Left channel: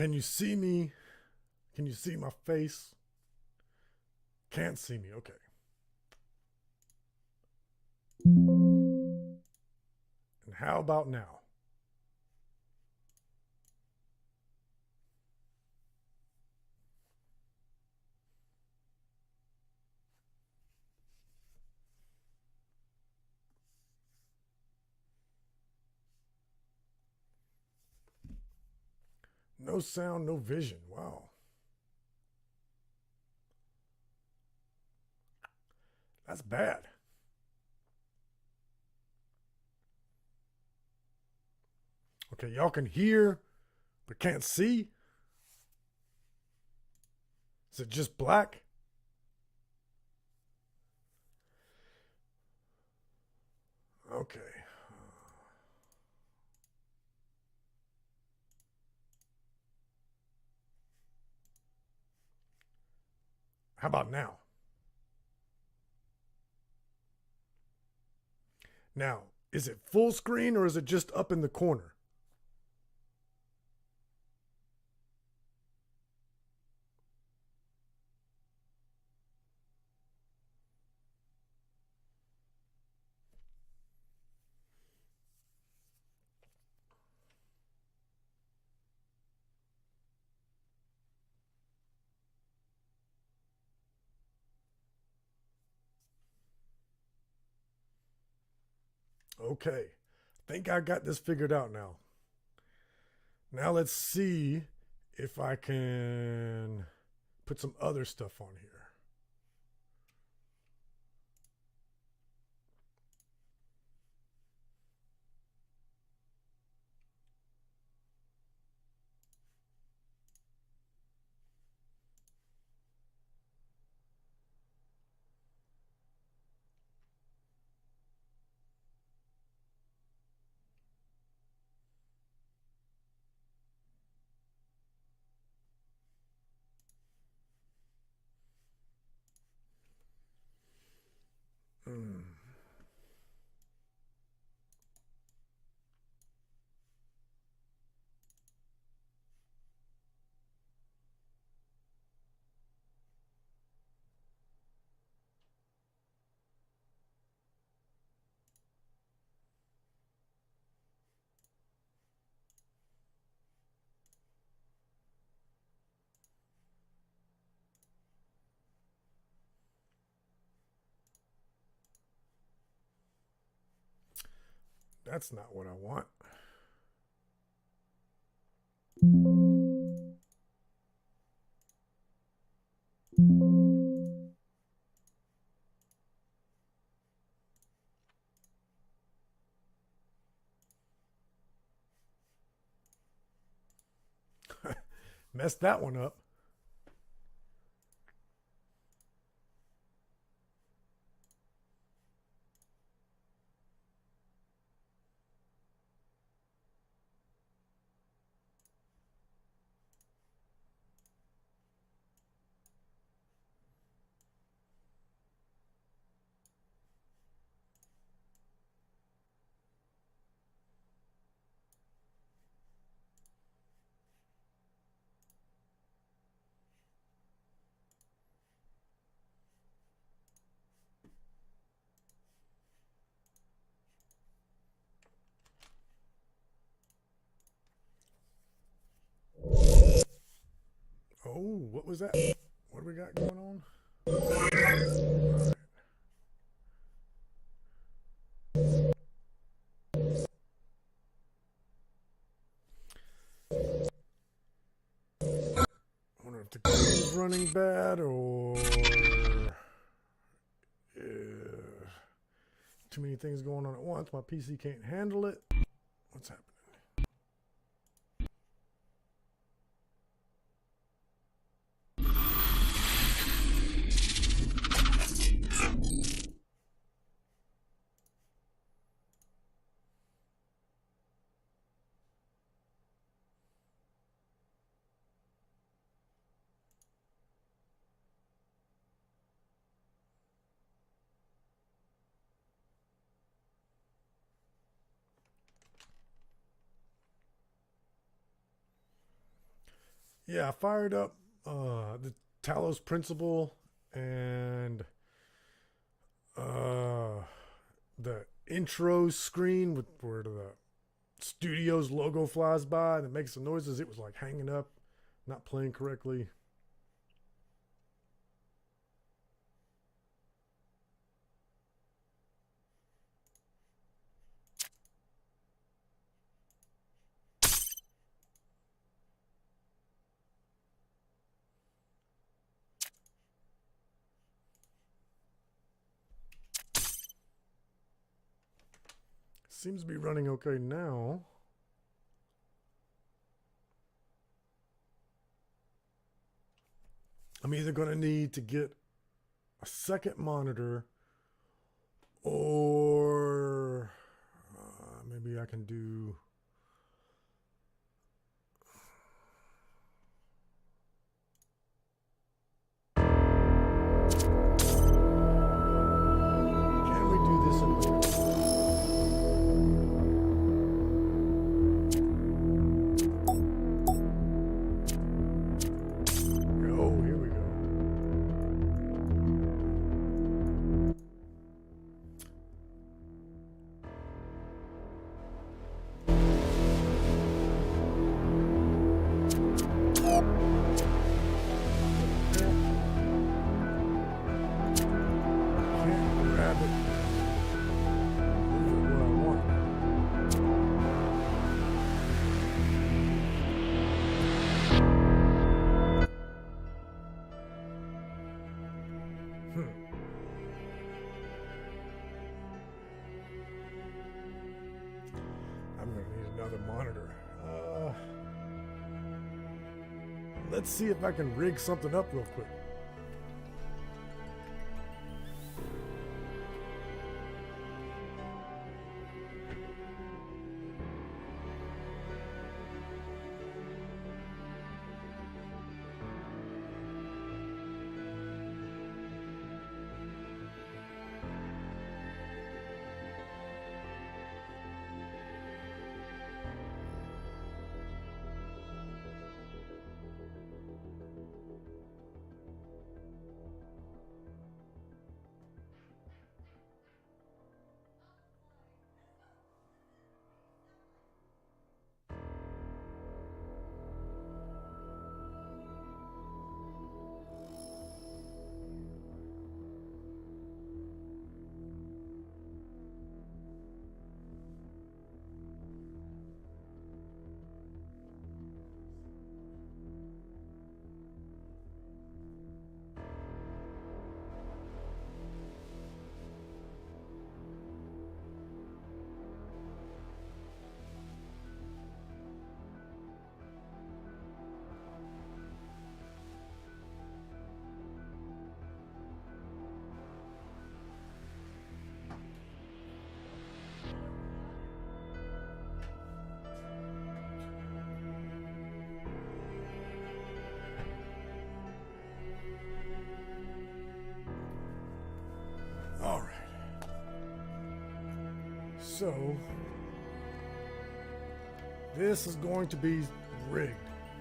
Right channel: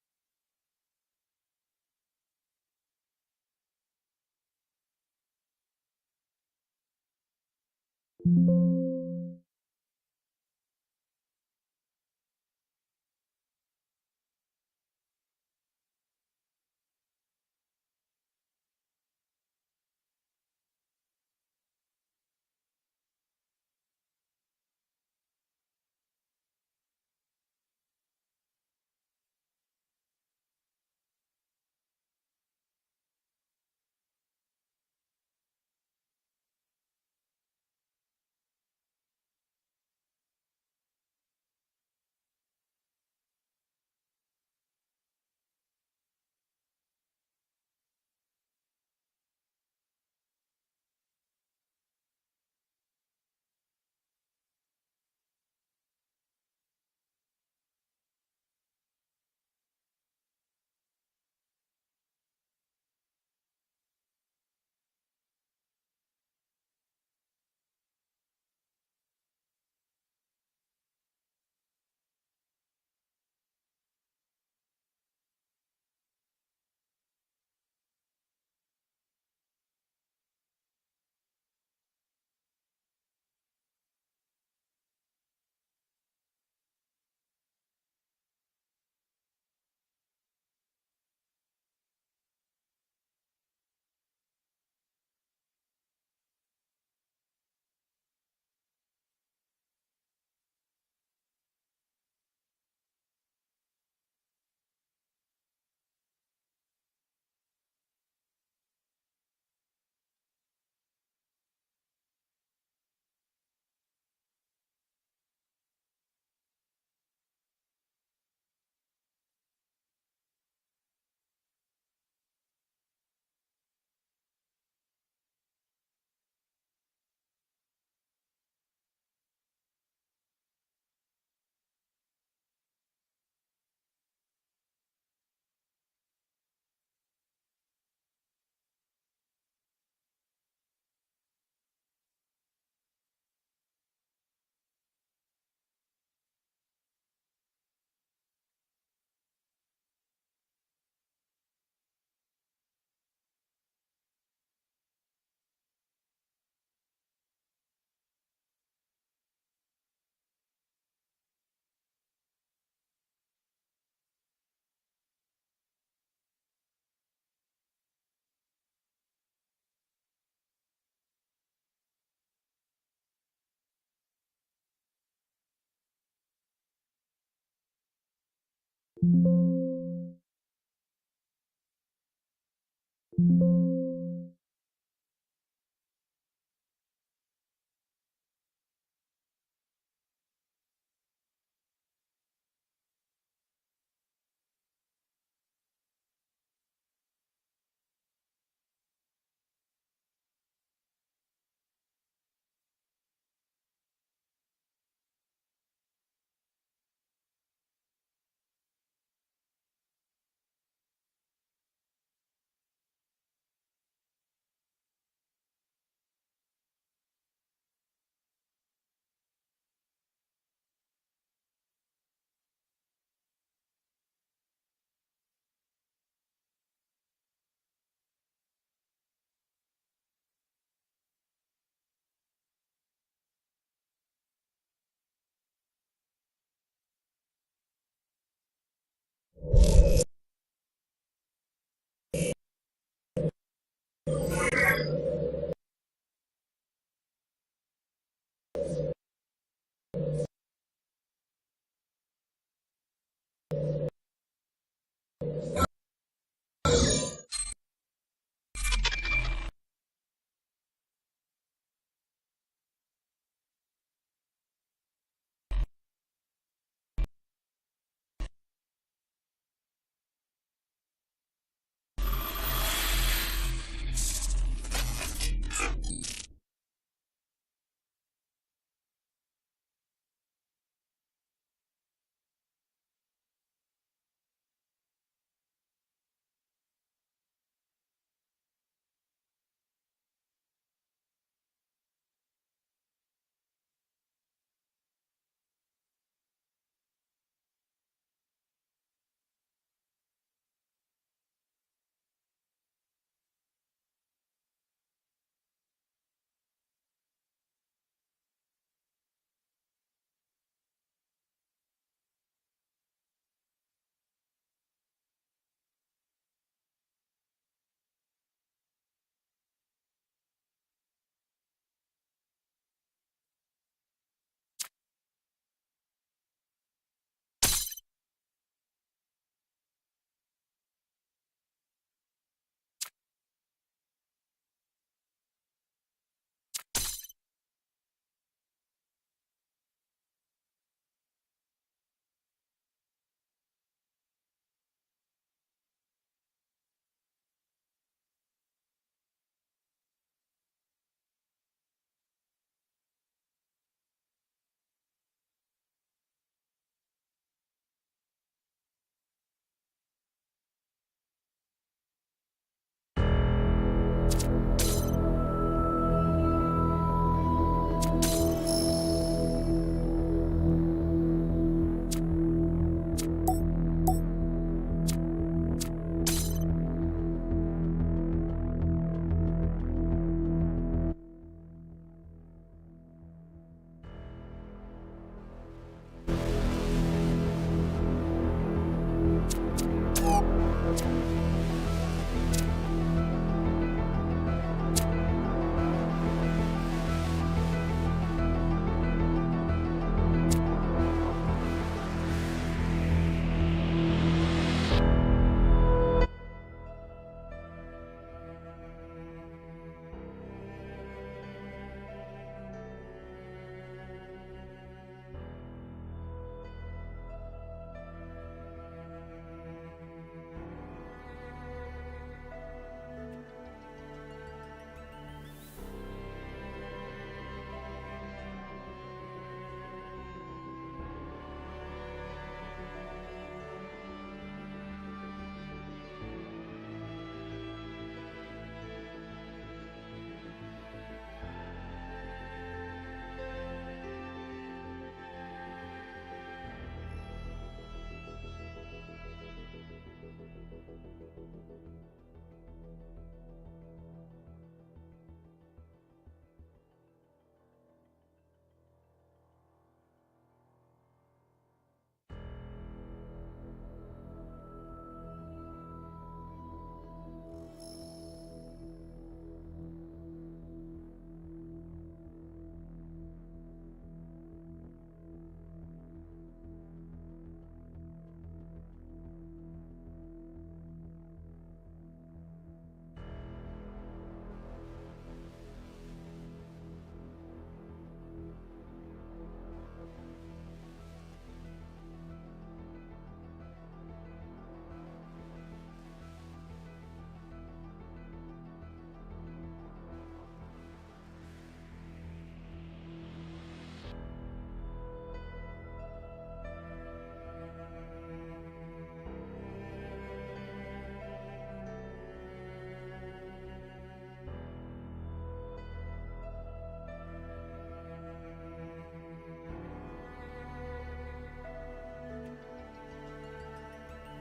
Can you see me? Can you see my face? Can't see me. Okay. And how about now? No sound, no vision. Wow. That's bad. Okay, y'all can hear, but can't see? Is it just black? Okay. How about now? Now, is it full screen or is it just up in the corner? Okay. I think I got this figured out now. Now let's see if I can put some other stuff on here. Mm. That's not what I want. Messed that one up. Oh, what was that? What do we got going on? Right. I wonder if the code's running bad or too many things going on at once. My PC can't handle it. What's happening? Yeah, I fired up the Talos Principle and uh, the intro screen with where the studio's logo flies by and it makes the noises. It was like hanging up, not playing correctly. Seems to be running okay now. I'm either going to need to get a second monitor or maybe I can do. Can we do this in Oh, here we go. Grab it. I'm going to need another monitor. Let's see if I can rig something up real quick. All right. So, this is going to be rigged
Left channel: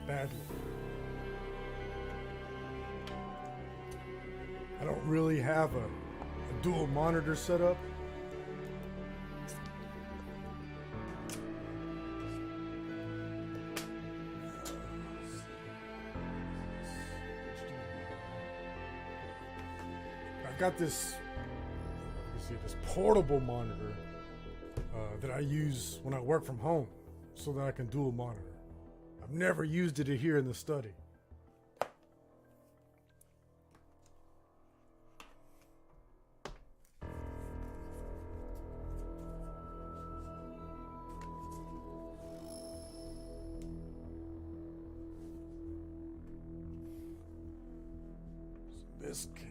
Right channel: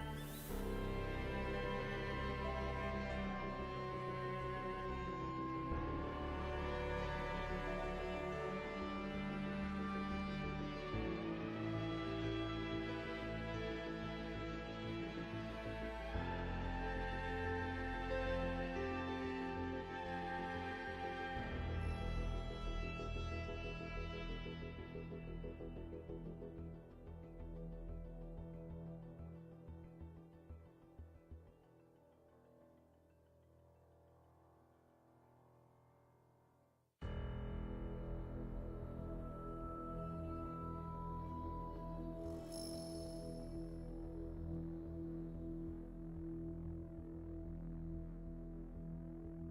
badly. I don't really have a dual monitor setup. I got this portable monitor that I use when I work from home so that I can dual monitor. I've never used it here in the study. This cable.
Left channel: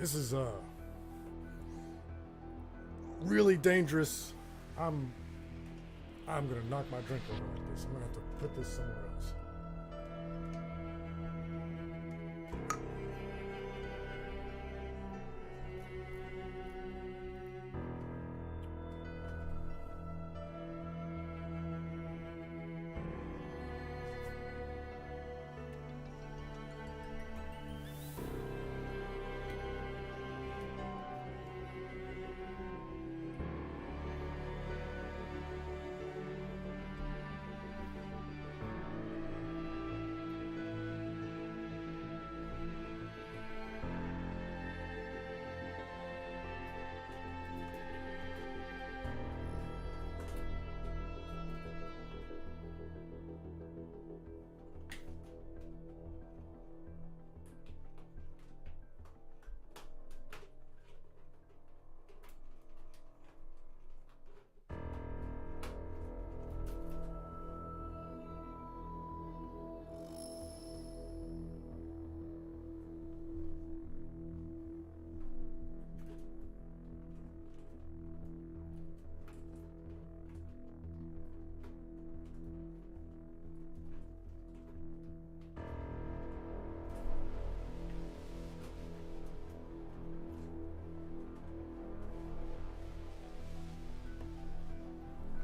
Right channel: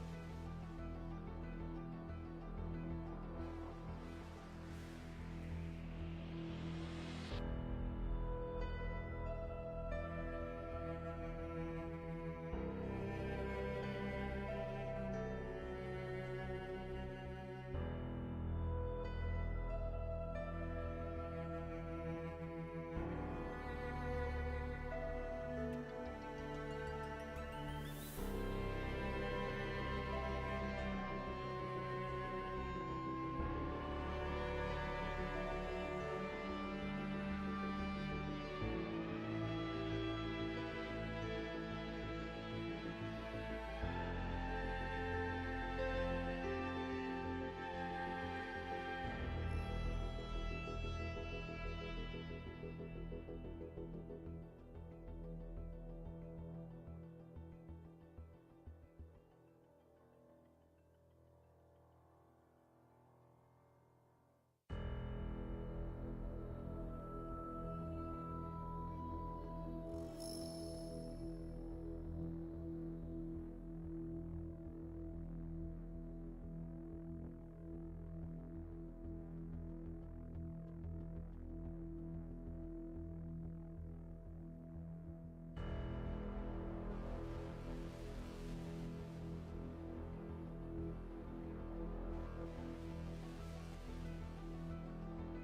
This is really dangerous I'm gonna knock my drink over like this. I'm gonna have to put this somewhere else.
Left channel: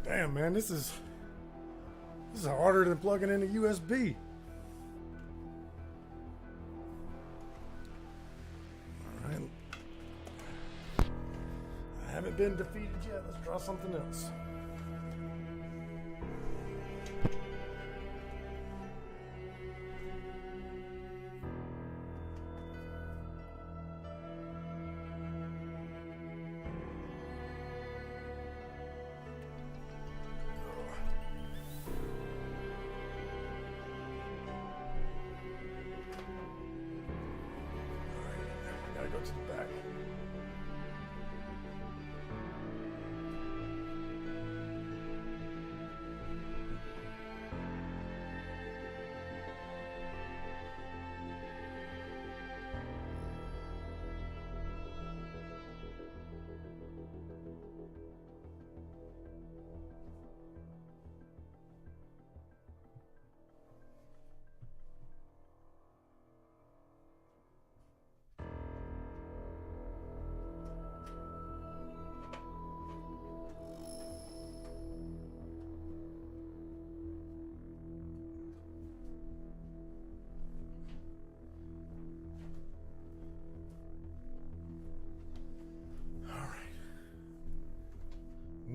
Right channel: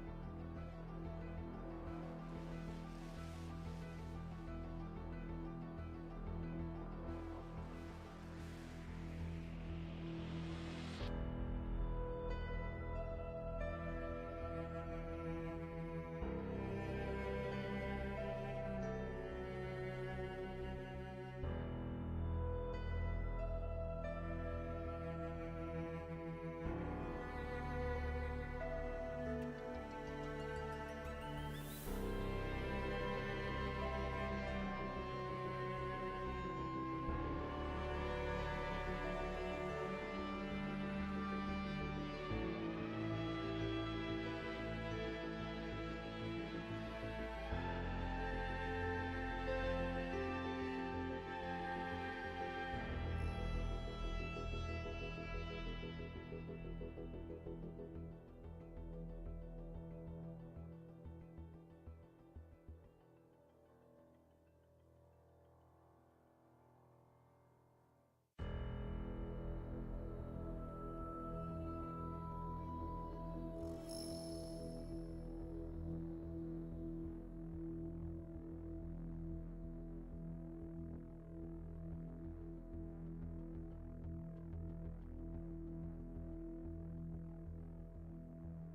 Damn, man, this is harder than plugging in a USB. Alright. I haven't been defeated yet. Let's try something else.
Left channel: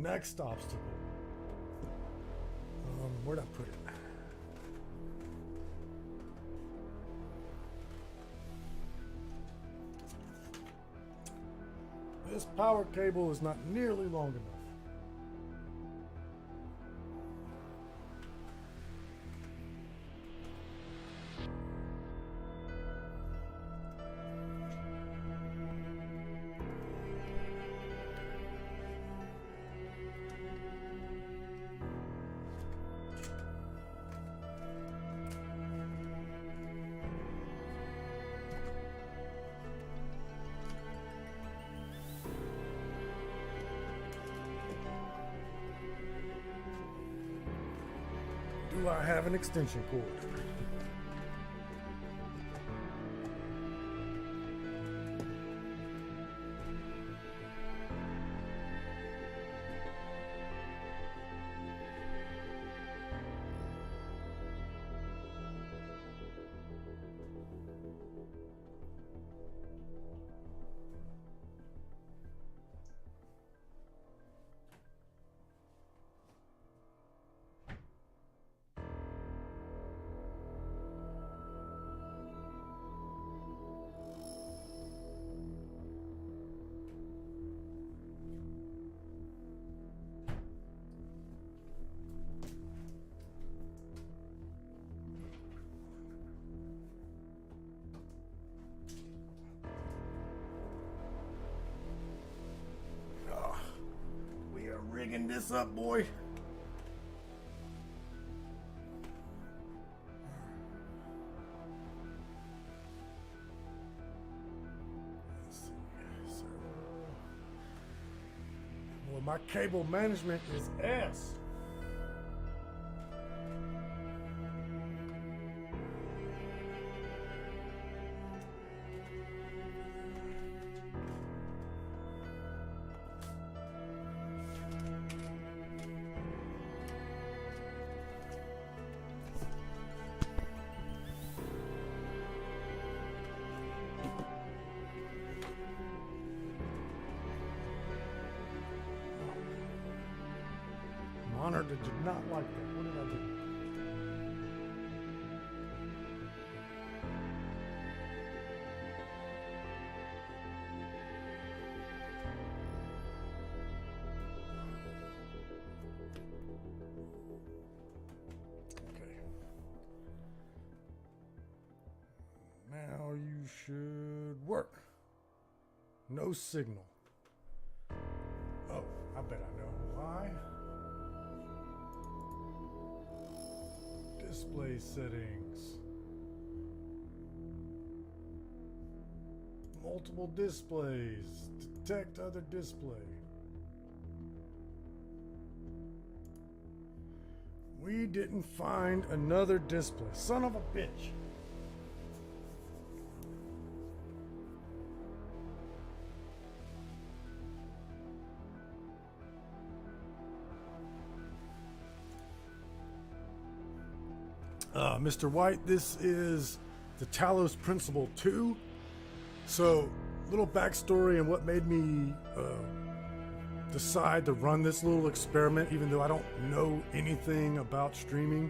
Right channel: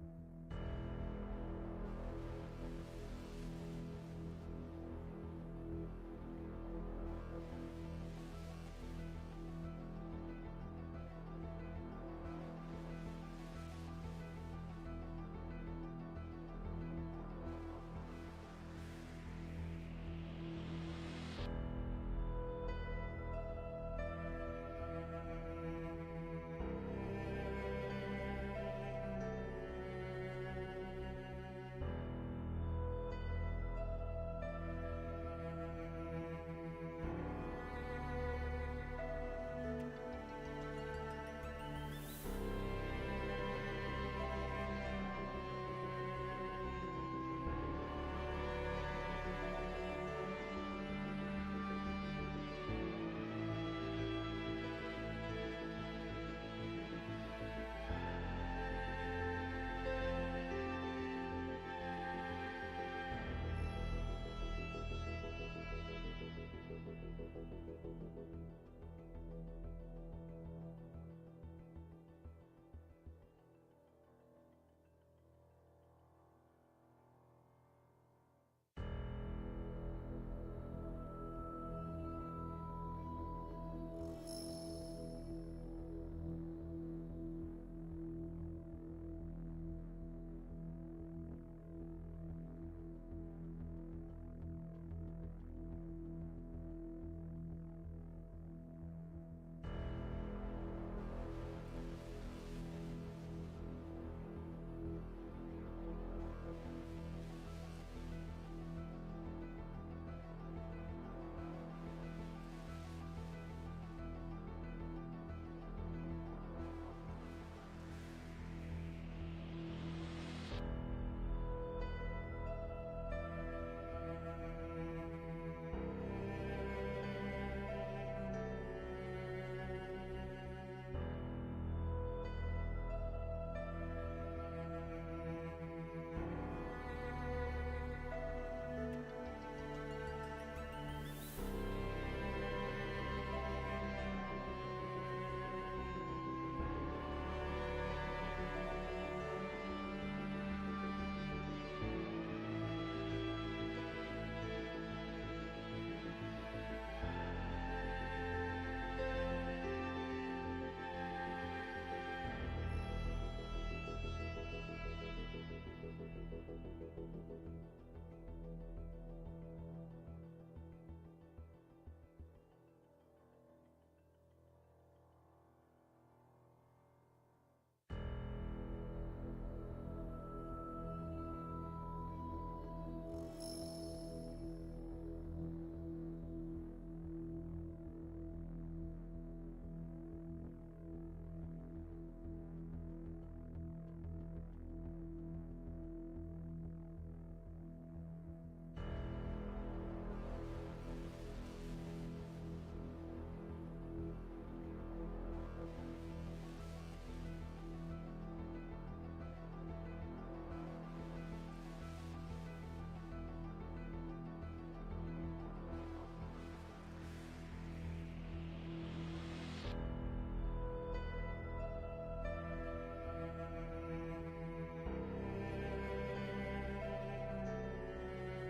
Next obstacle. Where'd I put it? This power cable is not nearly long enough. I have an extension cord. This up, boy. More My cable management is S. Monitor did not like that. What did I do? Okay. Now you should work. No signal. Oh, I bet I know why. Display settings. Multiple displays. Detect other display. We didn't find another display. Son of a bitch. Mr. White, this is the Talos Principle 2. So, little backstory and what made me decide to run this little experiment, even though I don't know anything about streaming.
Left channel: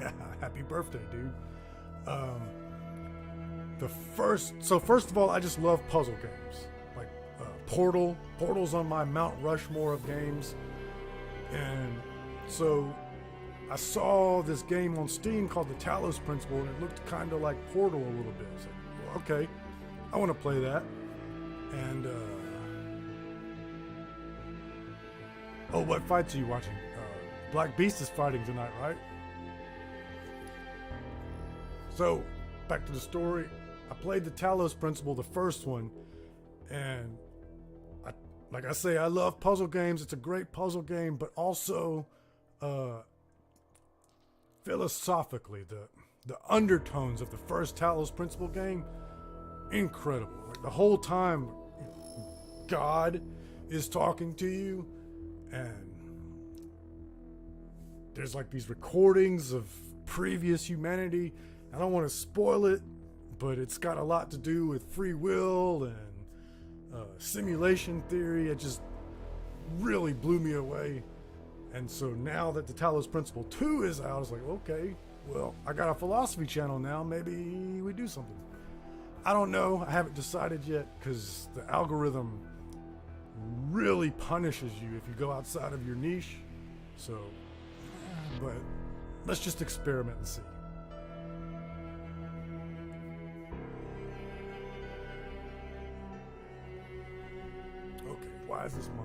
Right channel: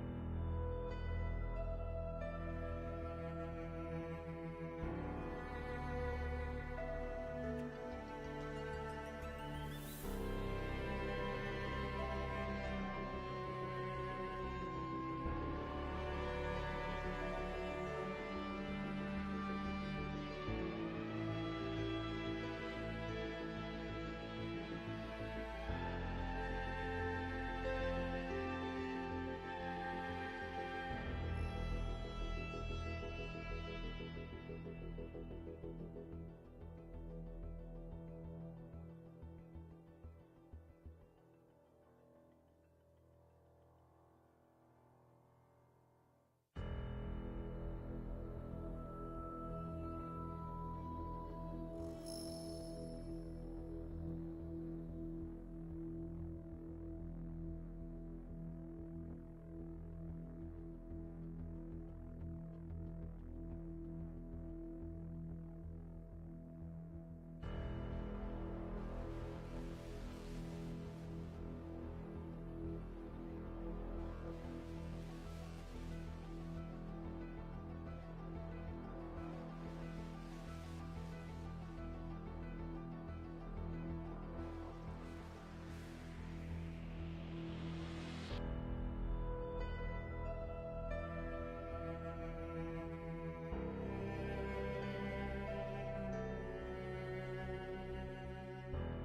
Yeah, happy birthday, dude. First of all, I just love puzzle games. Like Portal. Portal's on my Mount Rushmore of games. And so I saw this game on Steam called the Talos Principle, and it looked kind of like Portal a little bit. So, well, okay, I want to play that. And oh, what fights are you watching? Black Beast is fighting tonight, right? So, back to the story. I played the Talos Principle, the first one, and like I say, I love puzzle games. It's a great puzzle game, but also philosophically, the undertones of the first Talos Principle game, incredible. The whole time, God is talking to you, and there's like these recordings of previous humanity. I don't want to spoil it, but it's got a lot to do with free will and simulation theory. It just really blew me away. And so now that the Talos Principle 2 is out, I was like, okay, well, I got a philosophy channel now. Maybe we do something. I don't know. I haven't decided yet because the algorithm really punishes you if you go outside of your niche. So, but let's just experiment and see. Okay, why is this monitor?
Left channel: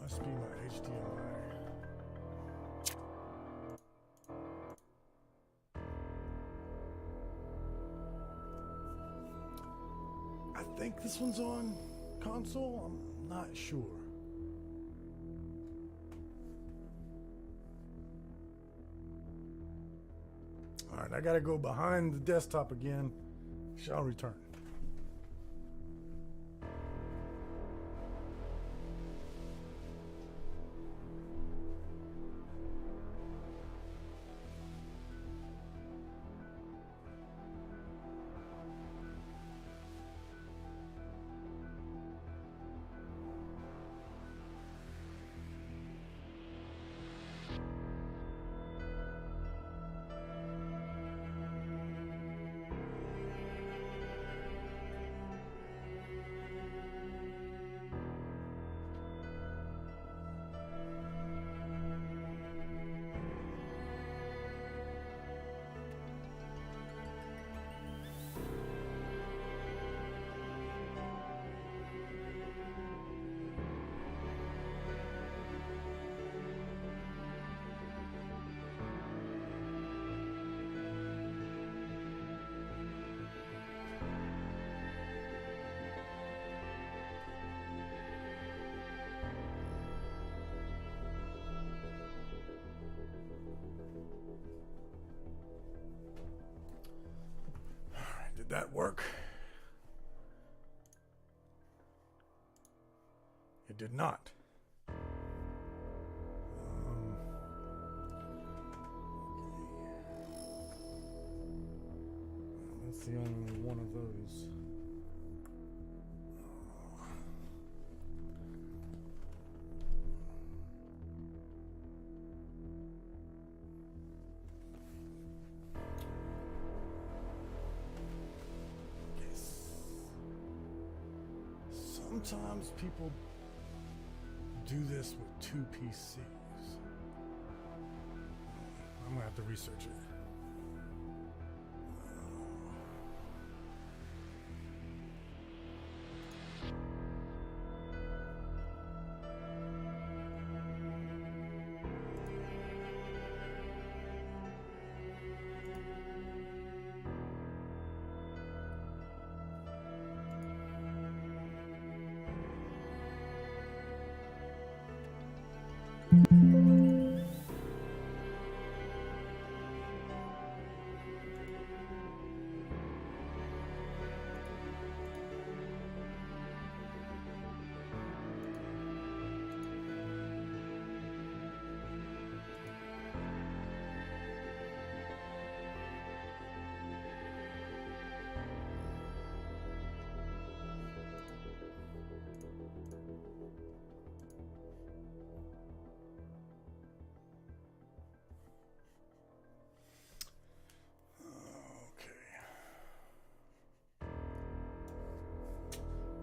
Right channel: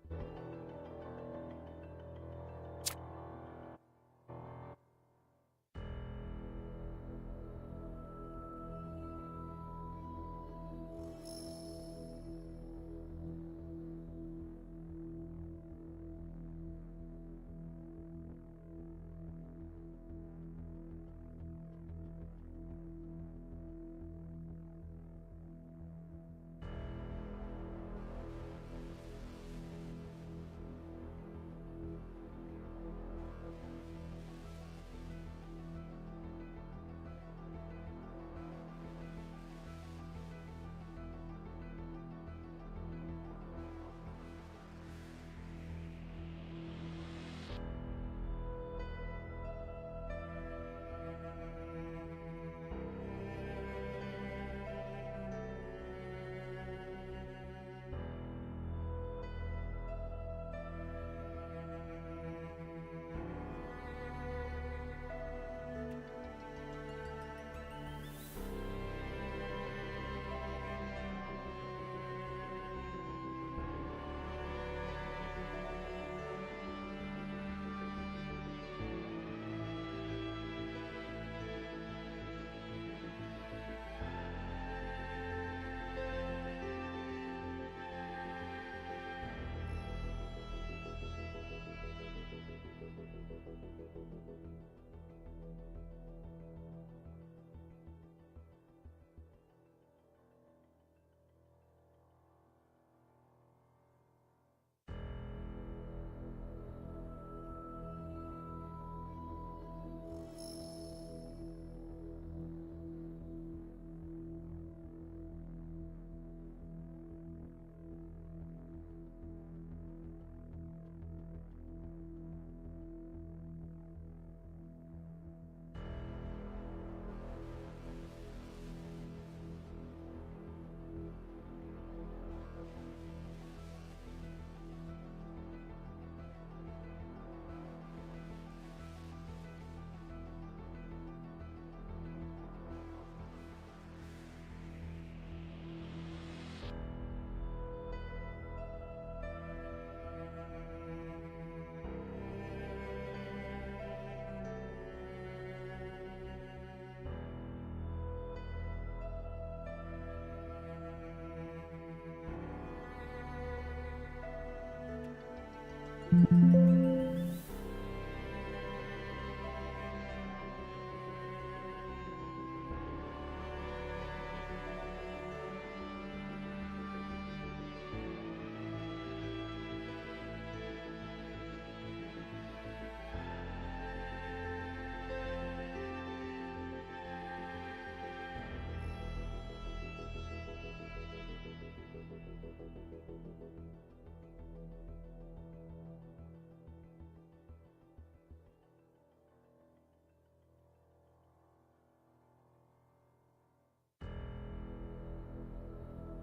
Must be my HDMI. I think this one's on console. I'm not sure. All right, I gotta go behind the desktop again. Shall return. that work? It did not. That's the only one of those. Sometimes people do this with two PCs. I'm gonna have to research it.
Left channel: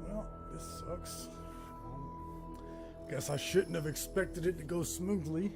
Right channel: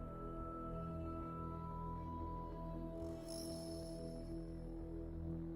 Well, this sucks. Guess I shouldn't have expected it to go smoothly.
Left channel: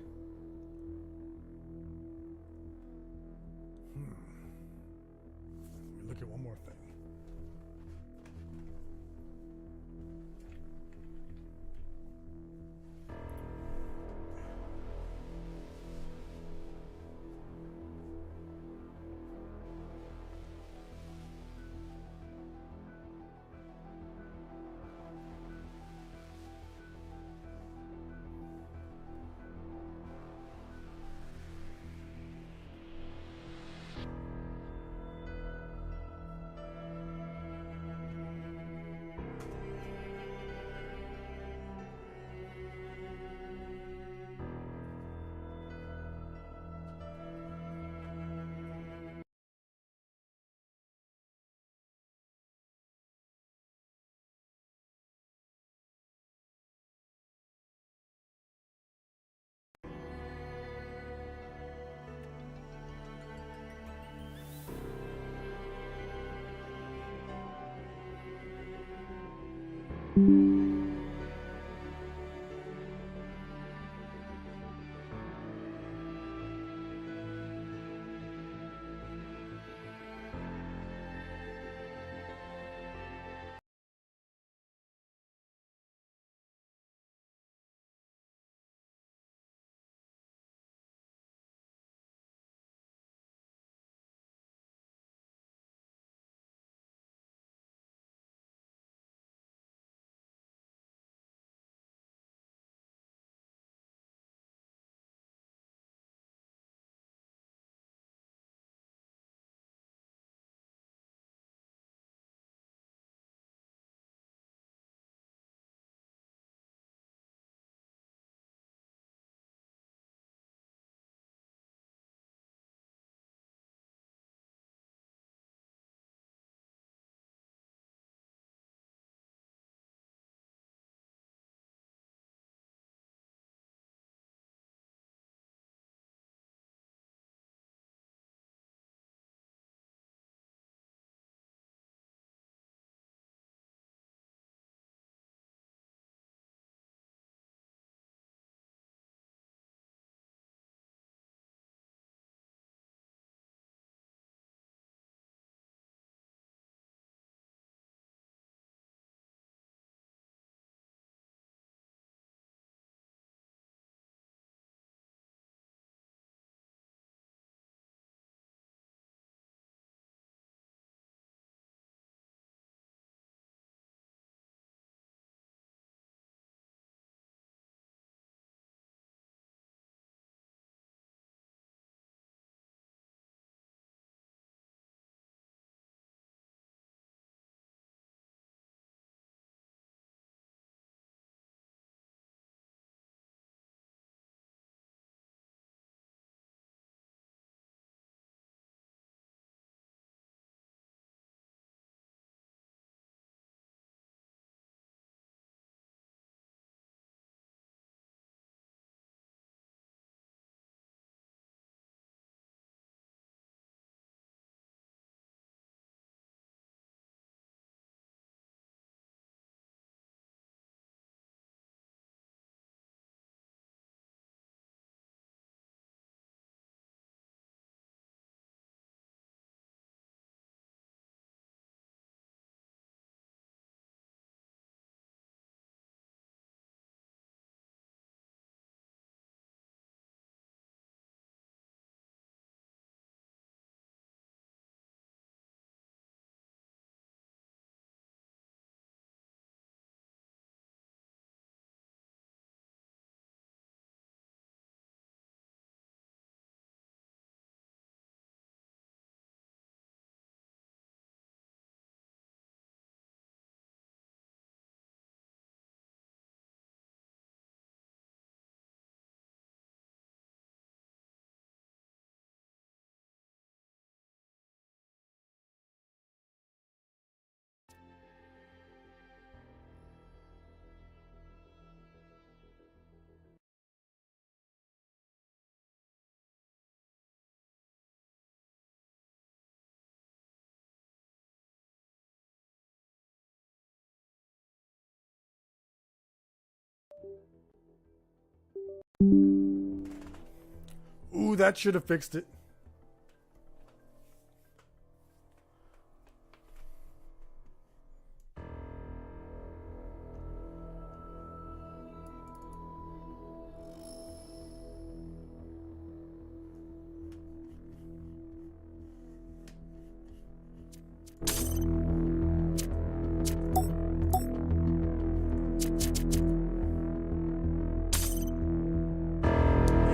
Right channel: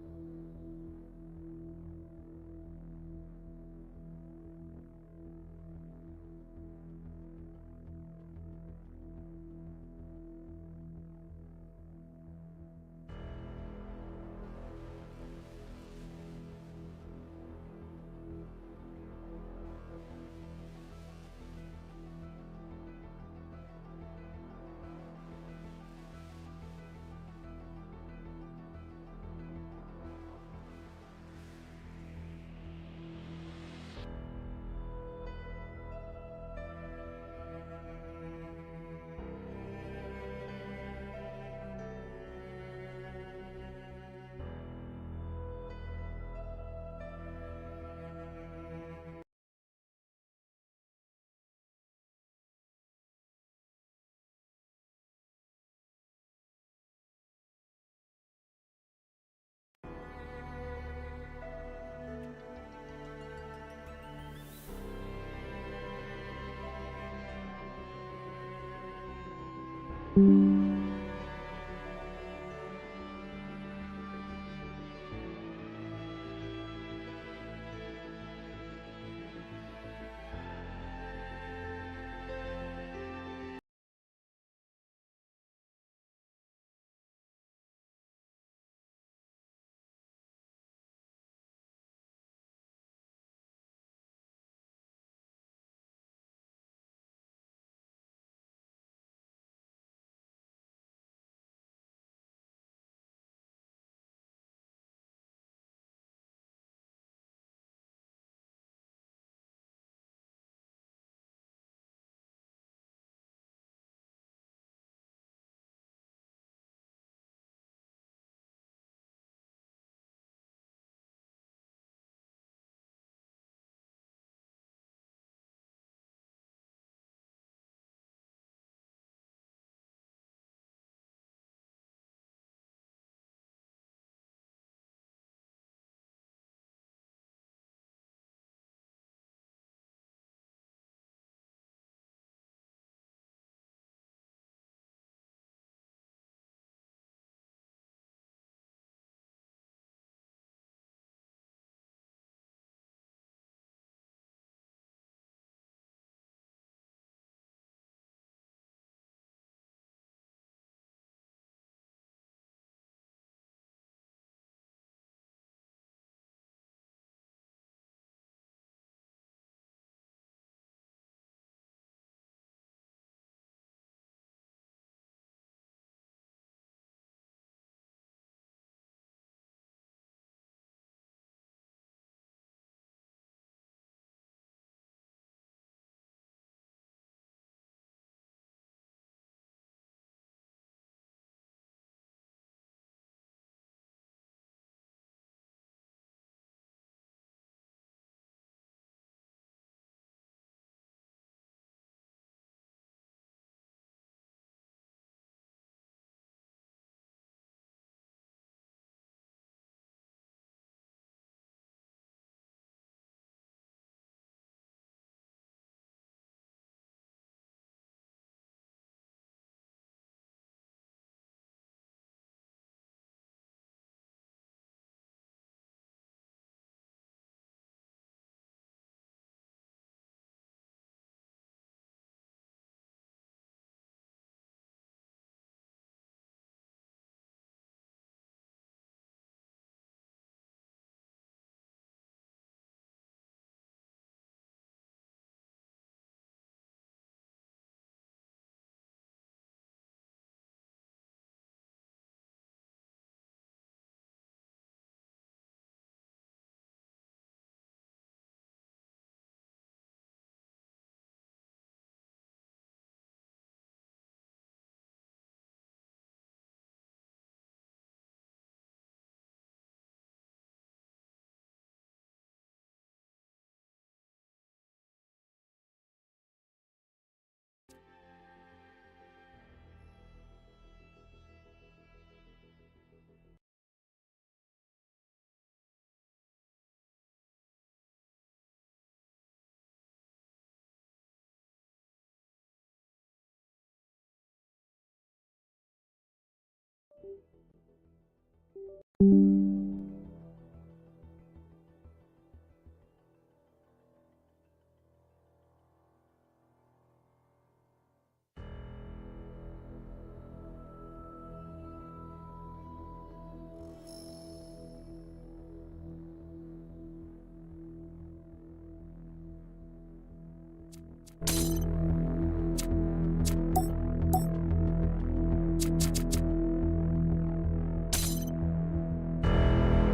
Ooh, that should have fixed it.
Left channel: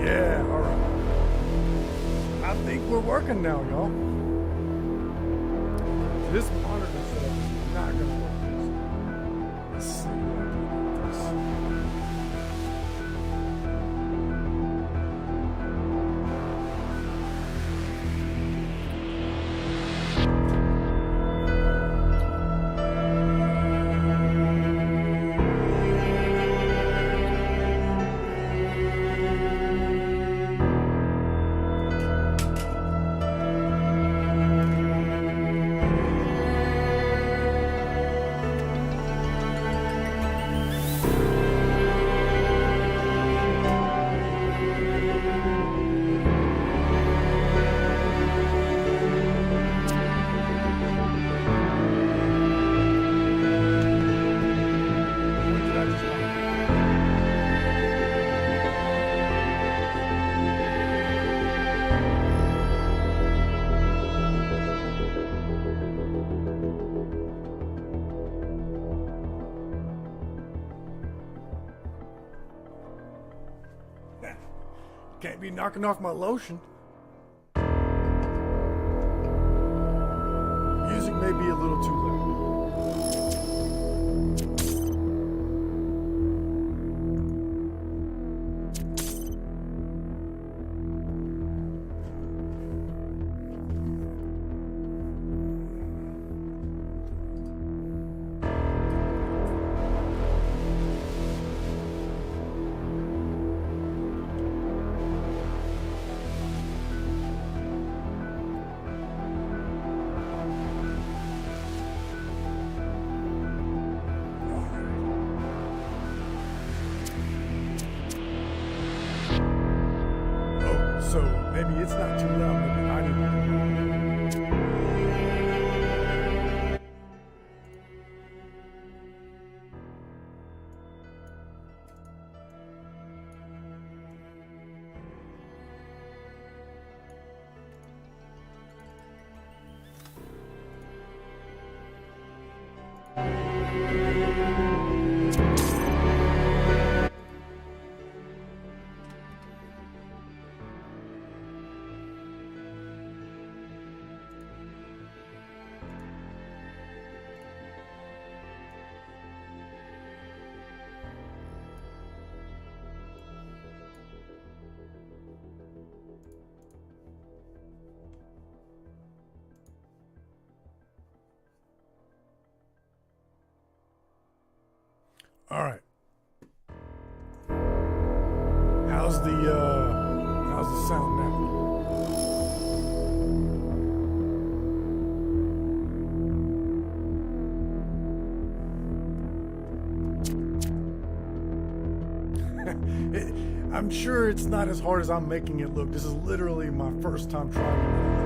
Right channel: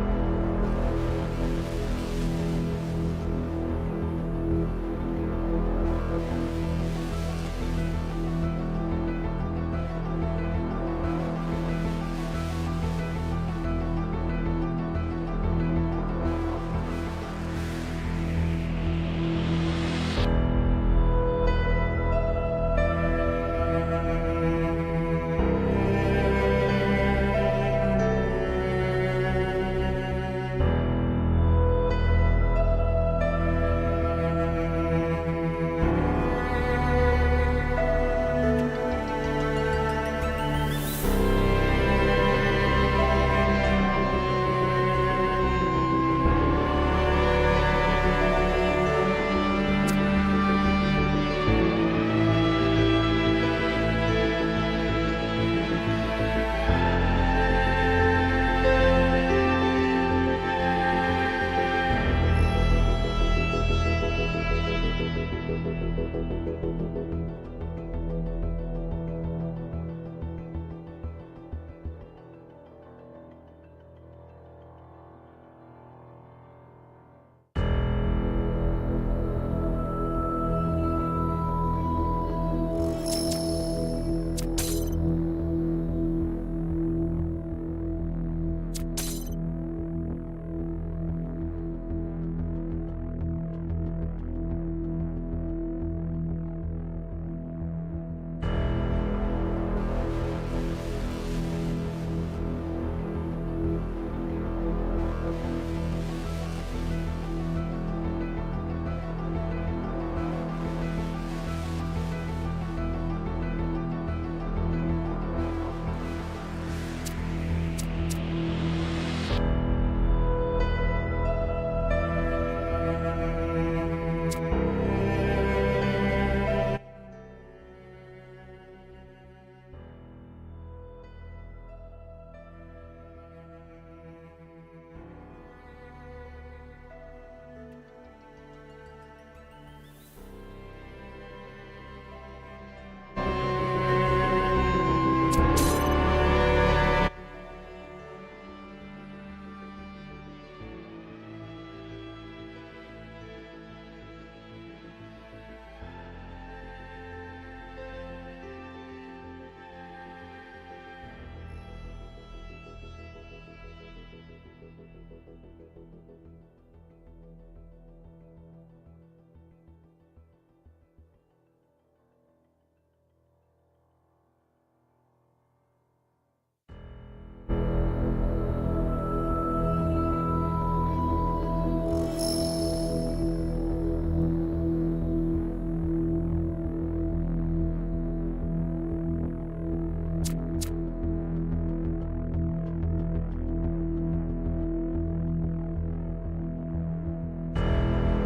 Yeah, all right. I think we're working now, y'all. This monitor is not gonna work. Let's see. Can't be knocking off my lotion. Music may be a little too loud. So maybe it's not too loud. All right. How's the sound now? I'm sure it's not as hard as I'm making it look. This is literally my first time trying.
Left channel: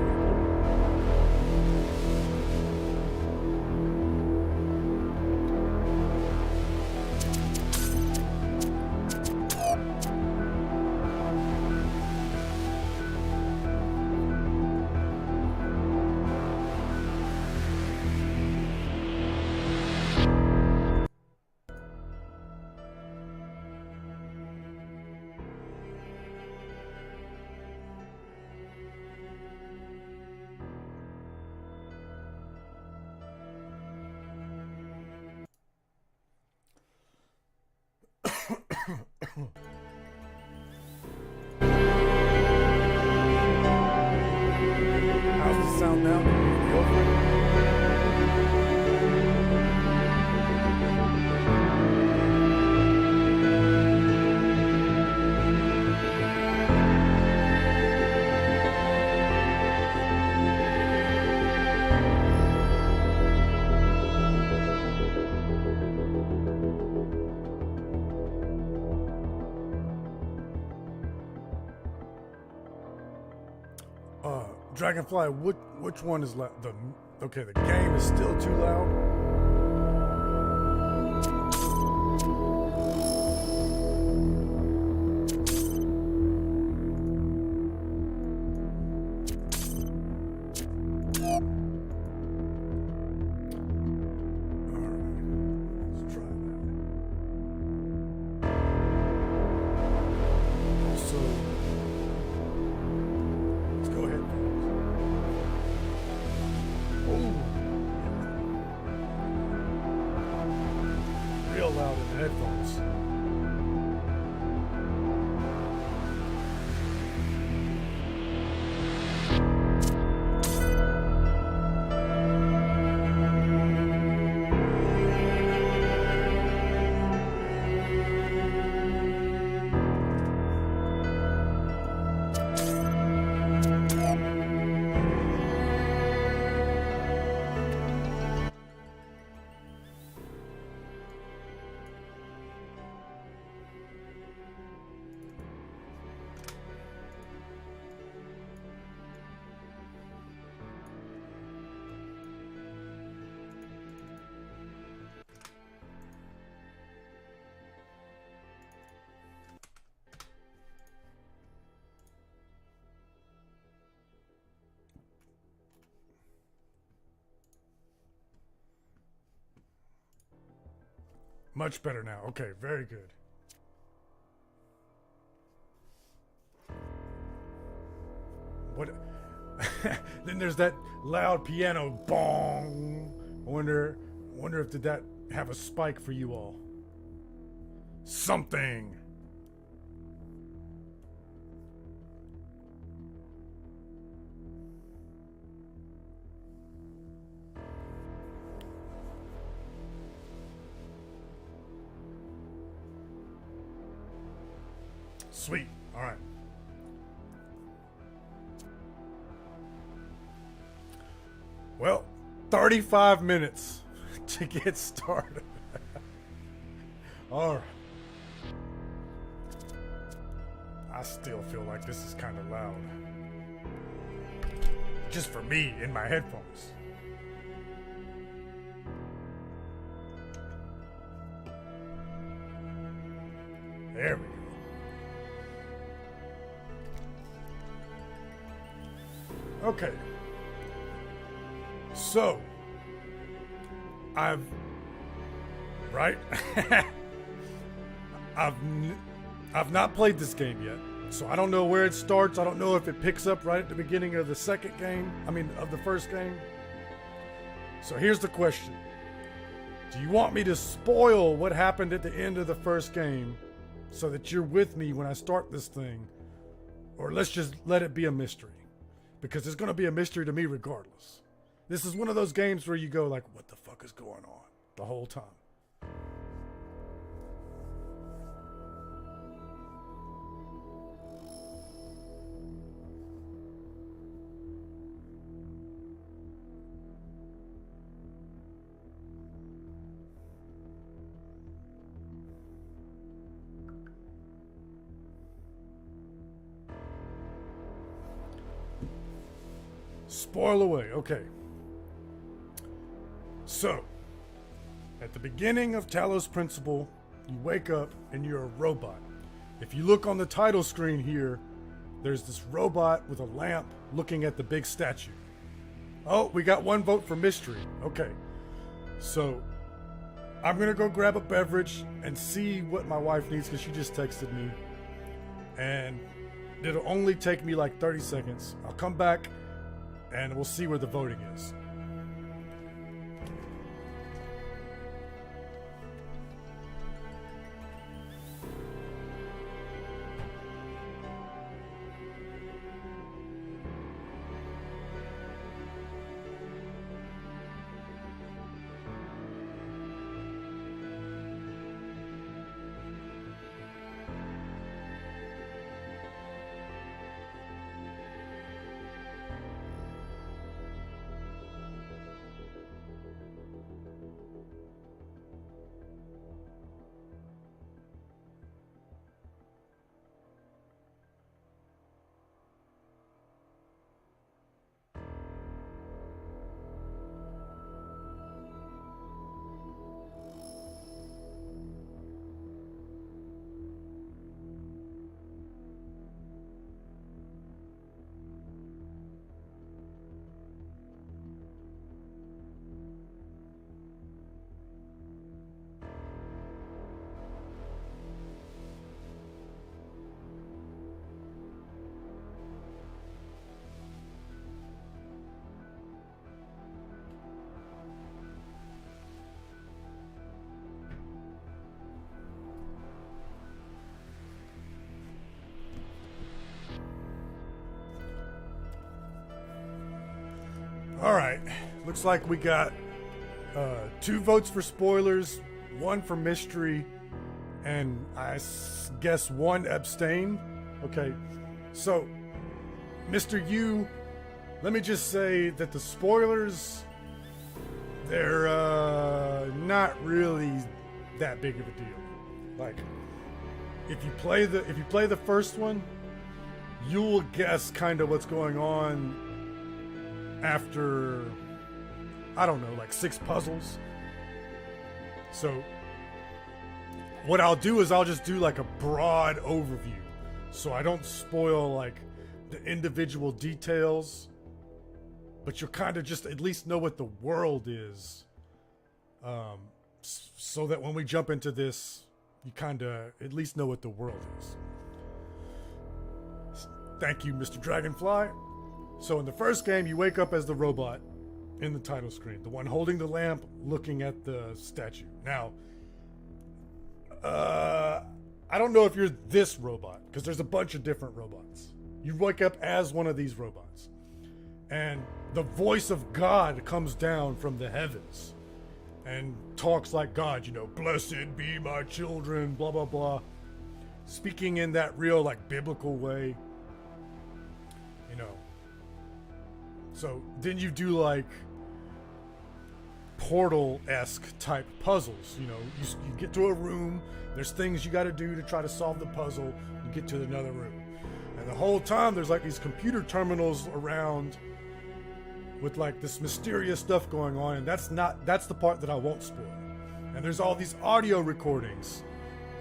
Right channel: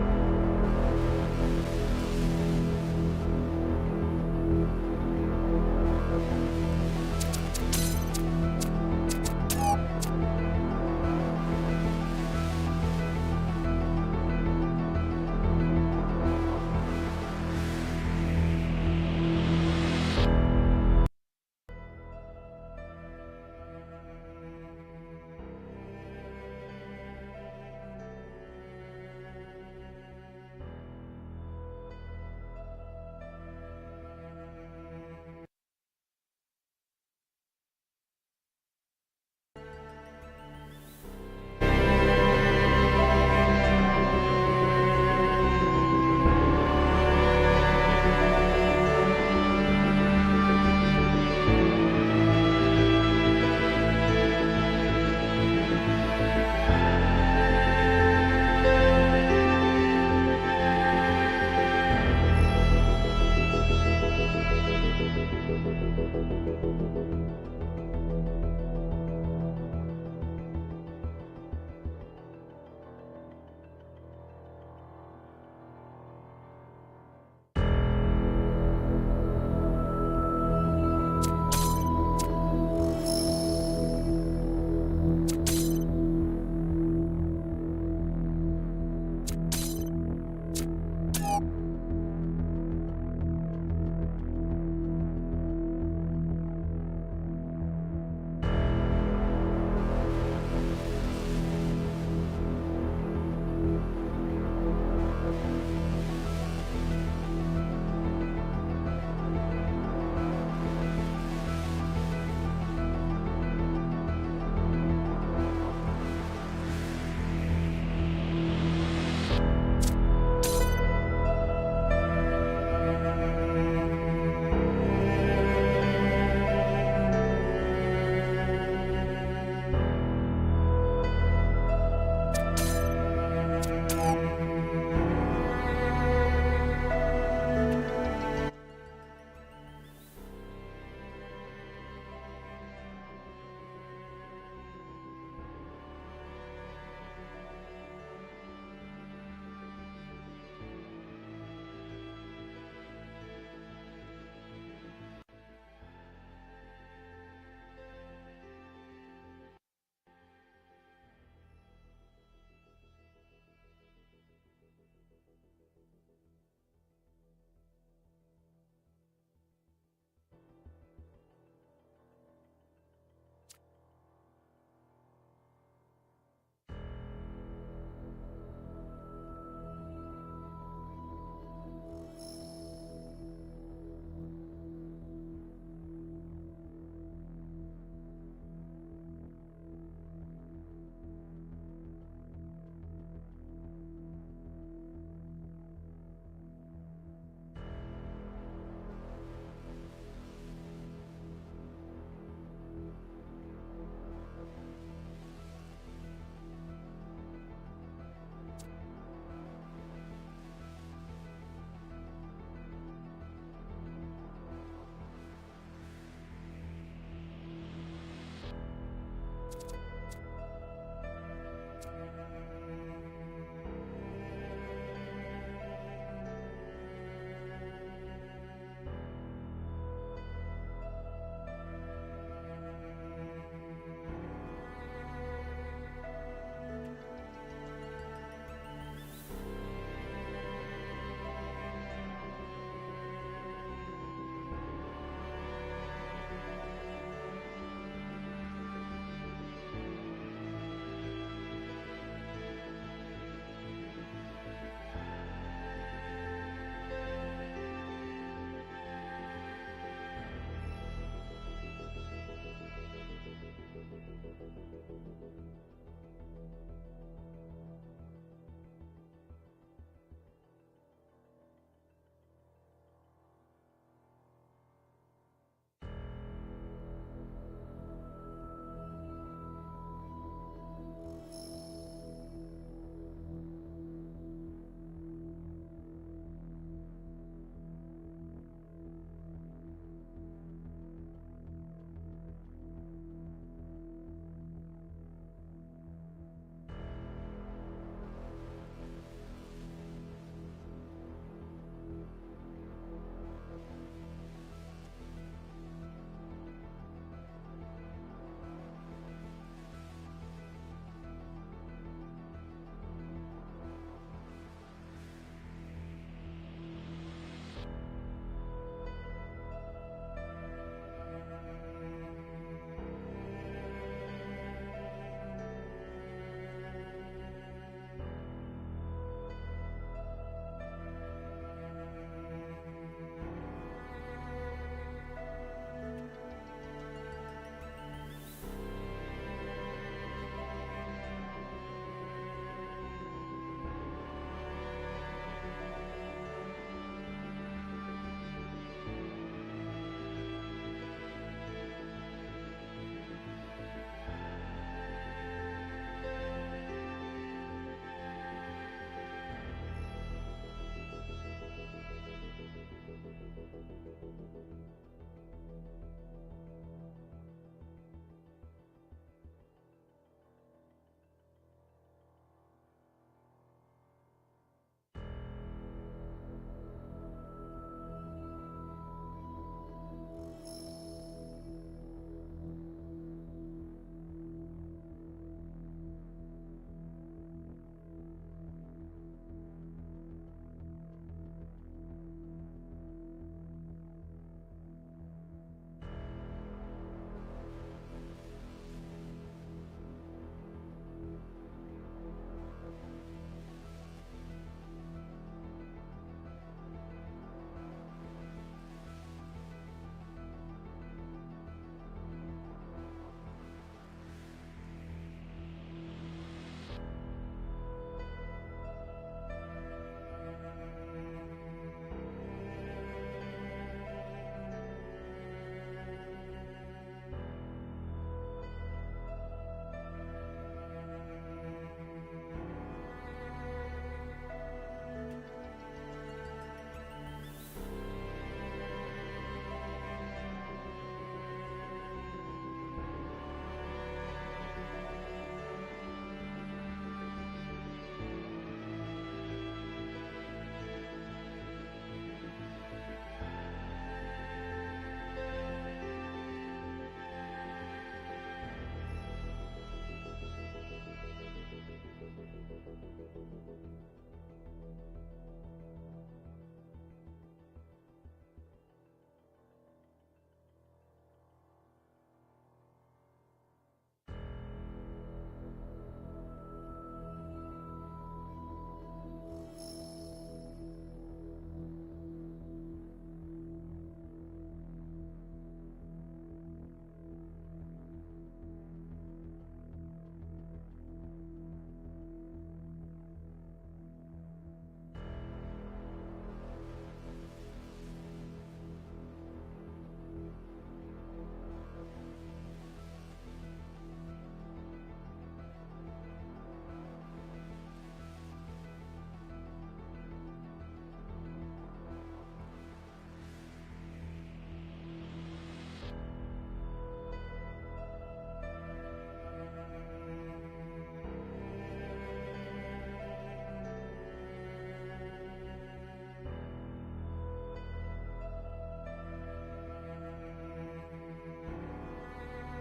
Dragonfly, which one is loud? Okay, the game is still too loud. Much better now. Okay, very good. What? Then there's that loud piano bong. I wonder if did that have a spike for you all? Something. Sweet. All right. Well, 35 minutes to get started. All right. I still feel like this is kind of loud. Just for me in my headphones. There we go. Okay. So, I've not played this game yet, so I don't know where it starts. I don't know if it picks up right at the beginning of the second game. Of the first game. So here's the question. Do you want me to spoil what happened at the end of the first game so that you're with me when I start this thing? Or let's just let it be a mystery? Because it's going to be a mystery to me regardless. This is one of those games where you go like, what the fuck is going on the whole time? Spoil away, okay. So, at the beginning of Talos Principle, you wake up and you're a robot. If you look on the title screen here, there's this robot with a lamp looking at the big statue. Oh, we got one vote for mystery. Okay. So, I'm gonna go grab a beverage and see what my wife needs because she just texted me. And it'll only take me like 30 seconds. I'll come back and we'll see where the voting is. looks like we got 2 votes for spoilers, 1 for mystery, and I guess 1 abstain. Okay, so Mr. U, let me just say that the spoilers, they're not really that big of a deal. Like, if you play the first one, you'll guess kind of what's going on after, I don't know, like 6 puzzles. So what I'll do is I'll just do like a broad overview, so I don't spoil like the individual details, but you'll kind of just at least know what the world is, so that when we jump into this, you kind of at least know what the world is. Thank you, Mr. Dragonfly. So in the first game, you wake up as the robot in the title screen, the one holding the lamp, looking at the statue. Now, I don't know if you're this robot, because there's a bunch of different robots. You wake up as one of these robots, and the voice of God comes down from the heavens and talks like God, you know, blessed be my children, blah, blah, blah. Speaking in that real, like, biblical way, you know. So then you do, like, Portal-esque type puzzles, you know. You get to a room, there's things you got to do to try to solve the puzzle, you get to another room. And the whole time there's like these computer terminals around with like this mysterious stuff going on, and that's the part that I won't spoil. And there's all these audio recordings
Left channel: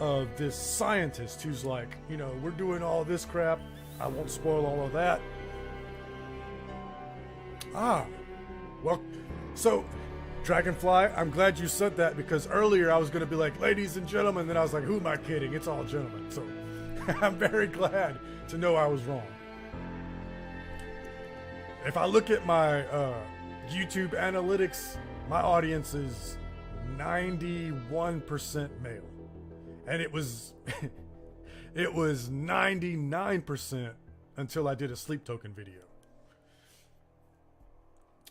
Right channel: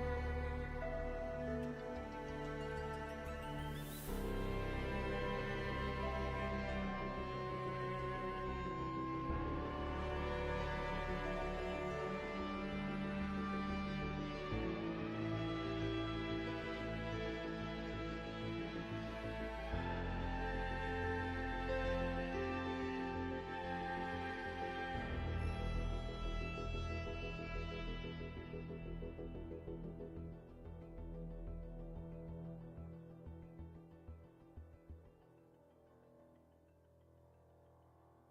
of this scientist who's like, you know, we're doing all this crap. I won't spoil all of that. Well, so Dragonfly, I'm glad you said that, because earlier I was going to be like, ladies and gentlemen, then I was like, who am I kidding? It's all gentlemen. So I'm very glad to know I was wrong. If I look at my YouTube analytics, my audience is 91% male. And it was it was 99% until I did a sleep token video.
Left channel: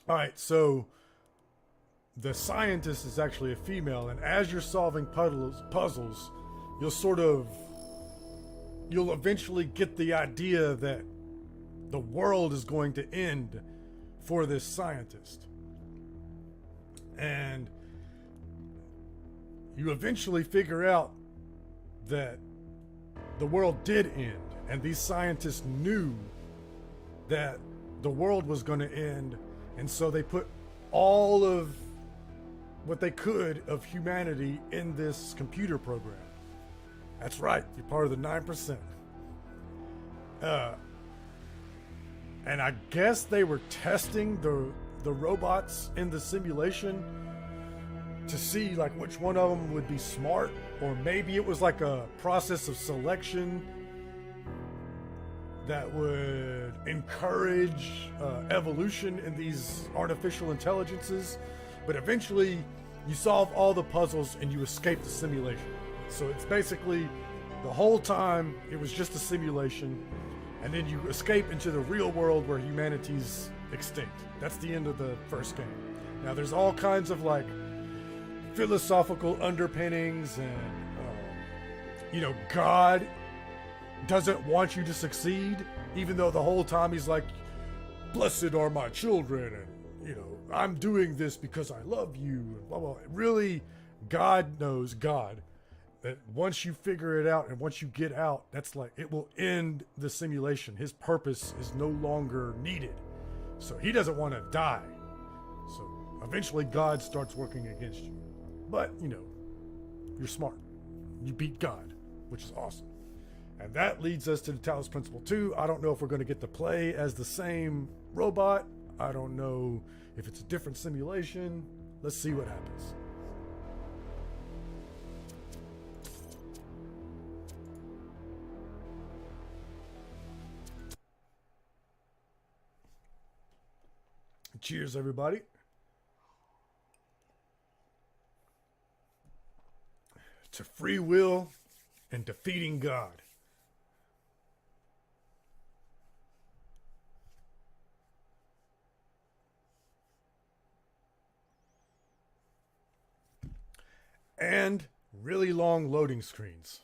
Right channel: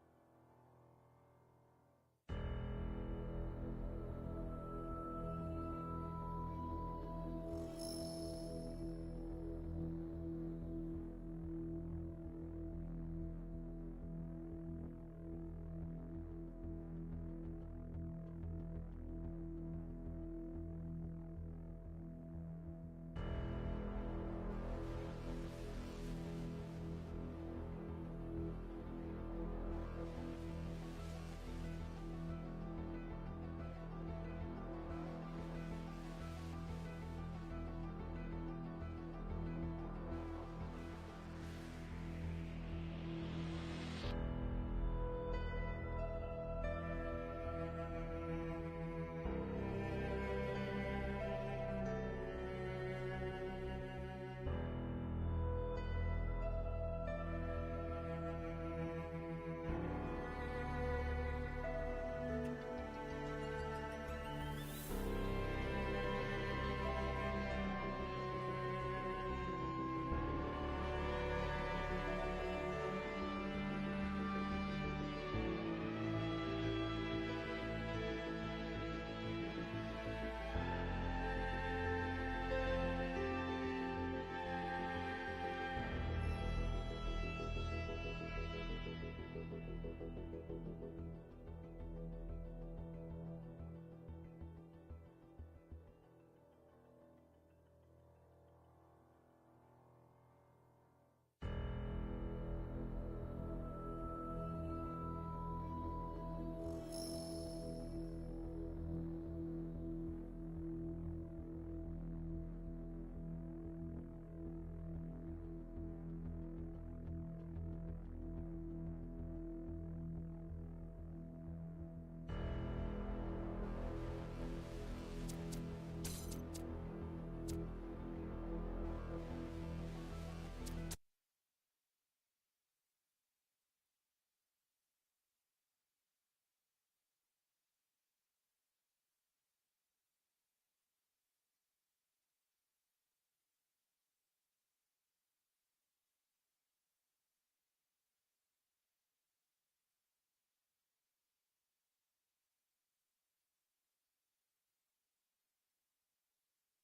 All right, so the scientist is actually a female, and as you're solving puzzles, you'll eventually get the idea that the world is going to end for this scientist. And you eventually figure out that the world did end, and these scientists knew that the world was going to end, and so they put all of what they could of humanity in this computer program. That's right, you're part of the 9%. And I guess they were testing the robots in the simulation to see like which one of them would be smart, or maybe it was like a process of selection that would encourage evolution in these artificial intelligences. But eventually you solve all the puzzles and you escape the simulation. So it's basically the whole time it was just a simulation, and then you escape into the real world where humanity's extinct. That's the end of the first game. Now there's all kinds of like philosophical underpinnings, and you know, God doesn't want you to succeed, even though the whole time he's like, blessed are my children, and you know, I'm doing this because I love you, and blah blah. Really, God knows, God, that once you figure it out and once you get out, that's like, it will end the simulation. His purpose is no longer needed. So he doesn't want to die. So eventually God starts working against you. But, you know, you're smart. You beat God, which is awesome. And that leads us to the Talos Principle 2. I don't know if we're going to get to play as the same robot. I don't know if it's a different simulation. Let's see what happens. Cheers, everybody. To free will and defeating God. and really long loading screens.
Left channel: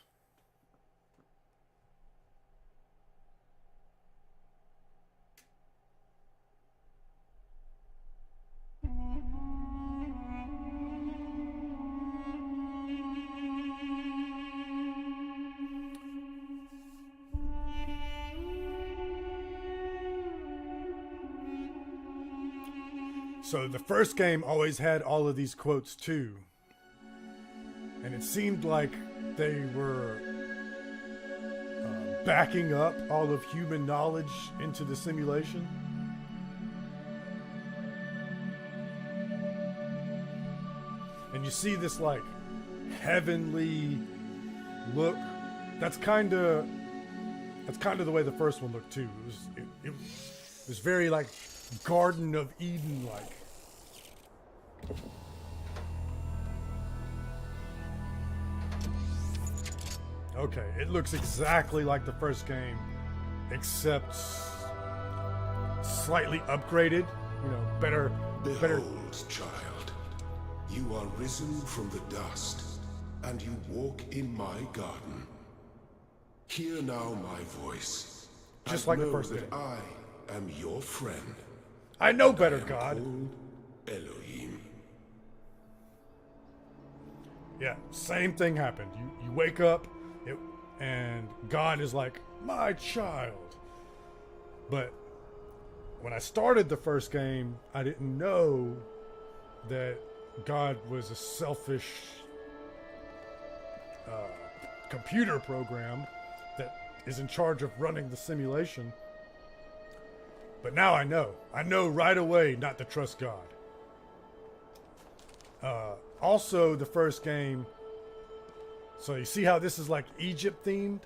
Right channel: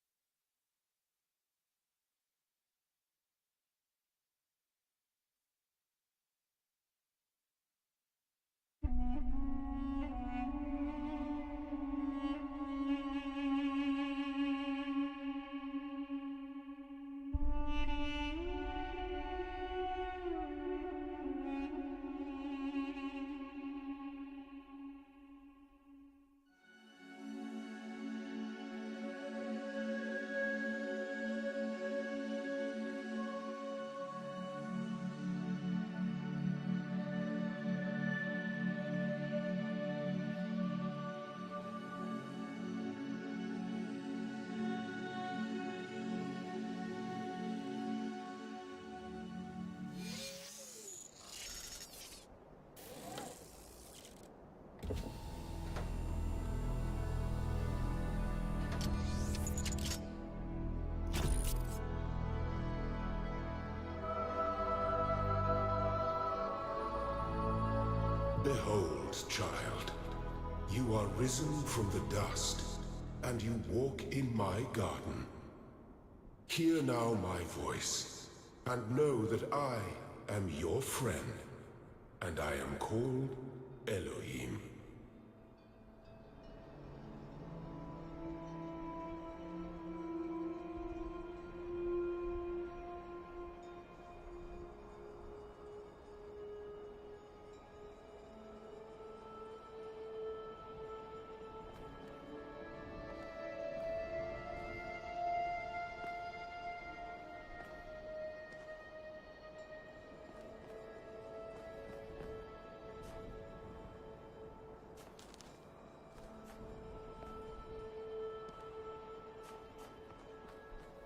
So the first game always had all of these quotes too. And it seemed like they were backing up all of human knowledge into the simulation. And you see this like heavenly look. That's kind of the way the first one looked too. It was very like Garden of Eden like. Okay, it looks exactly like the first game, except slightly upgraded. You know, better. Behold, child, you are risen from the dust, and you walk in my garden. Hear now my voice, and like know that I am your friend. I know and better, I am God. called Elohim. Yeah, same thing happened. You wake up, and God is like, my child. But when I started the first game, I didn't know that God was a selfish computer program that is in charge of running the simulation. But now I know. I know right away not to trust God. Also, the first game, so you see how this is like Egypt themed?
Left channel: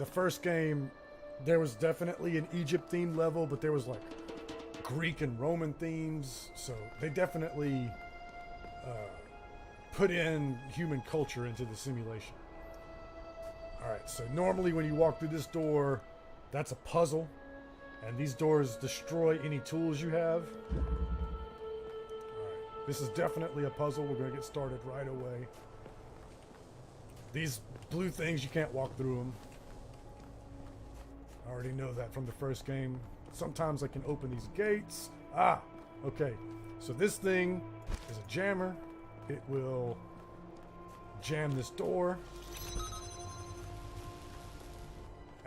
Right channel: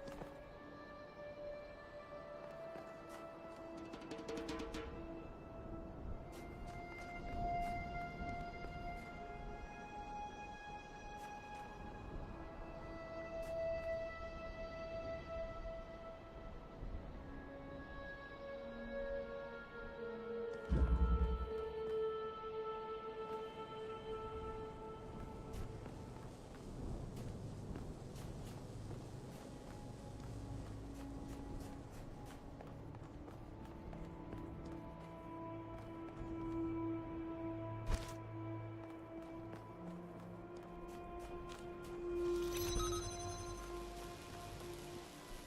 The first game, there was definitely an Egypt themed level, but there was like Greek and Roman themes. So they definitely put in human culture into the simulation. Alright, so normally when you walk through this door, that's a puzzle. And these doors destroy any tools you have. This is definitely a puzzle. We're going to get started right away. These blue things, you can't walk through them. I already know that from the first game. Sometimes I can open these gates. Ah, okay. So this thing is a jammer. It will jam this door.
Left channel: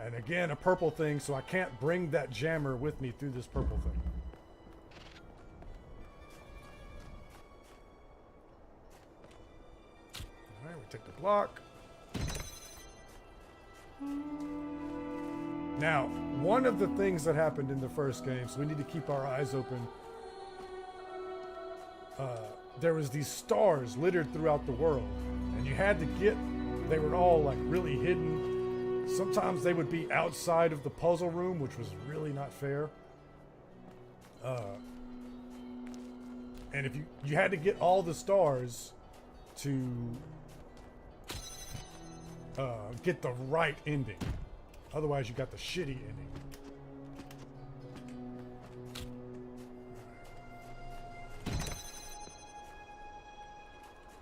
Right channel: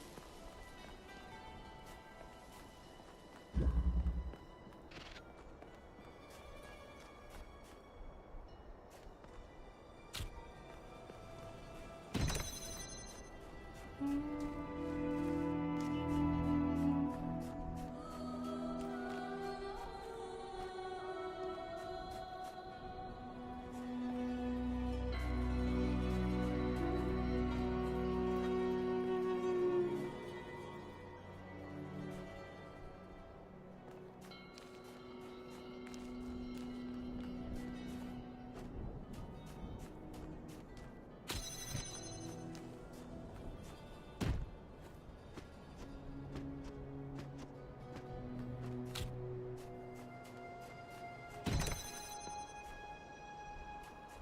And again, a purple thing, so I can't bring that jammer with me through this purple thing. Alright, we take the block. Now, one of the things that happened in the first game, so we need to keep our eyes open. There was these stars littered throughout the world, and you had to get, they were all like really hidden. Sometimes they would be outside of the puzzle room, which was really not fair. And if you had to get all the stars to get the right ending. Otherwise, you got the shitty ending.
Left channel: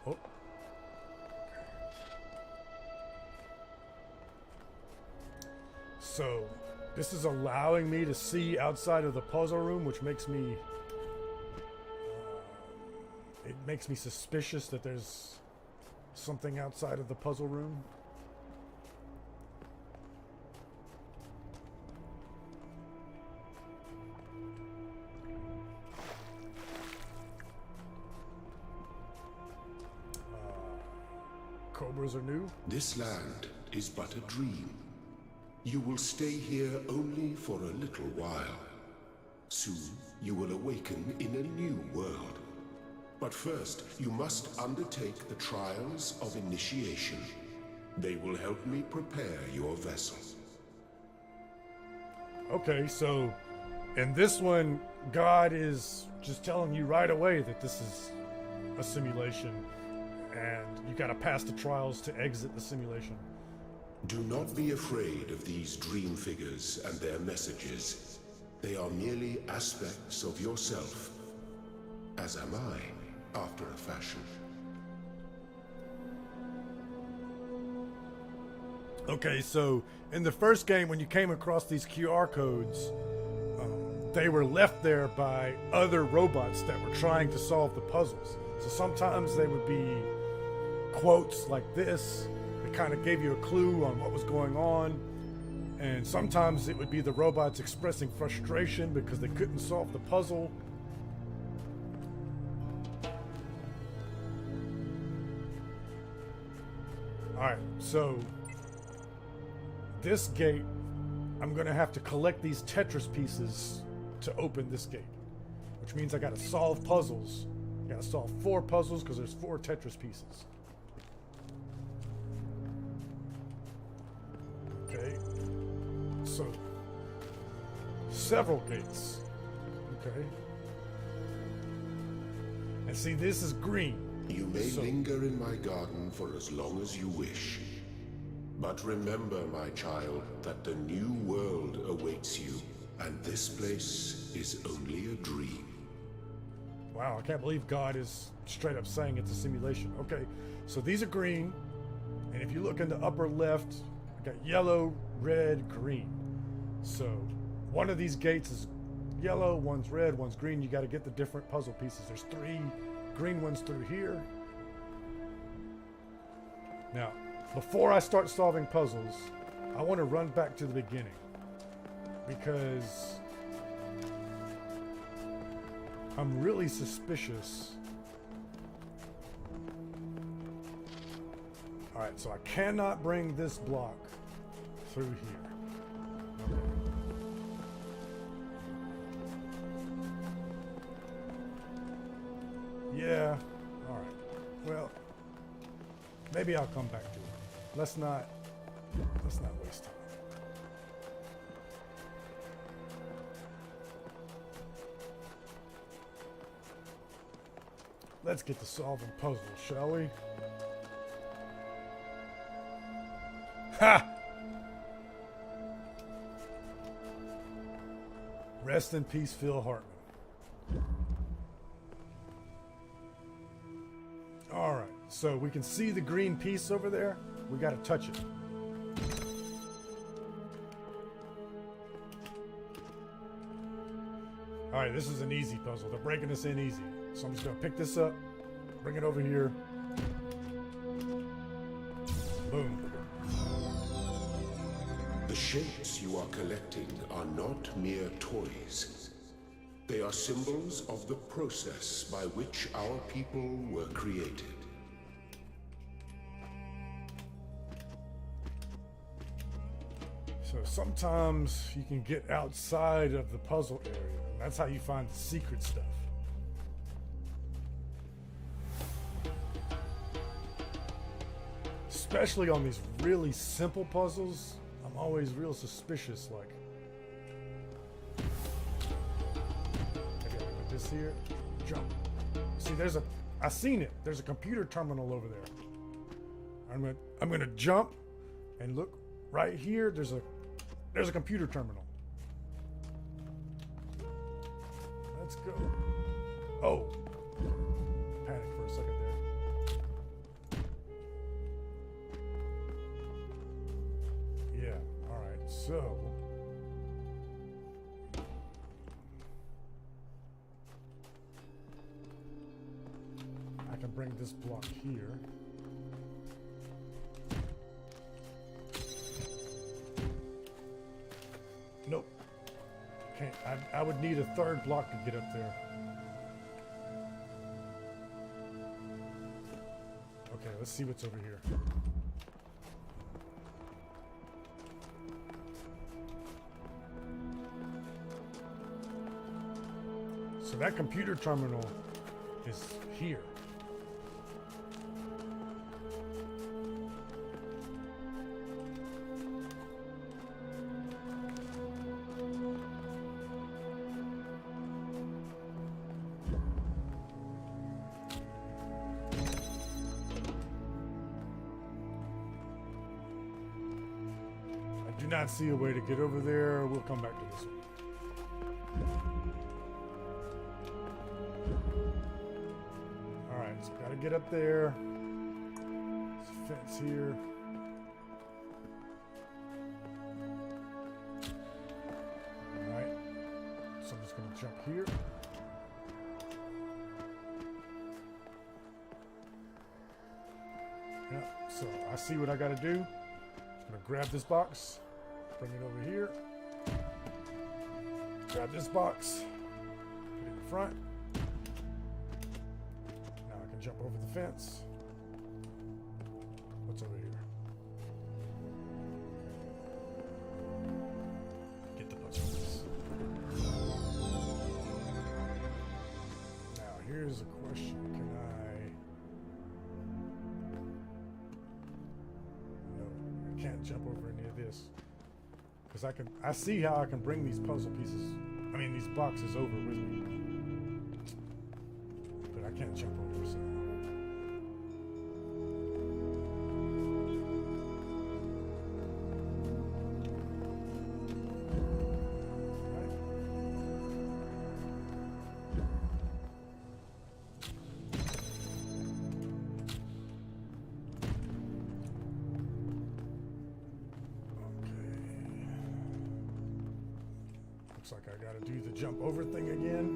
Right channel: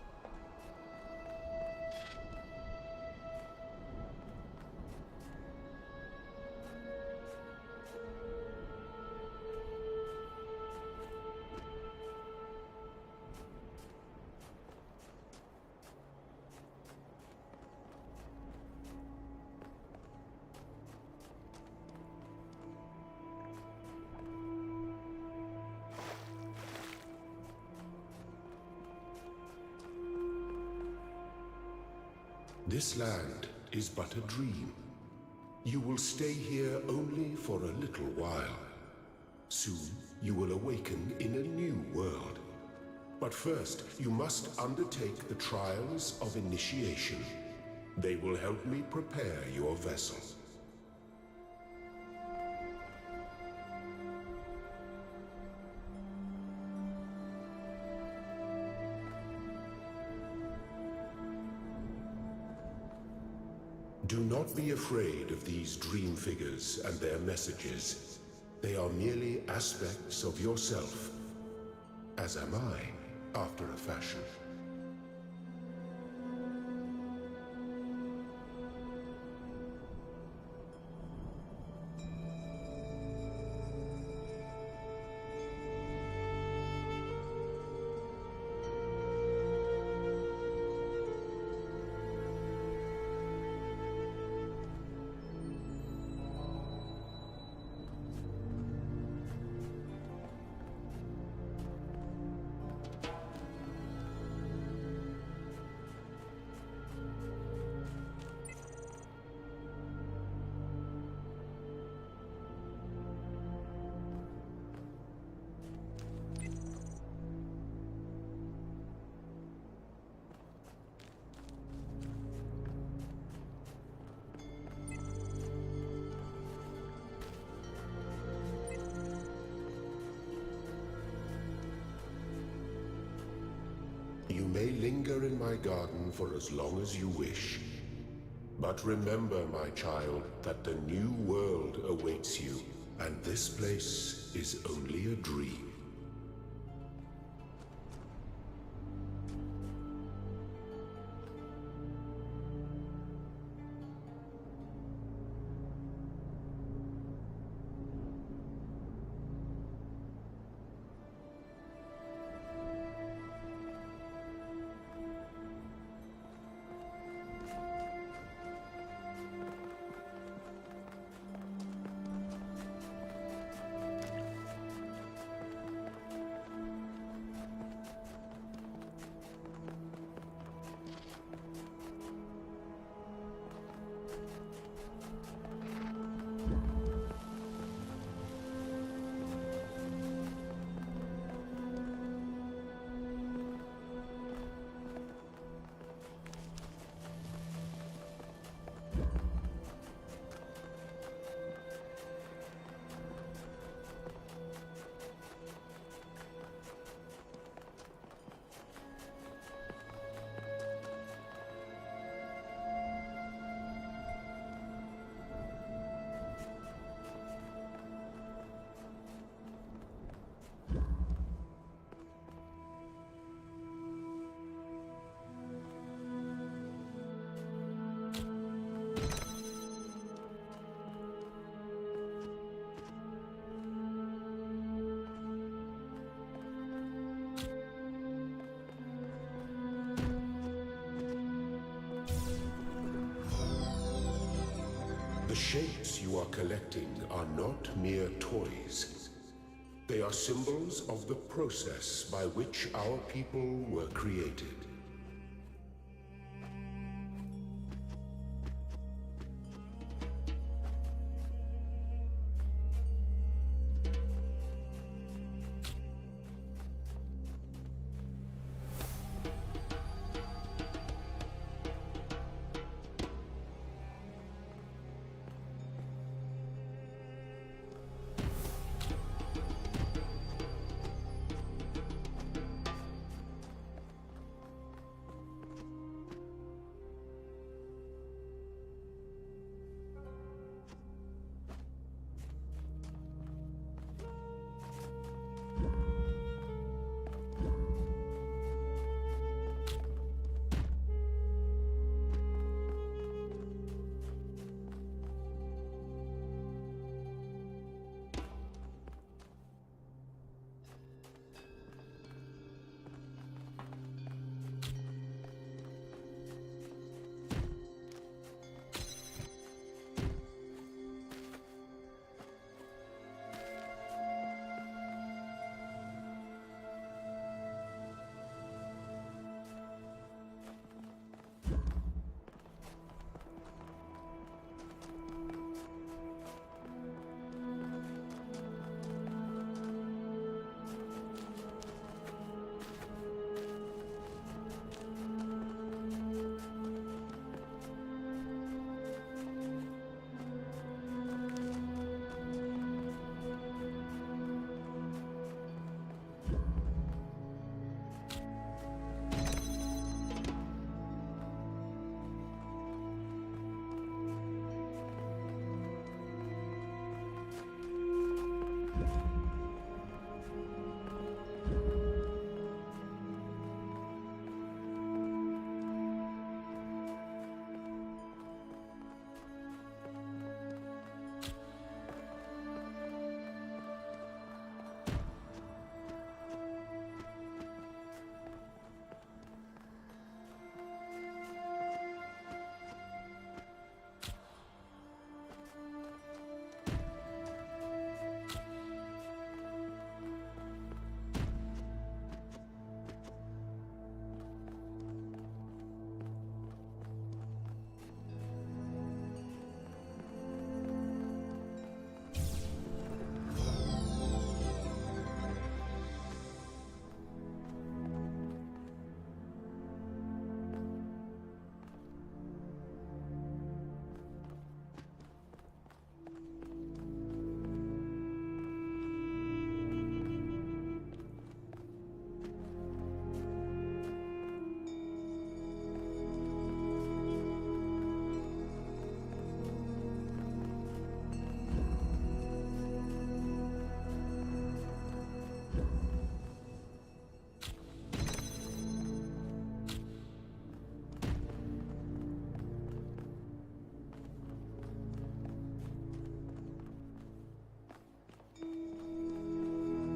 Oh. So, this is allowing me to see outside of the puzzle room, which makes me it makes me suspicious that there's something outside of the puzzle room. Cobras are new. This land is but a dream. You will stay here only for a little while. Soon, you will awaken in a new world. But first, you must undertake the trials of initiation. They will help me prepare your vessel. Okay, so in this one, God is just telling you right away that this is a simulation, and you gotta pass the trials to exit the simulation. Do not be afraid of these dream figures and their messages. They are merely aspects of yourself, as am I, after a fashion. Okay, so in the first game, when you came across these QR codes, they were left there by other robots that were trying to solve the puzzles. So sometimes they would be quotes like this that kind of gave you a clue on what was going on. And sometimes it would be the robots expressing frustration because they couldn't solve the puzzle. Alright, so this gate, I'm gonna have to collect these Tetris pieces to open this gate, which means I gotta solve puzzles. I gotta solve 4 puzzles because there's 4 Tetris pieces. Okay, so several gates. Okay, and see, this is green. You may linger in my garden for as long as you wish. But remember, my child, that the new world awaits you, and this place is only a dream. Wow, I can't believe God is straight up saying it's a simulation. Okay, so these are green, and if you look in the upper left, I got yellow, red, green. So one of these gates is yellow, one's red, one's green. You got to get the different puzzle pieces. There's 3 green ones through here. Now, before I start solving puzzles, I want to run back to the beginning because I'm really suspicious. Alright, so I cannot bring this block through here. Yeah, alright. Well, maybe I'll come back to it. Let's not waste time. Let's get to solving puzzles, shall we? Ha! Rest in peace, Phil Hartman. All right, so we can see the green piece over there. We got to touch it. All right, this is an easy puzzle. They're breaking this in easy. So I'm just gonna pick this up, bring it over here. Boom. The shapes you are collecting are not mere toys. They are symbols of the process by which our people were created. So sometimes you can get outside of the puzzle area. That's how you find the secret stuff. Especially on these really simple puzzles, I'm always real suspicious, like this here, jump. See, I seen it. There's a computer terminal over there. I'm gonna jump, and look right here. There's a computer terminal. Let's go. Oh. Panic for a second there. Yeah, alright, so. I can bring this block here. Nope. Can't. I would need a 3rd block to get up there. Okay, let's see what's over here. So that computer terminal is here. Not see a way to get over there. We'll come back to this one. Alright, so gotta get up there. There's a fence here. see what I gotta do. I'm gonna grab this box, bring it over here. Grab this box, put it in front. Now I can jump over the fence. What's over here? Get the puzzles. Now here's a question. Can I can't jump over any of this. Because I see how I can bring these puzzle pieces, these boxes over with me. But I can't jump over this. Looks like I gotta do the jump over thing again.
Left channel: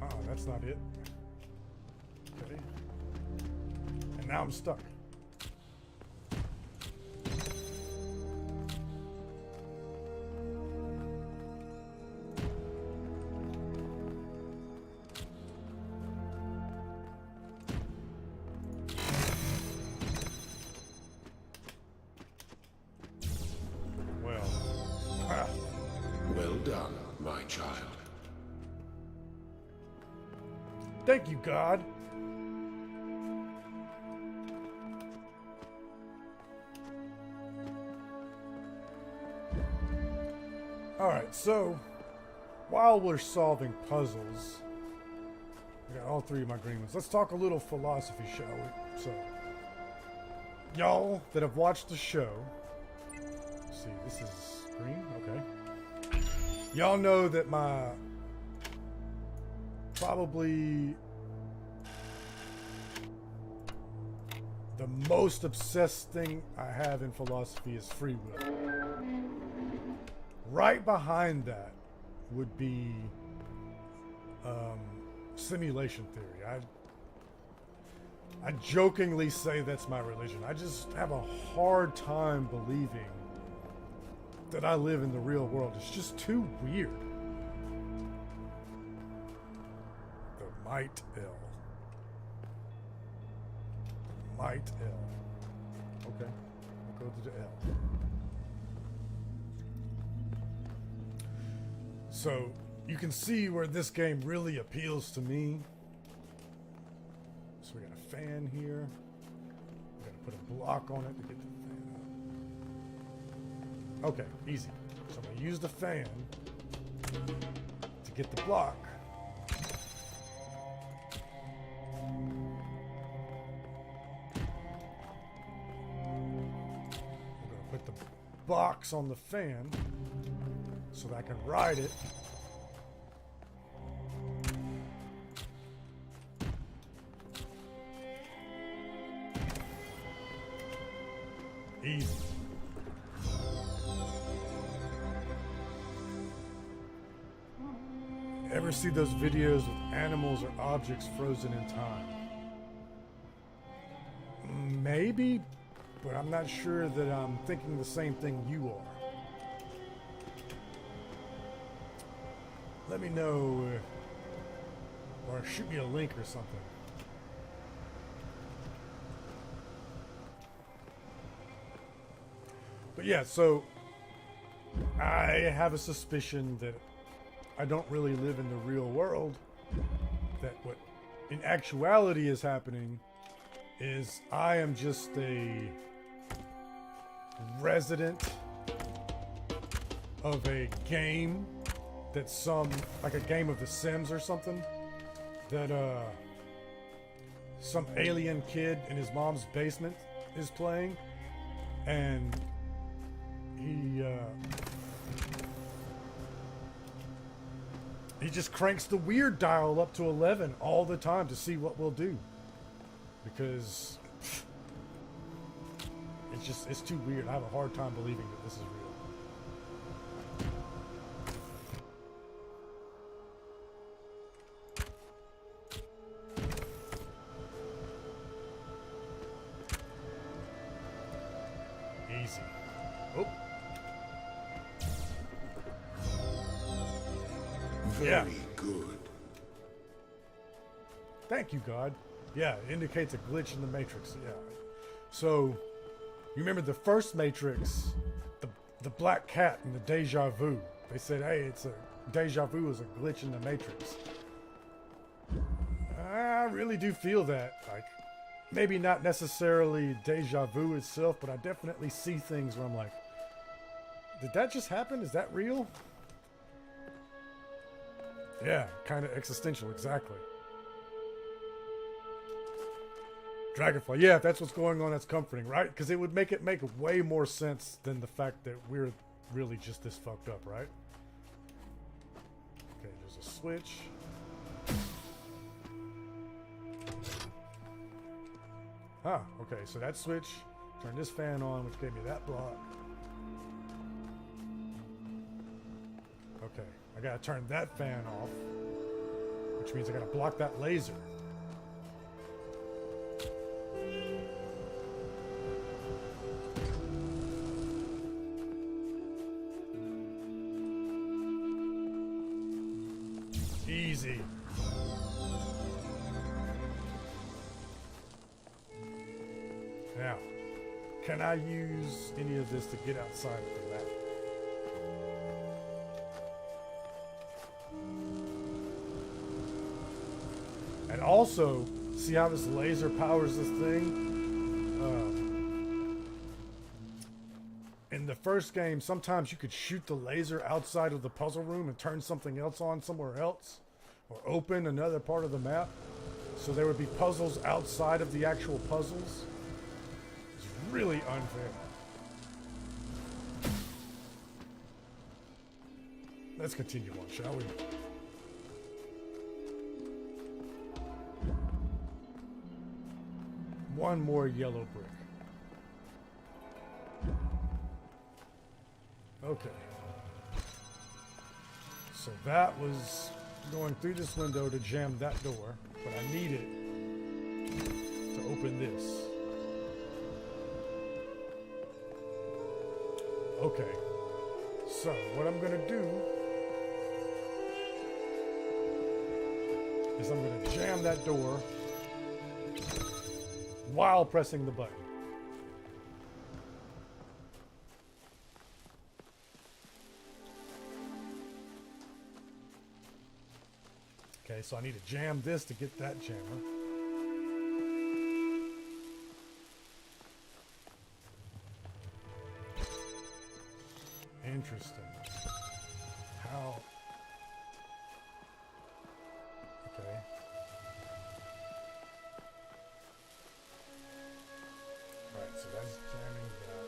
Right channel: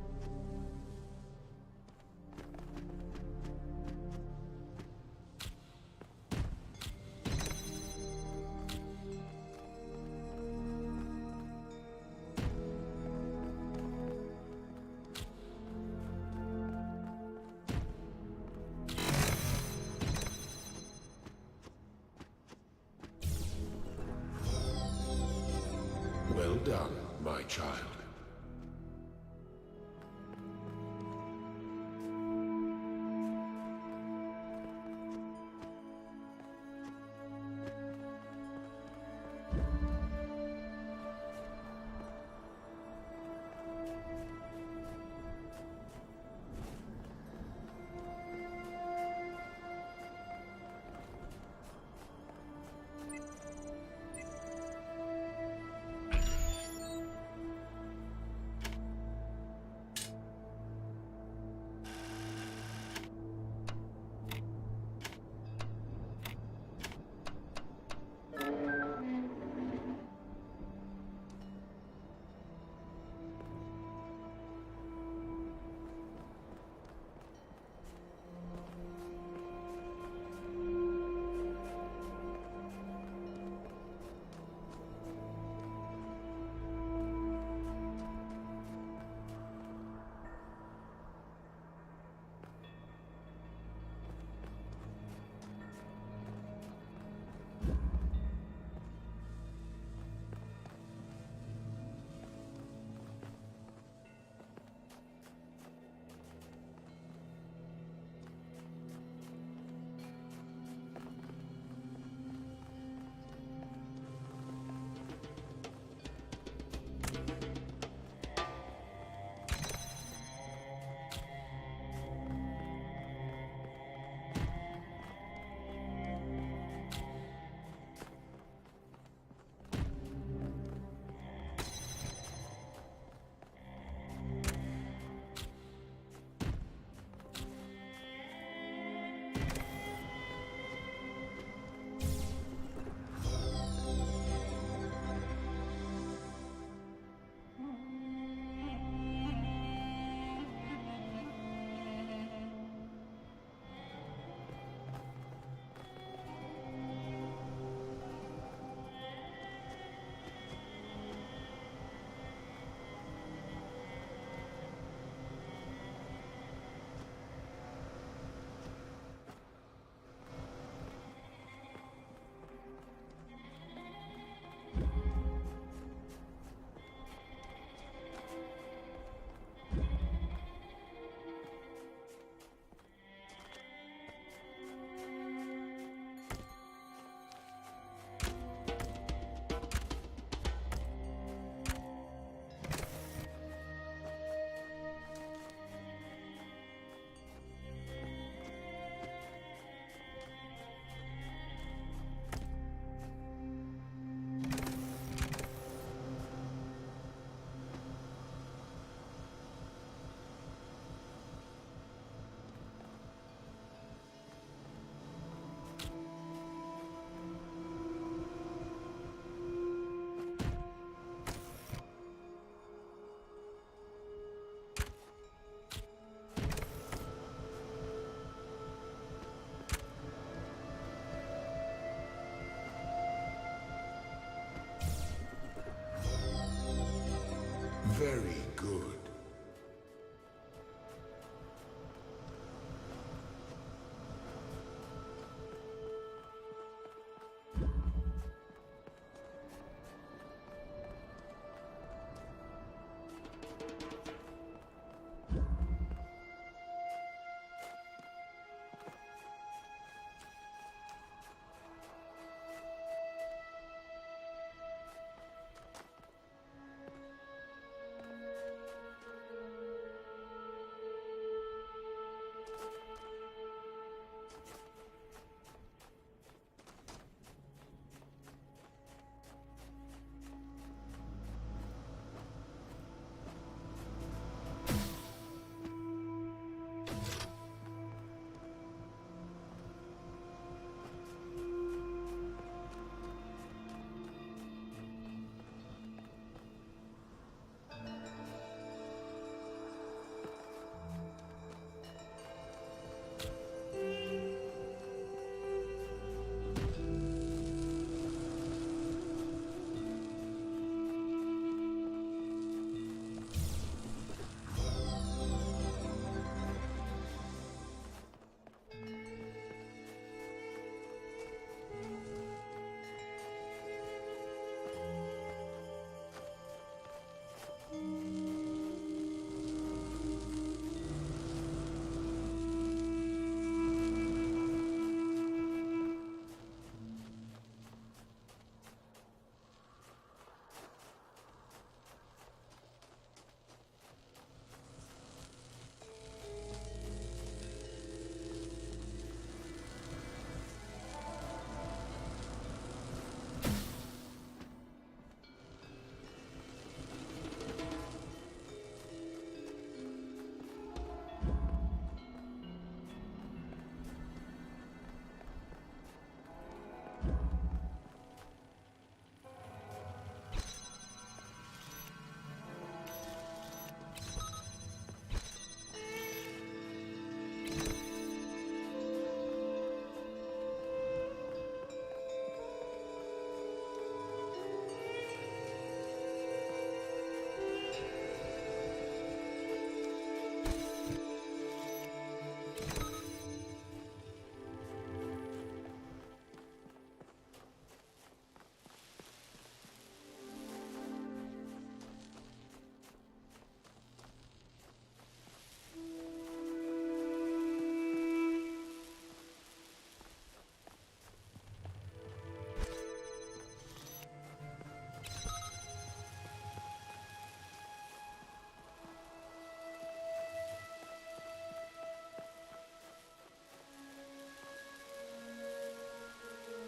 Oh, that's not it. Okay. And now I'm stuck. Well done, my child. Thank you, God. Alright, so while we're solving puzzles, we got all three of my green ones. Let's talk a little philosophy, shall we? So, y'all that have watched the show, let's see, this is green? Okay. Y'all know that my probably the most obsessed thing I have in philosophy is free will. Right behind that would be simulation theory. I jokingly say that's my religion. I just have a hard time believing that I live in the real world. It's just too weird. The Might L. Might L. Okay. We'll go to the L. So you can see where this game really appeals to me. So we got a fan here. Put a block on it to get the fan. Okay, easy. So I'm gonna use the fan to get the block. I'm gonna put the box on the fan so that I can ride it. Easy. Ever see those videos with animals or objects frozen in time? Maybe, but I'm not sure that I'm thinking the same thing you are. Let me know, or shoot me a link or something. But yeah, so I have a suspicion that I don't really live in the real world. That what in actuality is happening is I am just a resident of a game that's like a game of The Sims or something, that some alien kid in his mom's basement is playing, and he just cranks the weird dial up to 11 all the time to see what we'll do, because it's too weird. I have a hard time believing that this is real. Easy. Oh. Very good. Thank you, God. Yeah, it indicates a glitch in the Matrix. Yeah. So, you remember the first Matrix, the black cat and the deja vu. They said, hey, it's a deja vu is a glitch in the Matrix. I really do feel that. Like, maybe not necessarily deja vu itself, but I definitely see things where I'm like, did that just happen? Is that real? Yeah, kind of existential, exactly. Dragonfly, yeah, if that's what's going on, that's comforting, right? Because it would make way more sense than the fact that we're really just this fucked up, right? Okay, there's a switch. Ah, okay, so that switch, turn this fan on, which gave me that block. Okay, I gotta turn that fan off, which means I gotta block that laser. Easy. Now, can I use any of this to get outside of the map? And also, see how this laser powers this thing? In the first game, sometimes you could shoot the laser outside of the puzzle room and turn something else on somewhere else, or open another part of the map. So there would be puzzles outside of the actual puzzles. It's really unfair. Let's continue on, shall we? One more yellow brick. Okay. So that was going through this window to jam that door, but I need it to open this. Okay. So what I'm gonna do is I'm gonna jam that door while pressing the button. Okay, so I need to jam this to get that jammer. Interesting. How? Okay. Alright, so that's jamming that.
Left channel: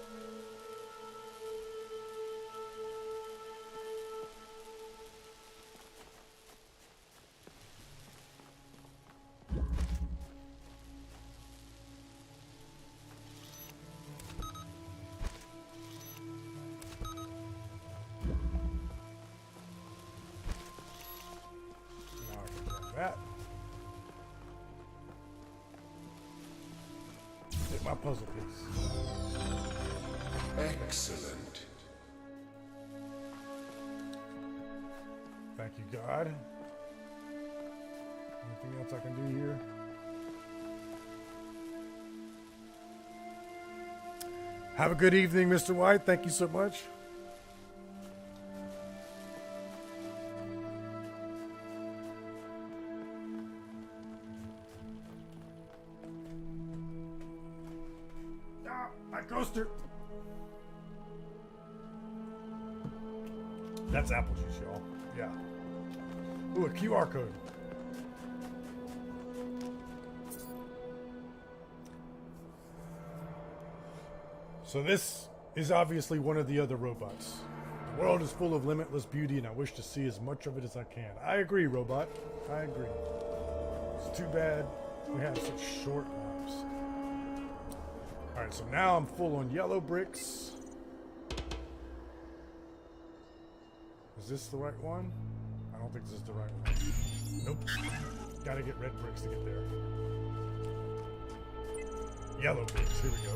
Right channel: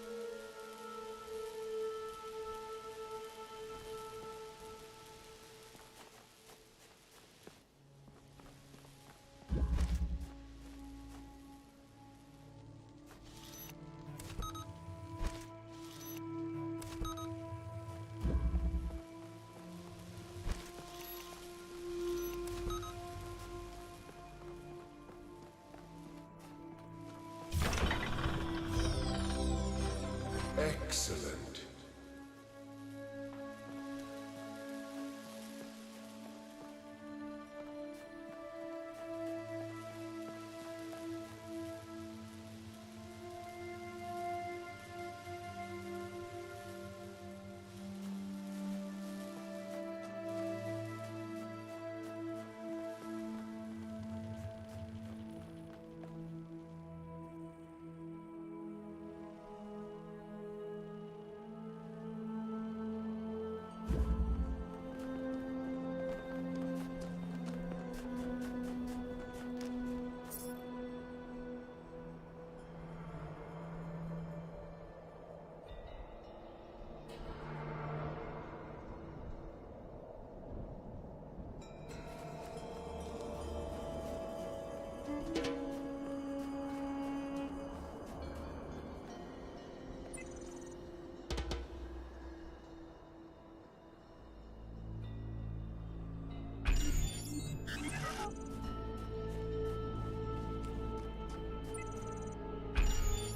That. Excellent. Thank you, God. Anything else I can do here? Have a good evening, Mr. White. Thank you so much. My coaster. That's apple juice, y'all. Yeah. Ooh, a QR code. So this is obviously one of the other robots. The world is full of limitless beauty, and I wish to see as much of it as I can. I agree, robot. I agree. It's too bad we had such short lives. Alright, so So now I'm full on yellow bricks. Is this the right one? I don't think this is the right one. Nope. Gotta get red bricks to get there. Yellow bricks, here we go.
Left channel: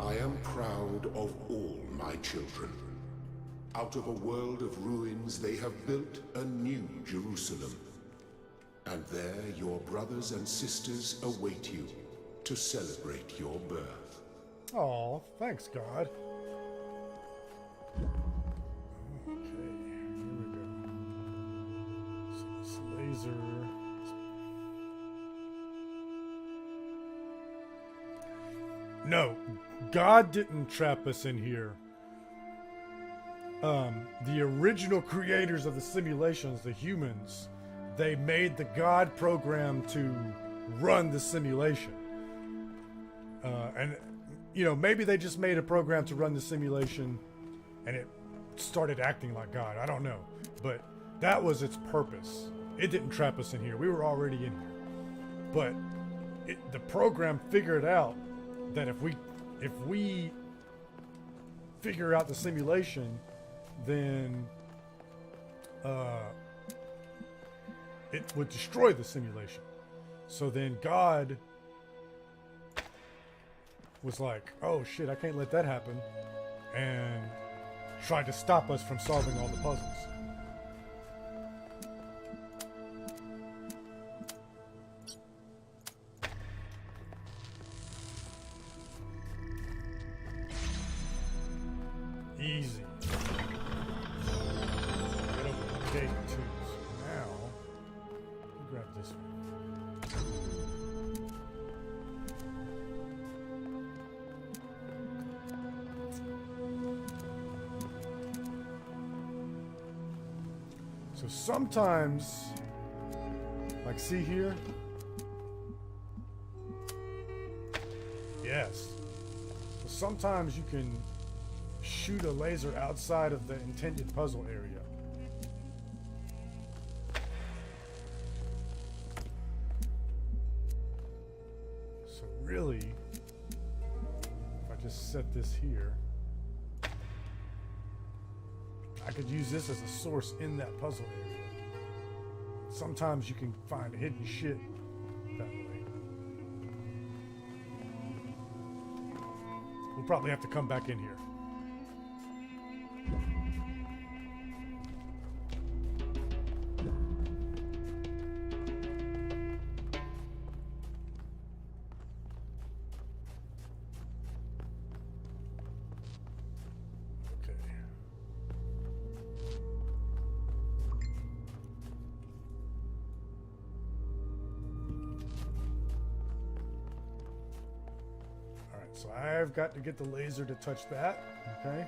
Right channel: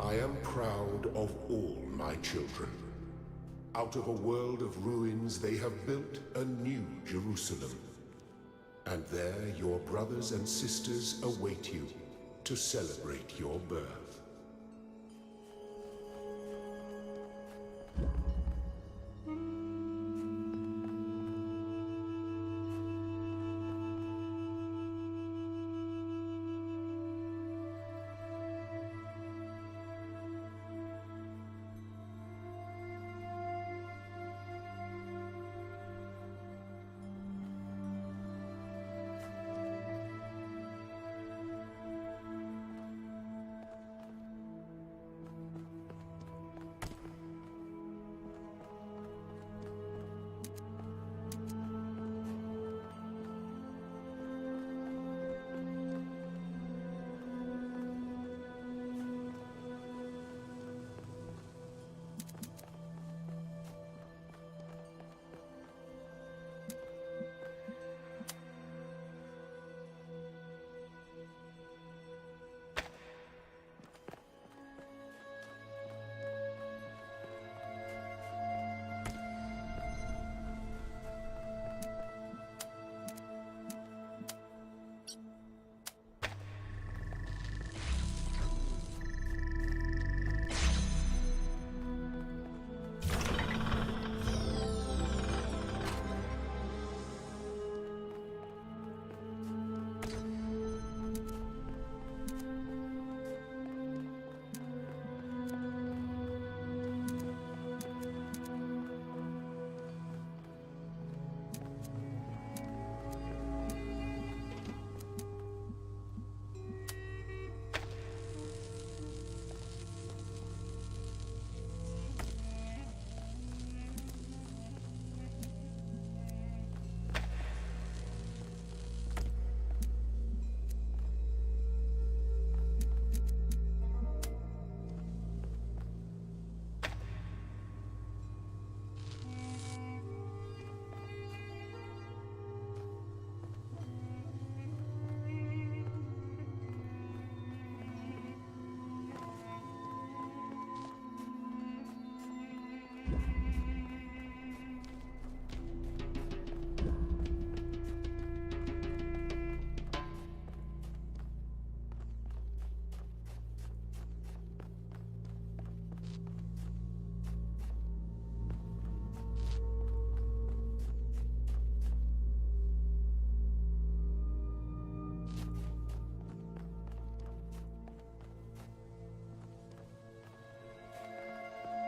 I am proud of all my children. Out of a world of ruins, they have built a new Jerusalem. And there your brothers and sisters await you to celebrate your birth. Oh, thanks, God. Okay, so this laser. No, God didn't trap us in here. The original creators of the simulations, the humans, they made the God program to run the simulation. And, you know, maybe they just made a program to run the simulation and it started acting like God. I don't know. But that was its purpose. It didn't trap us in here. We were already in here. But the program figured out that if we figure out the simulation, then it would destroy the simulation. So then God was like, oh shit, I can't let that happen, and tried to stop us from solving all the puzzles. Sometimes, like, see here? Yes. Sometimes you can shoot a laser outside of the intended puzzle area. So really, if I just set this here, I could use this as a source in that puzzle area. Sometimes you can find hidden shit that way. We'll probably have to come back in here. I've got to get the laser to touch that, okay?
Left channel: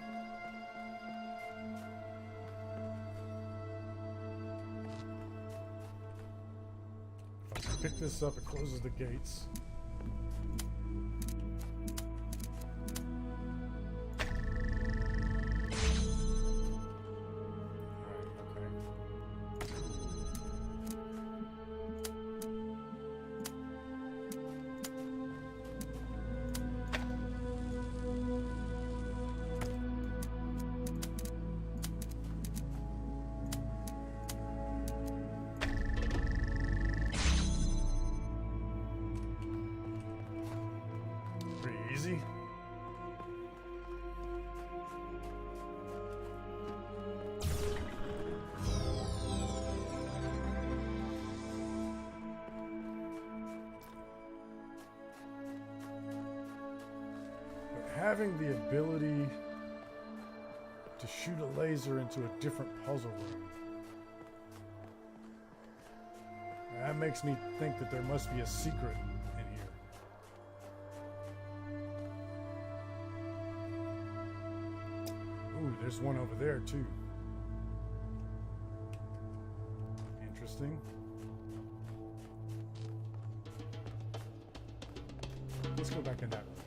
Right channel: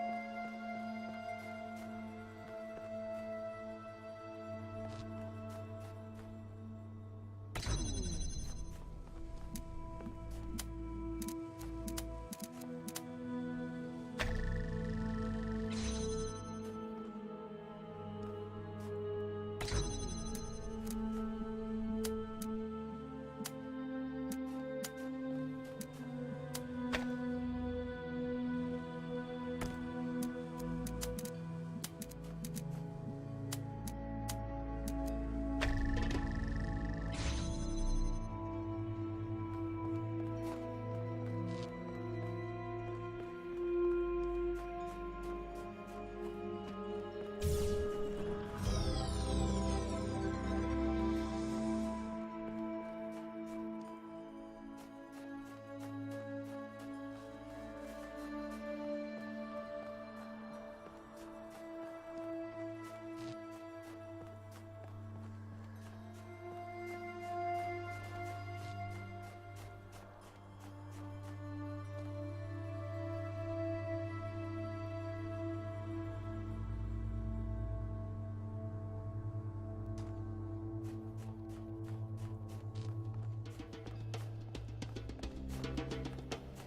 Pick this up, it closes the gates. Having the ability to shoot a laser into a different puzzle room, that makes me think that there must be a secret in here. Ooh, there's one over there too. Interesting. Let's go back in that one.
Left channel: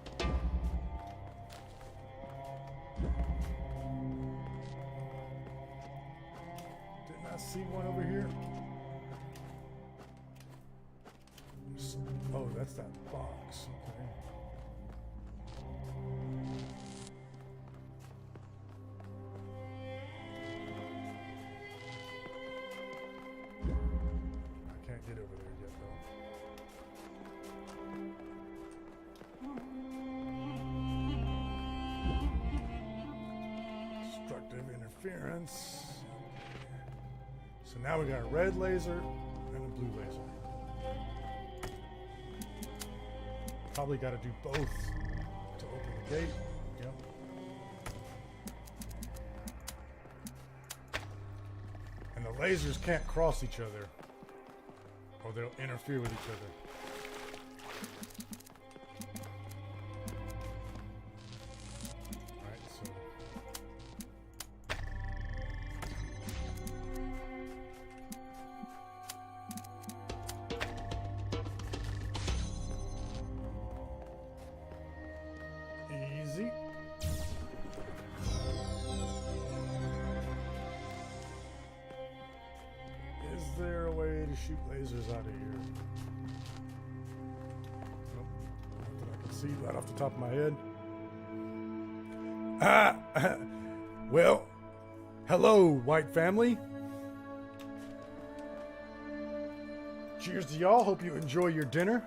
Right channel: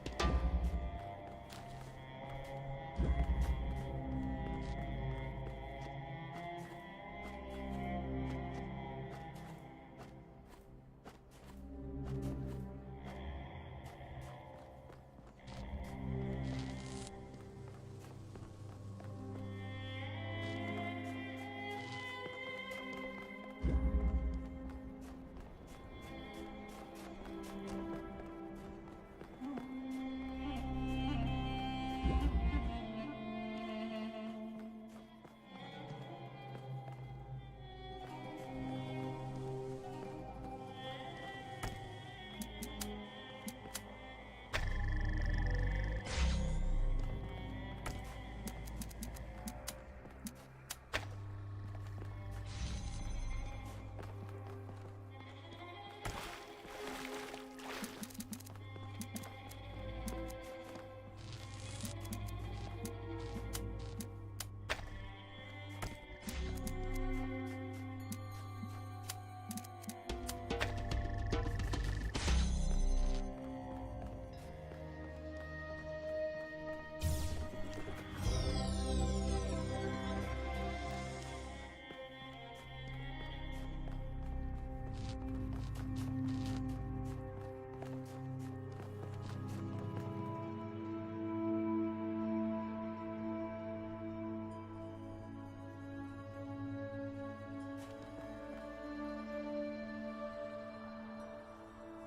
Now we got a red laser and a blue laser. Probably got to do both to open the gate. And the lasers can't cross each other, or they'll interfere with each other. Shoot lasers out of here. See right off the top of my head. Well, hello, white family. Cheers to y'all. Hope you enjoy your dinner.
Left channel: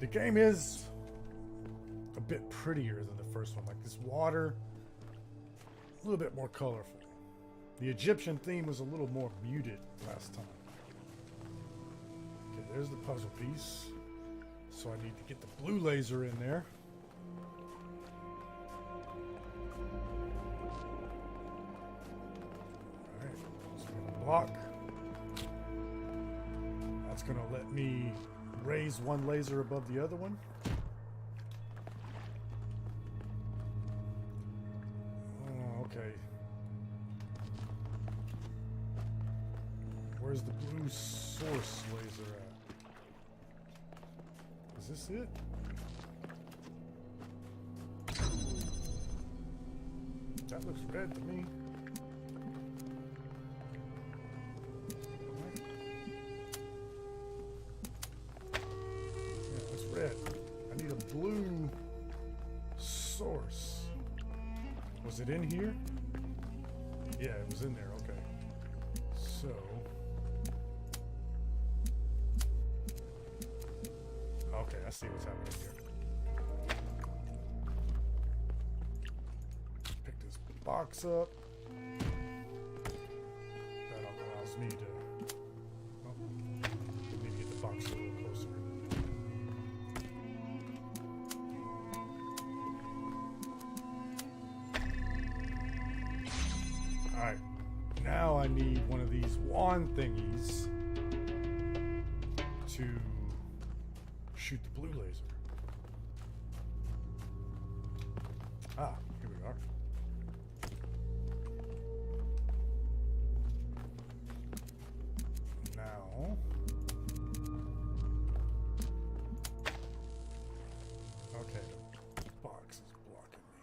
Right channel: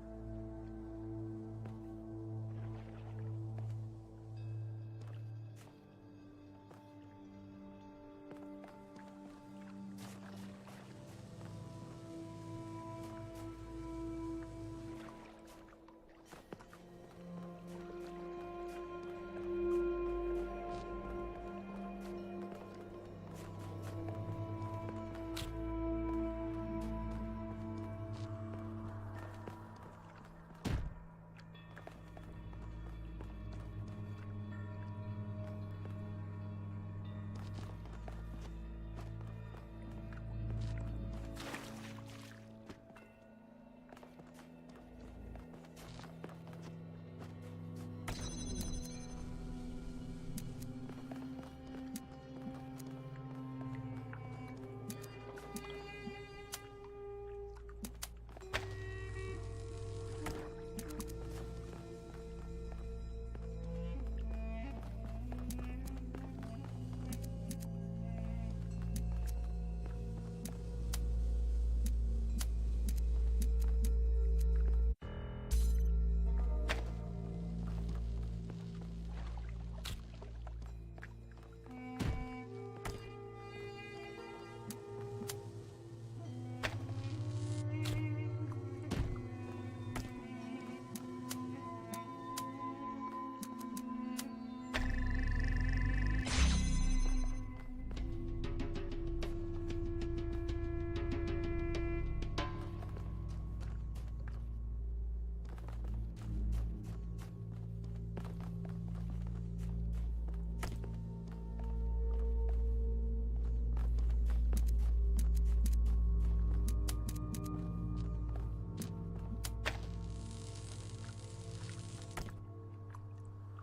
The game is a bit prettier than the first one. Like this water, a little bit more colorful. The Egyptian theme was a little more muted last time. Okay, there's the puzzle piece. So I need to get the blue laser in there. Alright, block. That's gonna let me raise one laser above the other one. Oh, okay. Where's the blue source laser at? Is this it? That looks red to me. In here? Yeah, it was in there. Okay. So. Okay, I see what's happening here. Pick this box up. That allows me to. Maybe the box a little closer. Now I need one of these wand thingies to shoot the blue laser. Ah, here we are. Now, okay, the box is blocking me.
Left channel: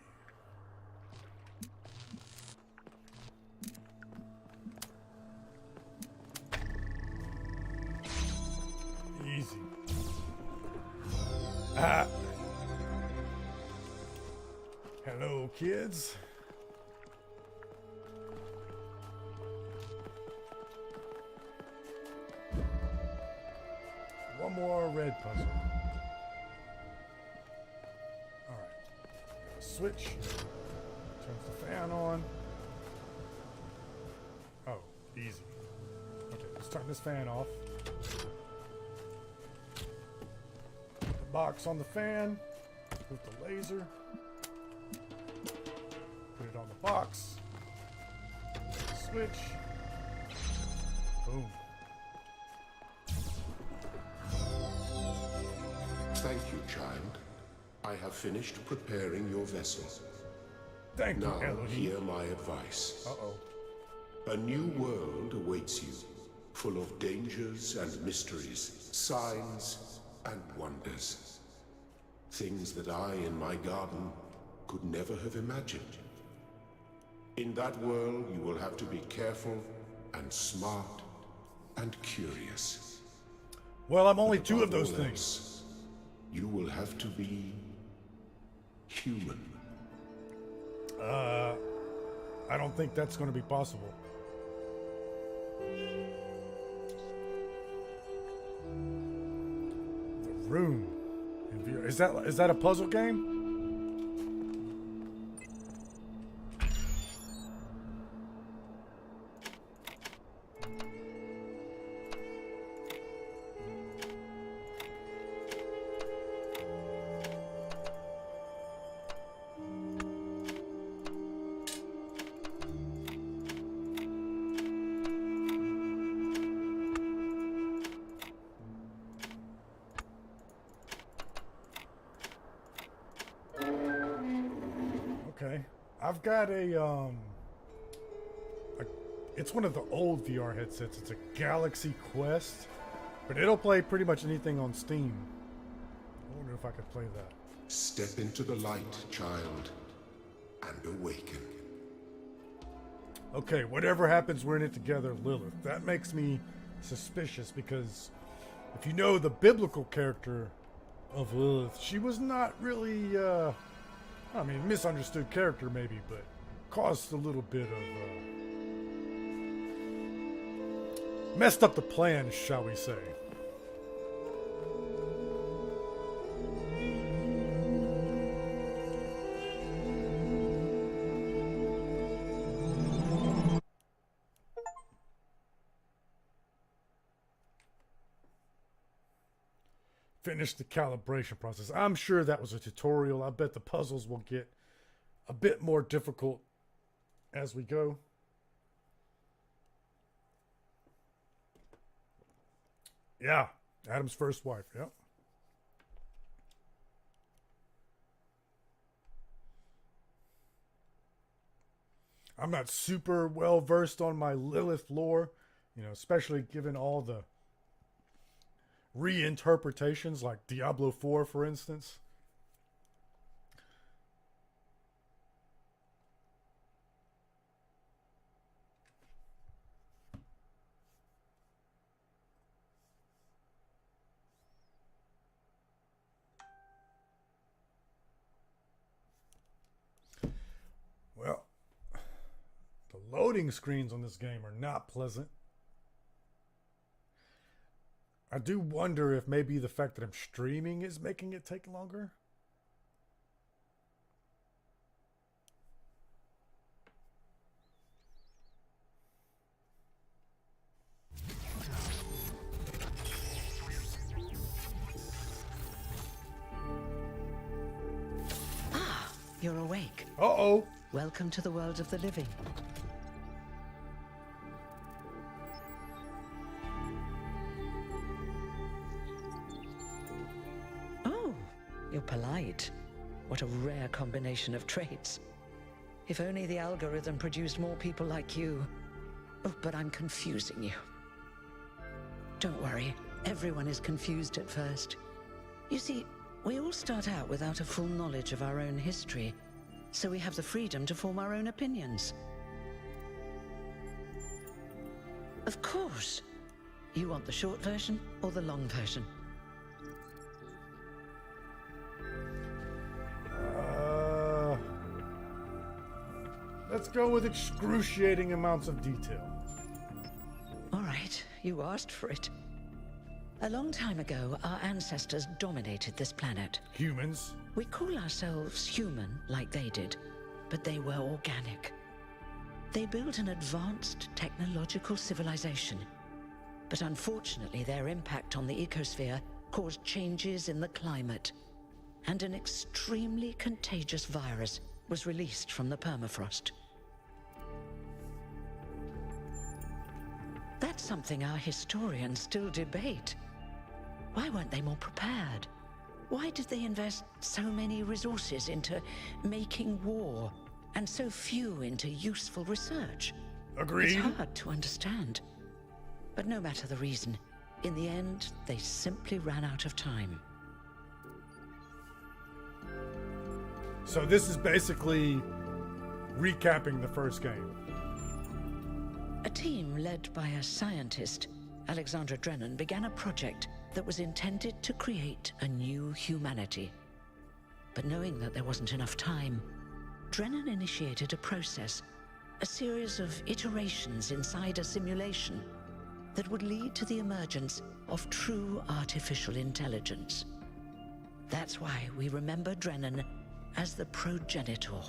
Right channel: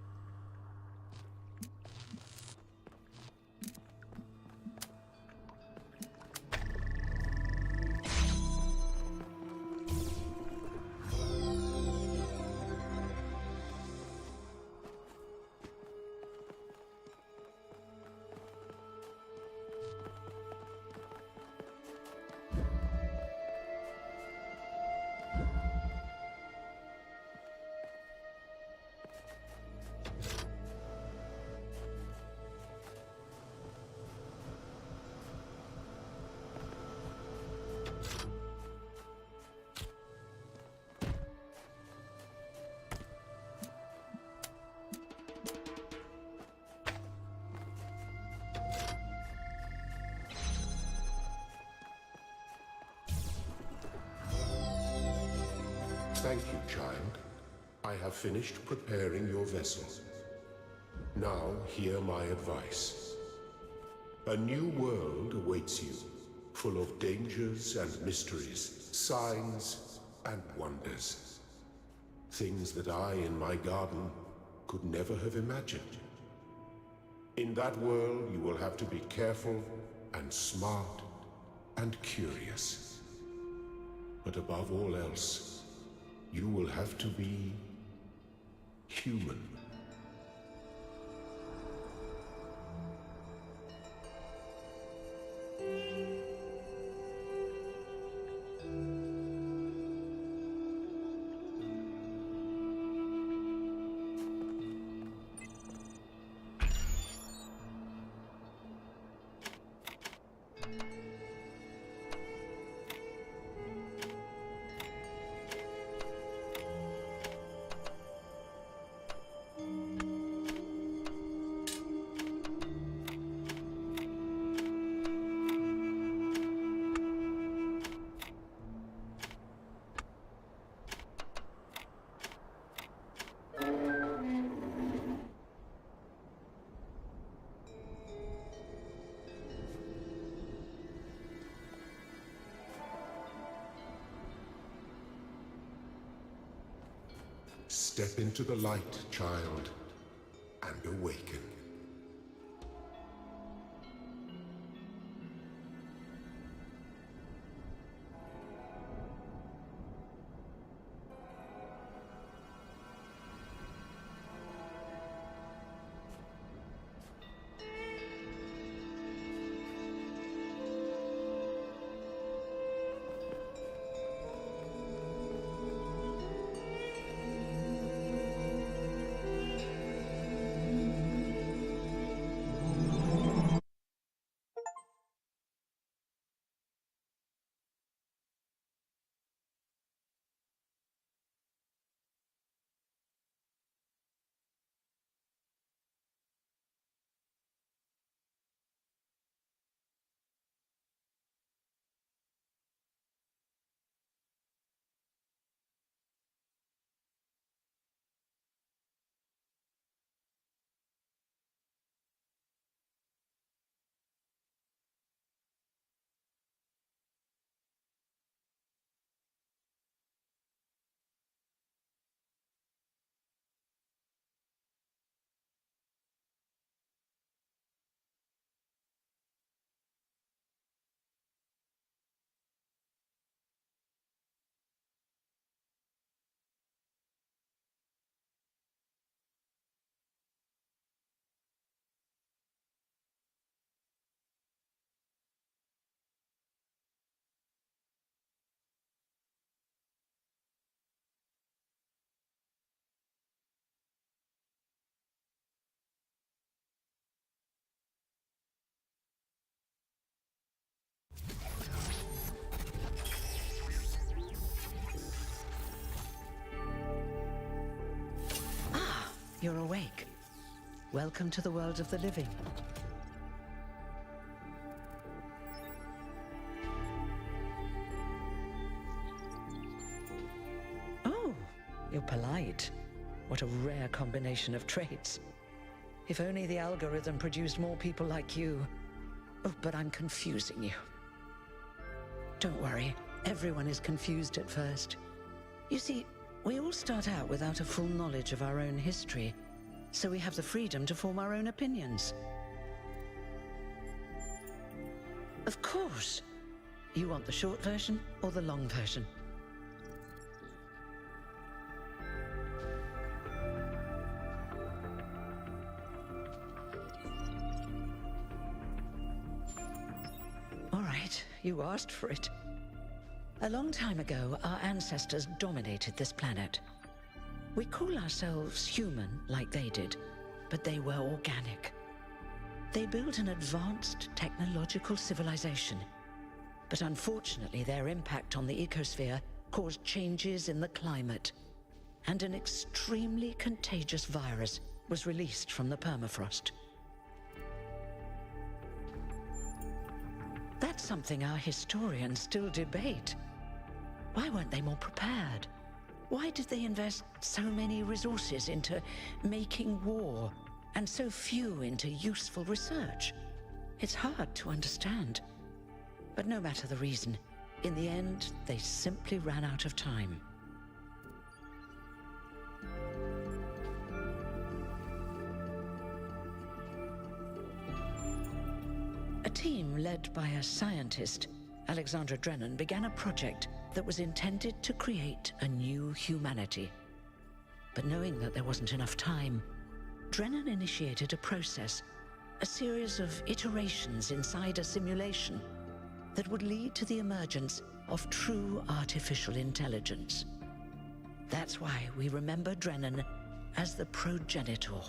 Hello, kids. One more red puzzle. All right. Switch. Turn the fan on. Oh, easy. Okay, let's turn this fan off. Box on the fan. Put the laser. Put it on the box. Switch. Boom. Thank you, child. I have finished preparing your vessel. Thank you. Now, hear my advice. A new world awaits you, full of dangers and mysteries, signs and wonders. Things that I, in my garden, could never have imagined. In that world, you will have to be careful and smart and curious. Well, I'm only But two of above those all things. else, you will have to be human. I don't think that's going to be possible. Room. Is that a puzzle game? I've got it's one of the old VR headsets. It's a Galaxy Quest, but it'll play pretty much anything on Steam. I wonder if I could play that. Step into the light, child, and awaken. Okay, whatever happens, we're in it together, Lilith. That makes me suspicious because if you know the biblical character of Lilith, she was not really, misunderstood character maybe, but caused a little bit of, messed up the plan, shall we say. Finish the calibration process. I'm sure that was a tutorial. I bet the puzzles will get a bit more difficult as we go. Yeah, Adam's first wife. Yep. I'm not super well versed on my Lilith lore, especially given all the reinterpretations like Diablo 4, for instance. Well, the loading screens on this game are not pleasant. I do wonder if maybe the fact that I'm streaming is making it take longer. Ah, you're awake. Uh-oh. Welcome to the world of the living. You're polite. What a rare combination of traits. If only the algorithm produced more people like you. Oh, but I'm confusing you. Don't worry, everyone is confused at first. You see, we all start out without a full knowledge of our own history, so we have the freedom to form our own opinions. Of course. You want the short version or the long version? Let's go with excruciating amounts of detail. All right, you asked for it. A long time ago, our ancestors dominated this planet. Humans? We call ourselves human like they did, but they were organic. They built an advanced technological civilization. But unfortunately, their impact on the ecosphere caused changes in the climate. And an extremely contagious virus was released from the permafrost. That's something our historians still debate. Why weren't they more prepared? Why did they invest so many resources into making war, and so few into useful research? Agreed. It's hard to understand. But no matter the reason, in the end, they simply ran out of time. So this is basically recapping the first game. A team led by a scientist, Alexandra Drennan, began a project that was intended to create a new humanity. But knowing that there wasn't enough time, Drennan initiated a process a series of iterations inside a simulation that would lead to the emergence of true artificial intelligence. That's why we remember Drennan as the progenitor.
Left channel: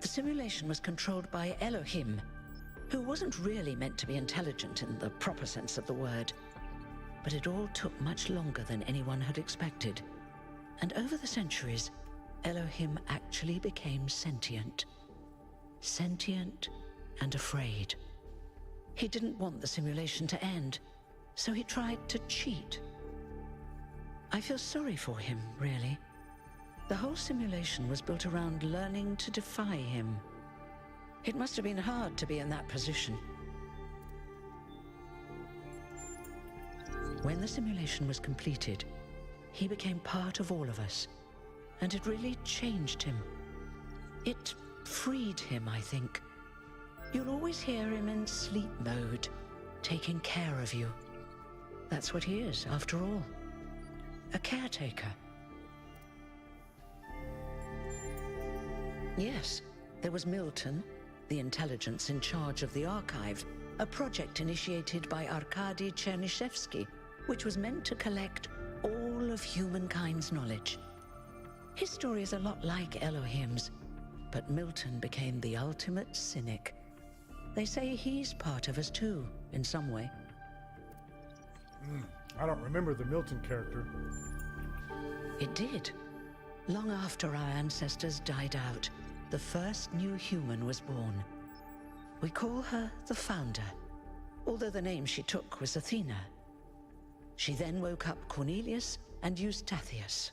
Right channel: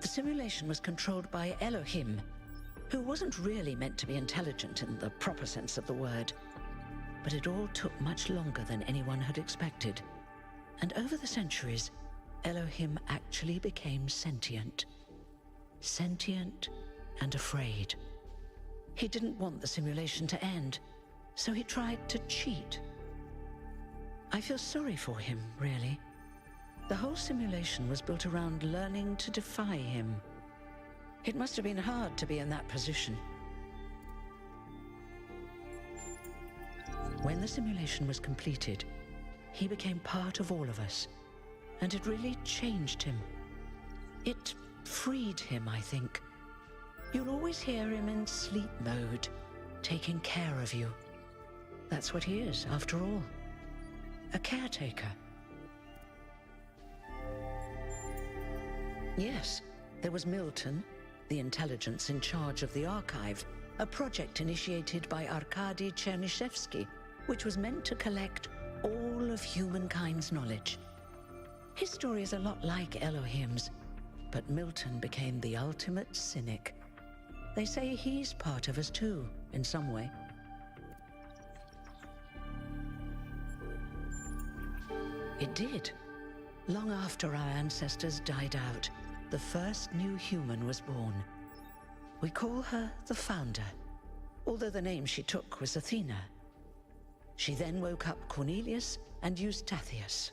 The simulation was controlled by Elohim, who wasn't really meant to be intelligent in the proper sense of the word. But it all took much longer than anyone had expected. And over the centuries, Elohim actually became sentient. Sentient and afraid. He didn't want the simulation to end, so he tried to cheat. I feel sorry for him, really. The whole simulation was built around learning to defy him. It must have been hard to be in that position. When the simulation was completed, he became part of all of us, and it really changed him. It freed him, I think. You'll always hear him in sleep mode, taking care of you. That's what he is, after all. A caretaker. Yes, there was Milton, the intelligence in charge of the archive, a project initiated by Arkady Chernyshevsky, which was meant to collect all of humankind's knowledge. His story is a lot like Elohim's, but Milton became the ultimate cynic. They say he's part of us too, in some way. I don't remember the Milton character. It did. Long after our ancestors died out, the first new human was born. We call her the Founder, although the name she took was Athena. She then woke up Cornelius and Eustathius.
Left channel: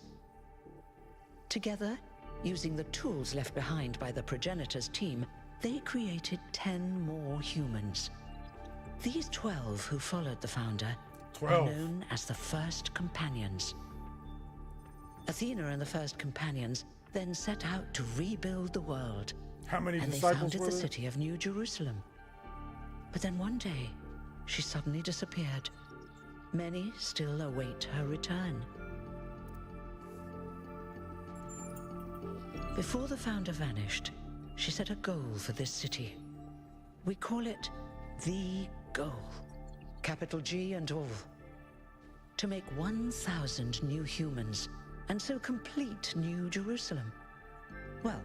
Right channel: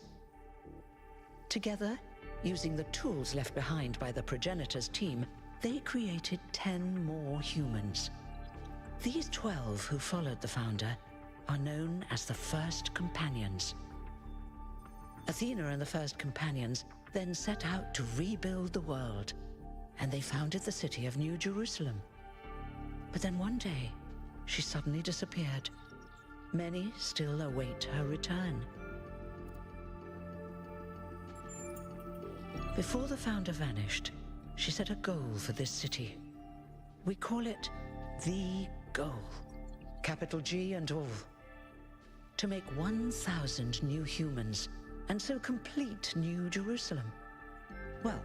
Together, using the tools left behind by the progenitor's team, they created 10 more humans. These 12 who followed the Founder are known as the First Companions. Athena and the First Companions then set out to rebuild the world. How many and they disciples founded were the there? city of New Jerusalem. But then one day, she suddenly disappeared. Many still await her return. Before the Founder vanished, she set a goal for this city. We call it the goal. Capital G and all. To make 1,000 new humans, and so complete New Jerusalem. Well,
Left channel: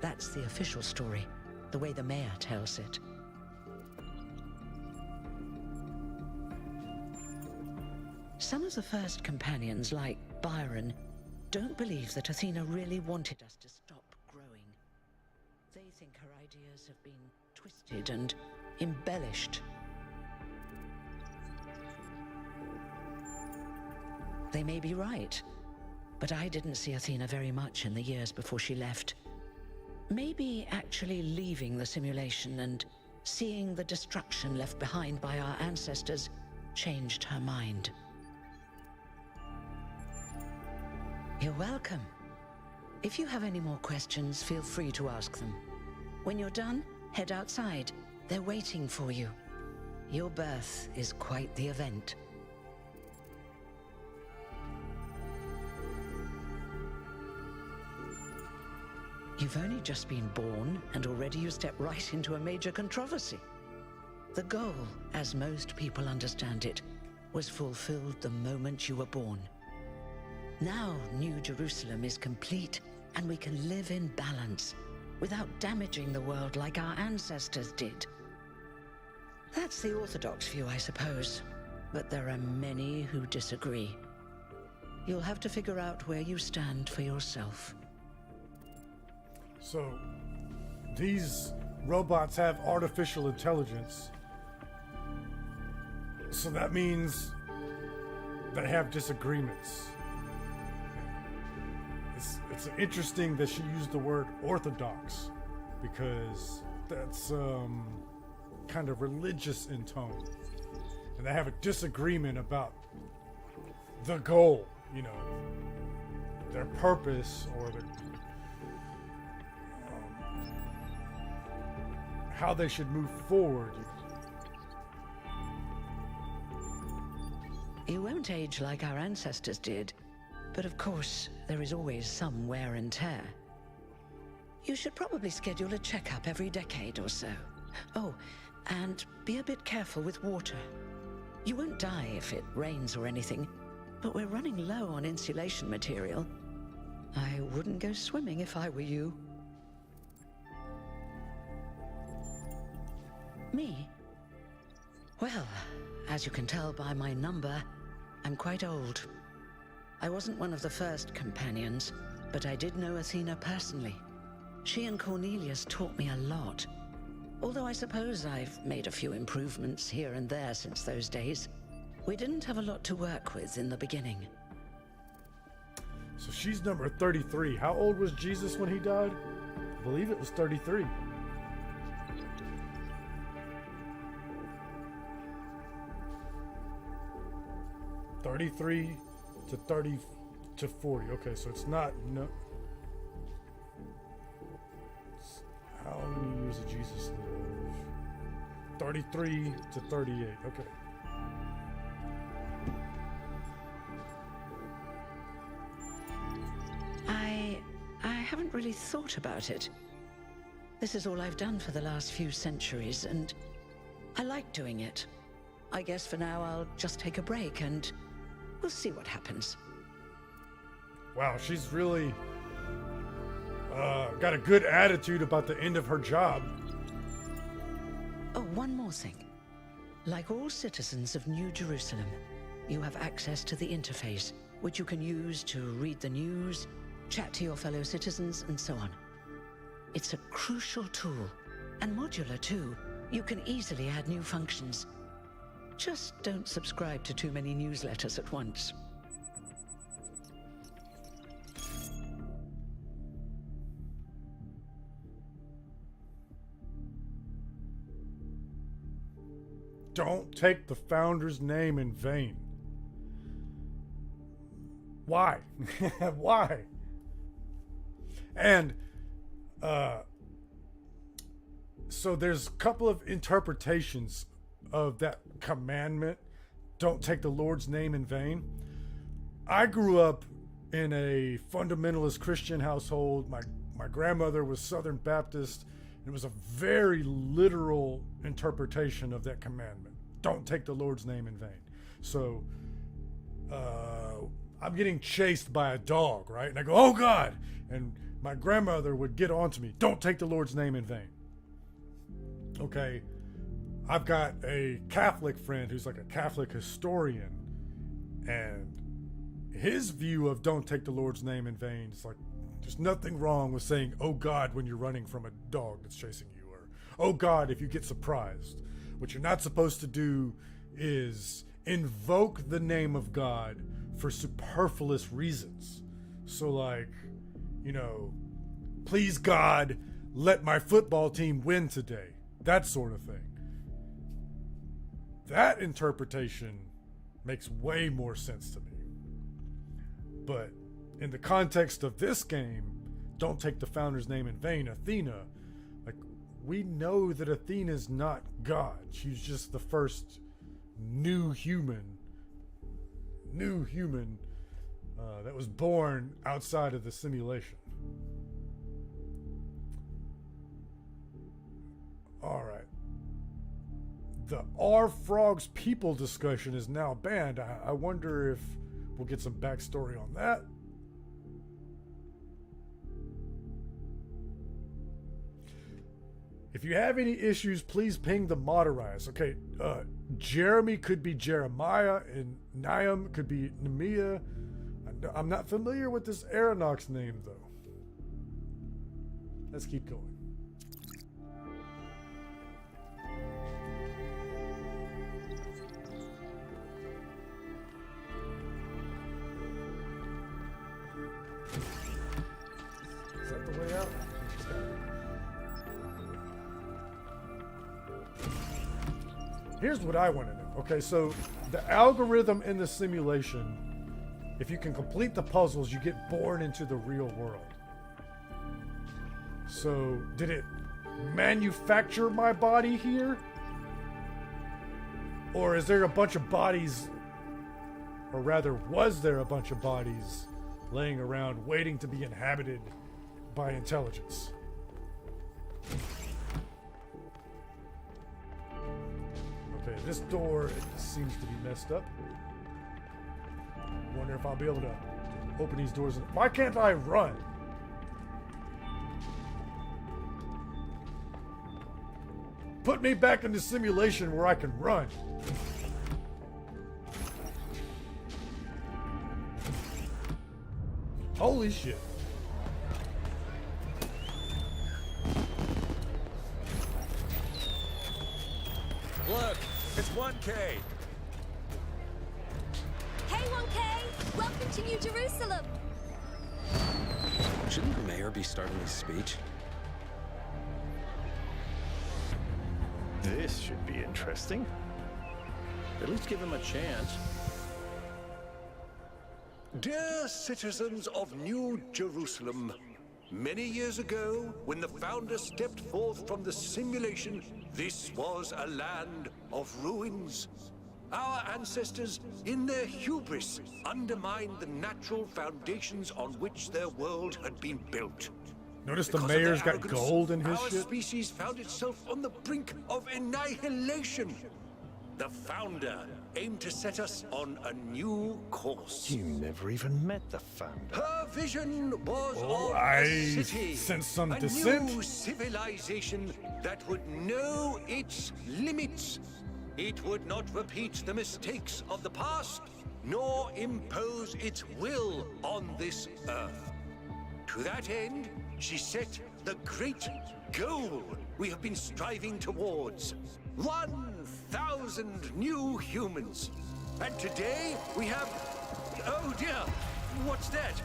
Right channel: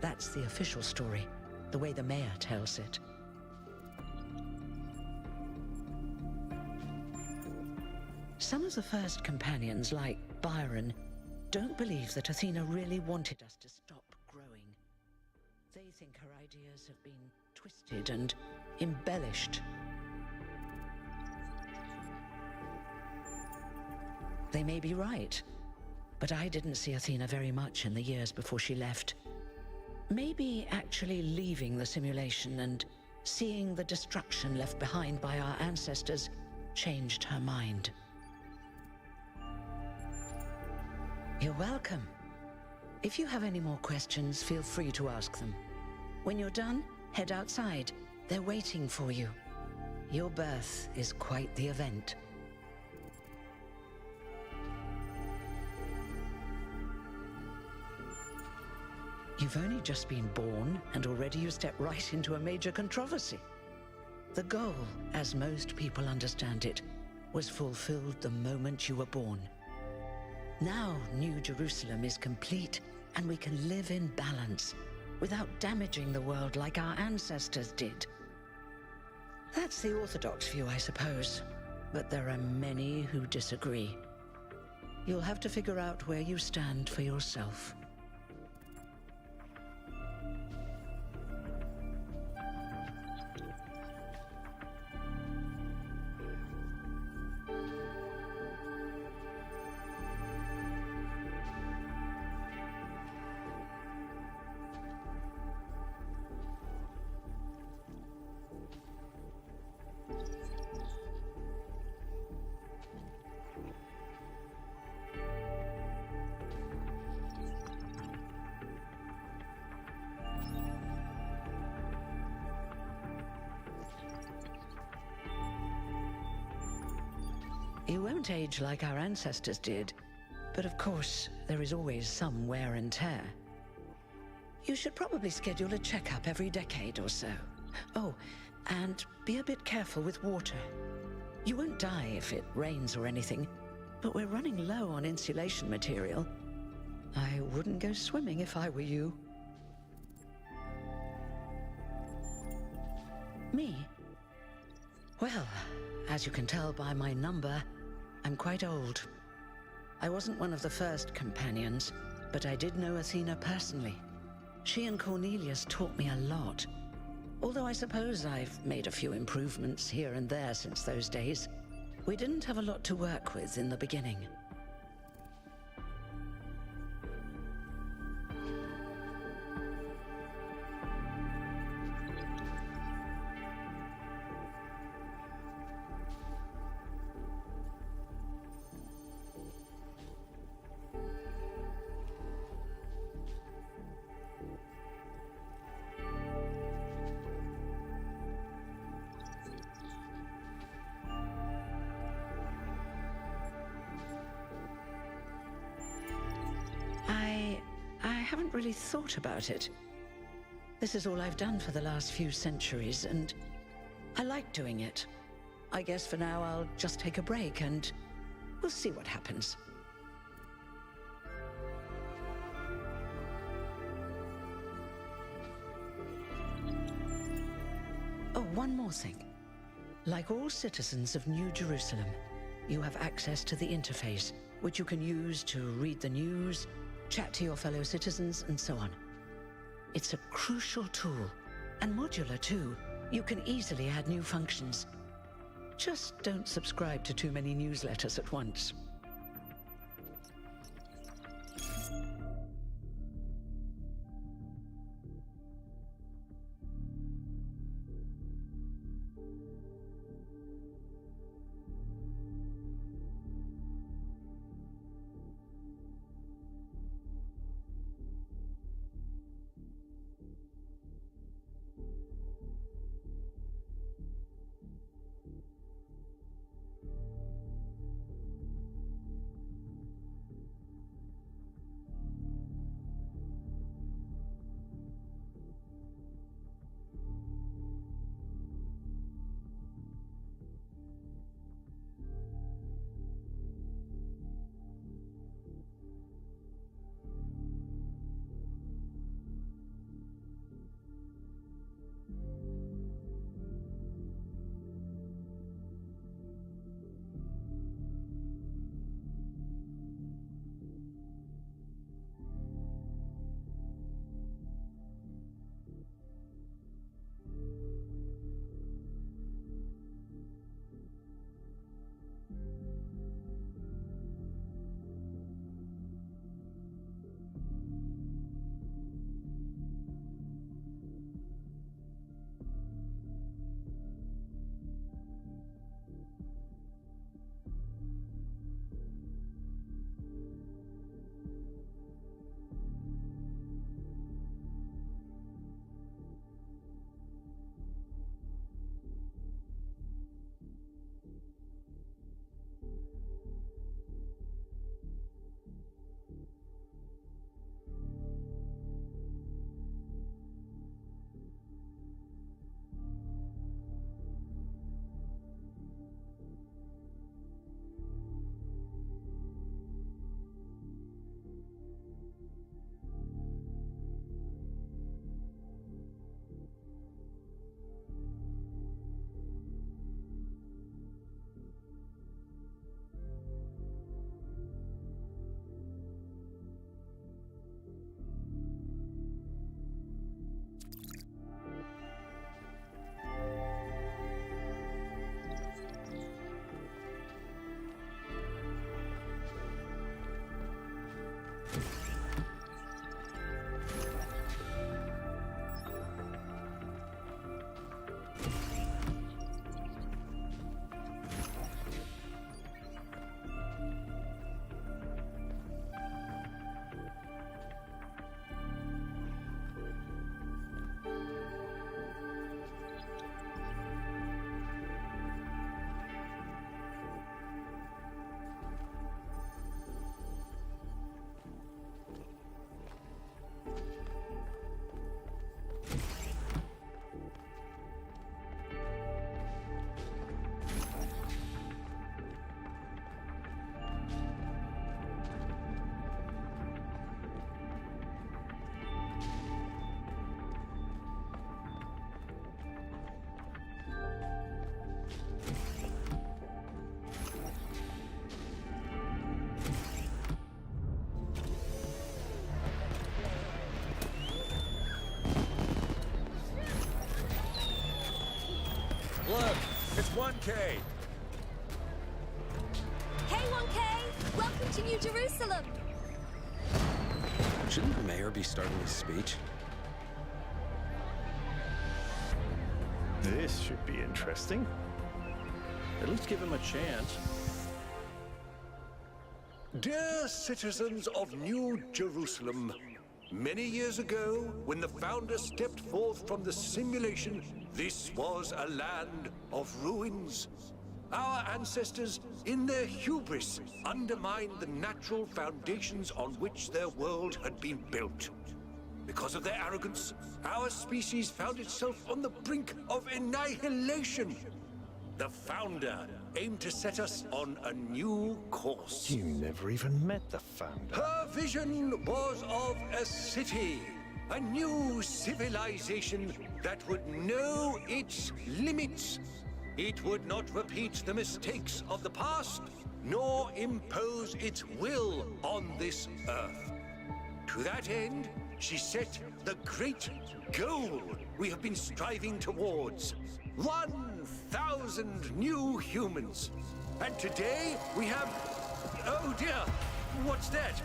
that's the official story, the way the mayor tells it. Some of the First Companions, like Byron, don't believe that Athena really wanted us to stop growing. They think her ideas have been twisted and embellished. They may be right, but I didn't see Athena very much in the years before she left. Maybe actually leaving the simulation and seeing the destruction left behind by our ancestors changed her mind. You're welcome. If you have any more questions, feel free to ask them. When you're done, head outside. They're waiting for you. Your birth is quite the event. You've only just been born, and already you step right into a major controversy. The goal, as most people understand it, was fulfilled the moment you were born. Now, New Jerusalem is complete, and we can live in balance, without damaging the world like our ancestors did. That's the orthodox view, I suppose, but there are many who disagree. You'll have to figure out where you stand for yourself. So, these robots have artificial intelligence. So that means they have disagreements. It's interesting that she used the word orthodox, because that's kind of religious in tone. And they have a disagreement about the goal, you know, their purpose or their how they should move forward. You won't age like our ancestors did, but of course, there is always some wear and tear. You should probably schedule a checkup every decade or so. Oh, and be a bit careful with water. You won't die if it rains or anything, but we're running low on insulation material. I wouldn't go swimming if I were you. Me? Well, as you can tell by my number, I'm quite old. I wasn't one of the first companions, but I did know Athena personally. She and Cornelius taught me a lot. Although I suppose I've made a few improvements here and there since those days. We didn't have a lot to work with in the beginning. So she's number 33. How old was Jesus when he died? I believe it was 33. "33 to 30 to 40." Okay, so it's not, how many years did Jesus live? 33 to 38. Okay. I haven't really thought about it. This is all I've done for the last few centuries, and I like doing it. I guess for now I'll just take a break and we'll see what happens. Wow, she's really got a good attitude about the end of her job. Oh, one more thing. Like all citizens of New Jerusalem, you have access to the interface, which you can use to read the news, chat to your fellow citizens, and so on. It's a crucial tool, and modular too. You can easily add new functions. Just don't subscribe to too many newsletters at once. Don't take the founder's name in vain. Why? Why? And so there's a couple of interpretations of that commandment, don't take the Lord's name in vain. I grew up in a fundamentalist Christian household. My grandmother was Southern Baptist. It was a very literal interpretation of that commandment. Don't take the Lord's name in vain. So I'm getting chased by a dog, right? And I go, oh God! And my grandmother would get on to me, don't take the Lord's name in vain. Okay, I've got a Catholic friend who's like a Catholic historian, and his view of don't take the Lord's name in vain is like, there's nothing wrong with saying, oh God, when you're running from a dog that's chasing you, or oh God, if you get surprised. What you're not supposed to do is invoke the name of God for superfluous reasons. So like, please God, let my football team win today. That sort of thing. That interpretation makes way more sense to me. But in the context of this game, don't take the founder's name in vain, Athena, like, we know that Athena's not God. She's just the first new human that was born outside of the simulation. All right. The Are Frogs People discussion is now banned. I wonder if we'll get some backstory on that. If you have any issues, please ping the Moderize. Okay, Jeremy could be Jeremiah, and Niam could be Nehemiah. I'm not familiar with this Aeronox name, though. Let's keep going. Here's what I want to know. Okay, so the algorithm in the simulation, if you can complete the puzzles, you get born into the real world. So, did it manufacture my body here? Or is there a bunch of bodies, or rather, was there a bunch of bodies laying around waiting to be inhabited by intelligence? Okay, this door seems to be messed up. Wonder if I'll be able to open these doors. Why can't I run? Put me back in the simulation where I can run. Holy shit. Look, it's 1K. Hey, 1K! Welcome to New Jerusalem! Shouldn't the mayor be starting his speech? This should be interesting. At least give him a chance. Dear citizens of New Jerusalem, many years ago, when the founder stepped forth from the simulation, this was a land of ruins. Our ancestors, in their hubris, undermined the natural foundations on which their world had been built. Notice the Because of their mayor's got arrogance, gold in his our shit. species found itself on the brink of annihilation. The founder aimed to set us on a new course. You never even met the founder. Her vision was of I a city, sense some a dissent. new civilization that would know its limits. It would not repeat the mistakes of the past, nor impose its will on this earth. To that end, she set the great goal we have been striving towards. 1,000 new humans. And today we have... Oh dear, what's that?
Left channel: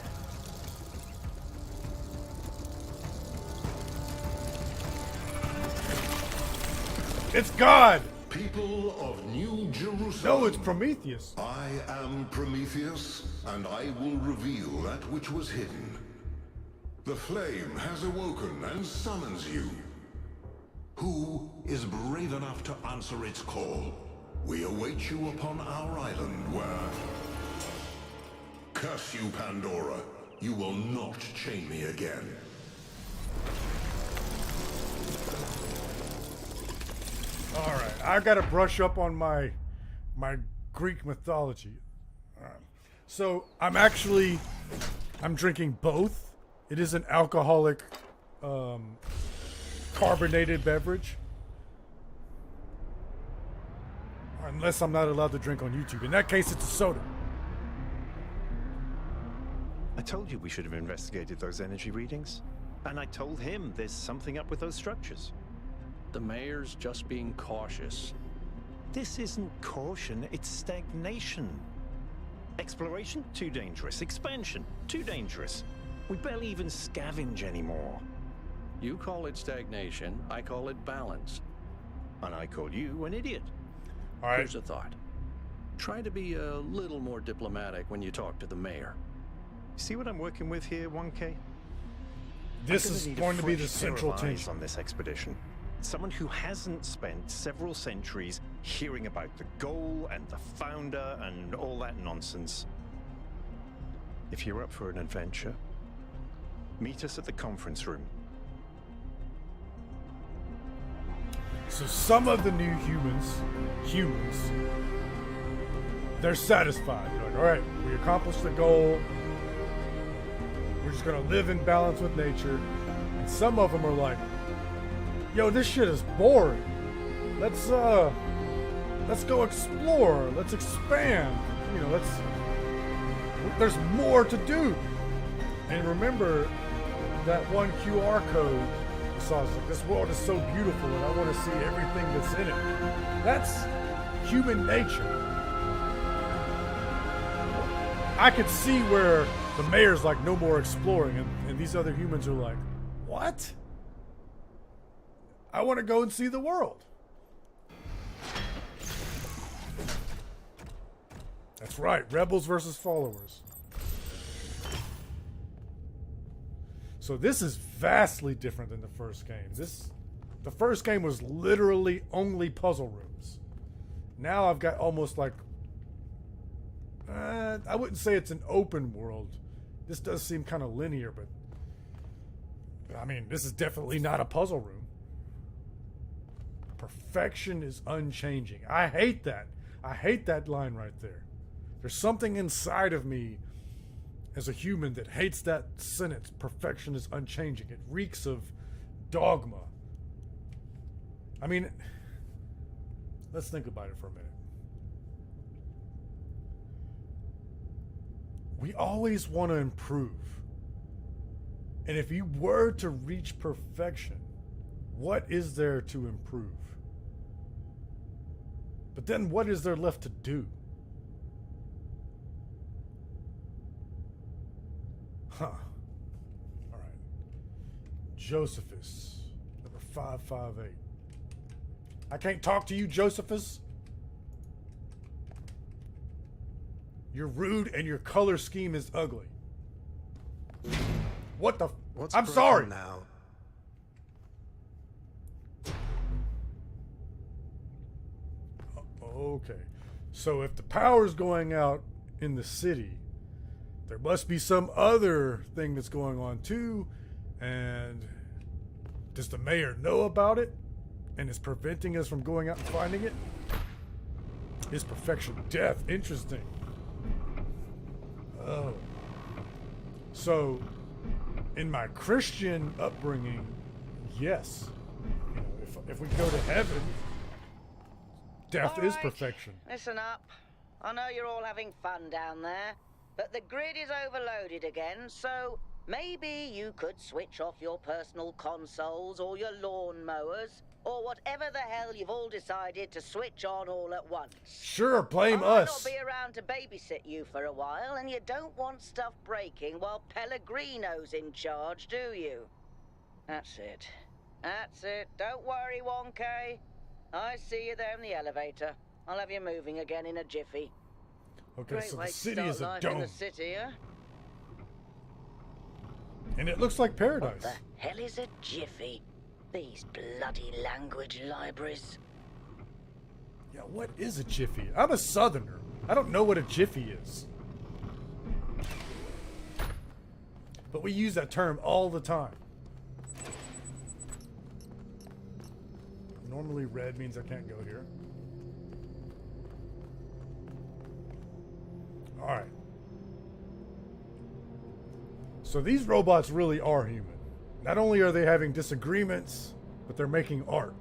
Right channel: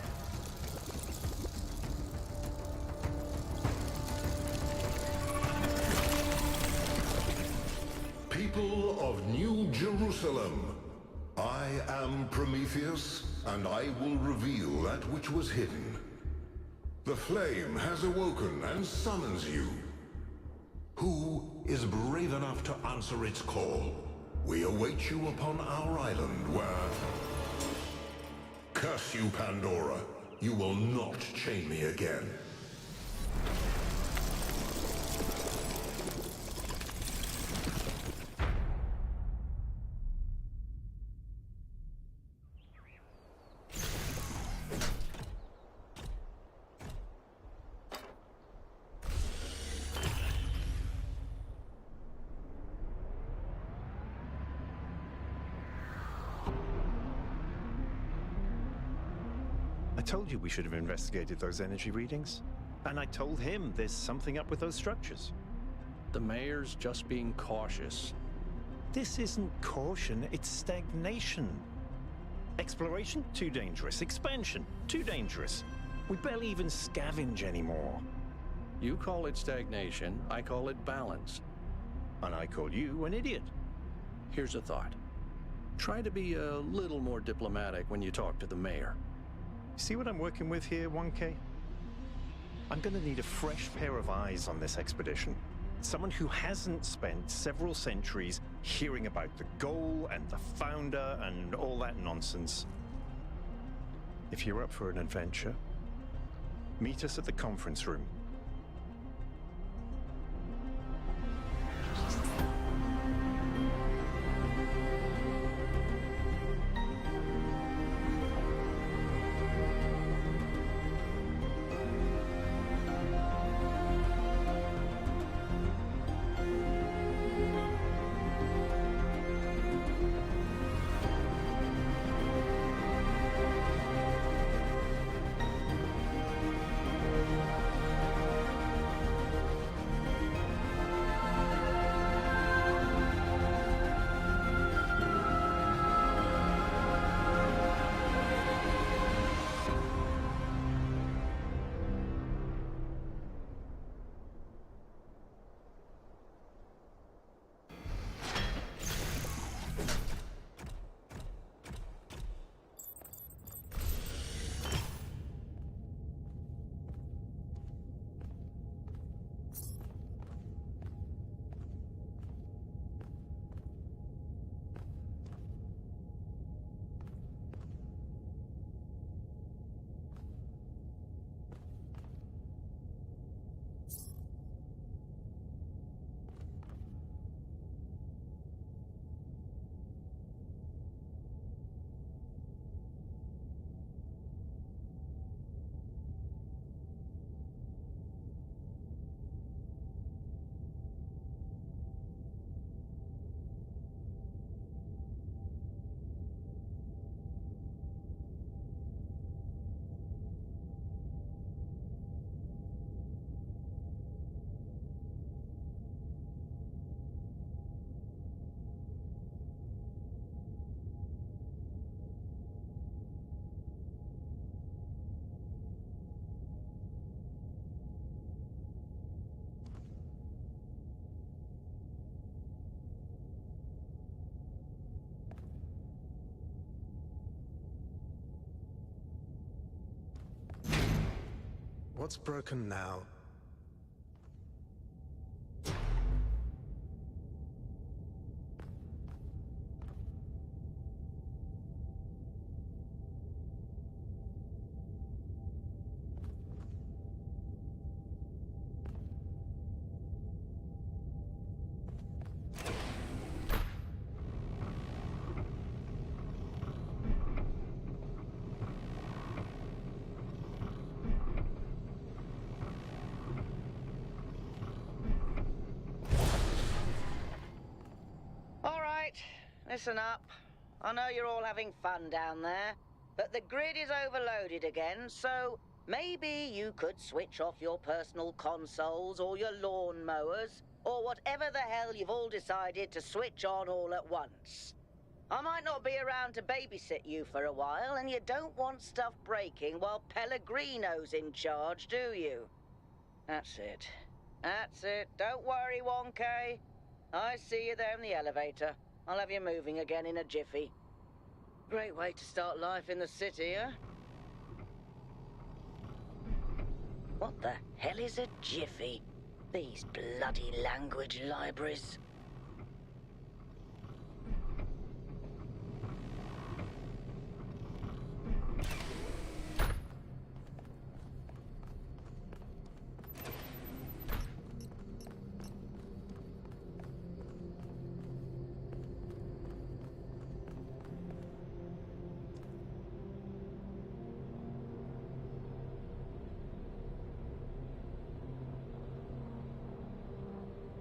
It's God! People of New Jerusalem. No, it's Prometheus. I am Prometheus, and I will reveal that which was hidden. The flame has awoken and summons you. Who is brave enough to answer its call? We await you upon our island where... Curse you, Pandora. You will not chain me again. Alright, I gotta brush up on my Greek mythology. Alright. So, I'm drinking both. It is an alcoholic, carbonated beverage. Unless I'm not allowed to drink on YouTube. In that case, it's a soda. I told you we should have investigated those energy readings. And I told him there's something up with those structures. The mayor's just being cautious. This isn't caution, it's stagnation. Exploration? Too dangerous. Expansion? Too dangerous. We barely even scavenge anymore. You call it stagnation, I call it balance. And I call you an idiot. Alright. Here's a thought. Try to be a little more diplomatic when you talk to the mayor. See what I'm working with here, 1K? This I'm is gonna need a going to be the fresh pair of central eyes tension. on this expedition. Someone who hasn't spent several centuries hearing about the goal and the founder and all that nonsense. If you're up for an adventure, meet us at the conference room. So some of the new humans, they're satisfied. They're like, all right, we accomplished the goal. We're just gonna live in balance with nature. And some of them are like, yo, this shit is boring. Let's go explore. Let's expand. You know, there's more to do. And remember that one QR code. So this world is so beautiful and I want to see everything that's in it. That's human nature. I could see where the mayor's like, no more exploring, and these other humans are like, what? I want to go and see the world. That's right, rebels versus followers. So this is vastly different than the first game. The first game was literally only puzzle rooms. Now I've got almost like, I wouldn't say it's an open world. This does seem kind of linear, but I mean, this is definitely not a puzzle room. Perfection is unchanging. I hate that. I hate that line right there. There's something inside of me as a human that hates that sentence. Perfection is unchanging. It reeks of dogma. I mean, let's think about it for a minute. We always want to improve. And if you were to reach perfection, what is there to improve? But then what is there left to do? Huh. All right. Josephus, number 558. I can't talk to you, Josephus. You're rude and your color scheme is ugly. What the? What's I'm broken sorry. now? Okay. So if the power's going out in the city, there must be some other thing that's going on too. And does the mayor know about it and is preventing us from going out and finding it? Is perfection death? Interesting. Oh. So, in my Christian upbringing, yes. If we go to heaven, death All is right, perfection. listen up. I know you're all having fun down there, but the grid is overloaded again, so maybe you could switch off your personal consoles or your lawn mowers, or whatever the hell you've all decided to switch on all at once. Sure, blame I might us. not be around to babysit you for a while, and you don't want stuff breaking while Pellegrino's in charge, do you? That's it. That's it. Don't worry, 1K. I see you there in the elevator. I'll have you moving again in a jiffy. Okay, Great so way the to city start is a life in dome, the city, huh? and it looks like paradise. What the hell is a jiffy? These bloody language libraries. Yeah, what is a jiffy? I'm a southerner. I don't know what a jiffy is. But we use that term all the time. Normally red means I can't go here. Alright. So these robots really are human. Not only are they having disagreements, but they're making art.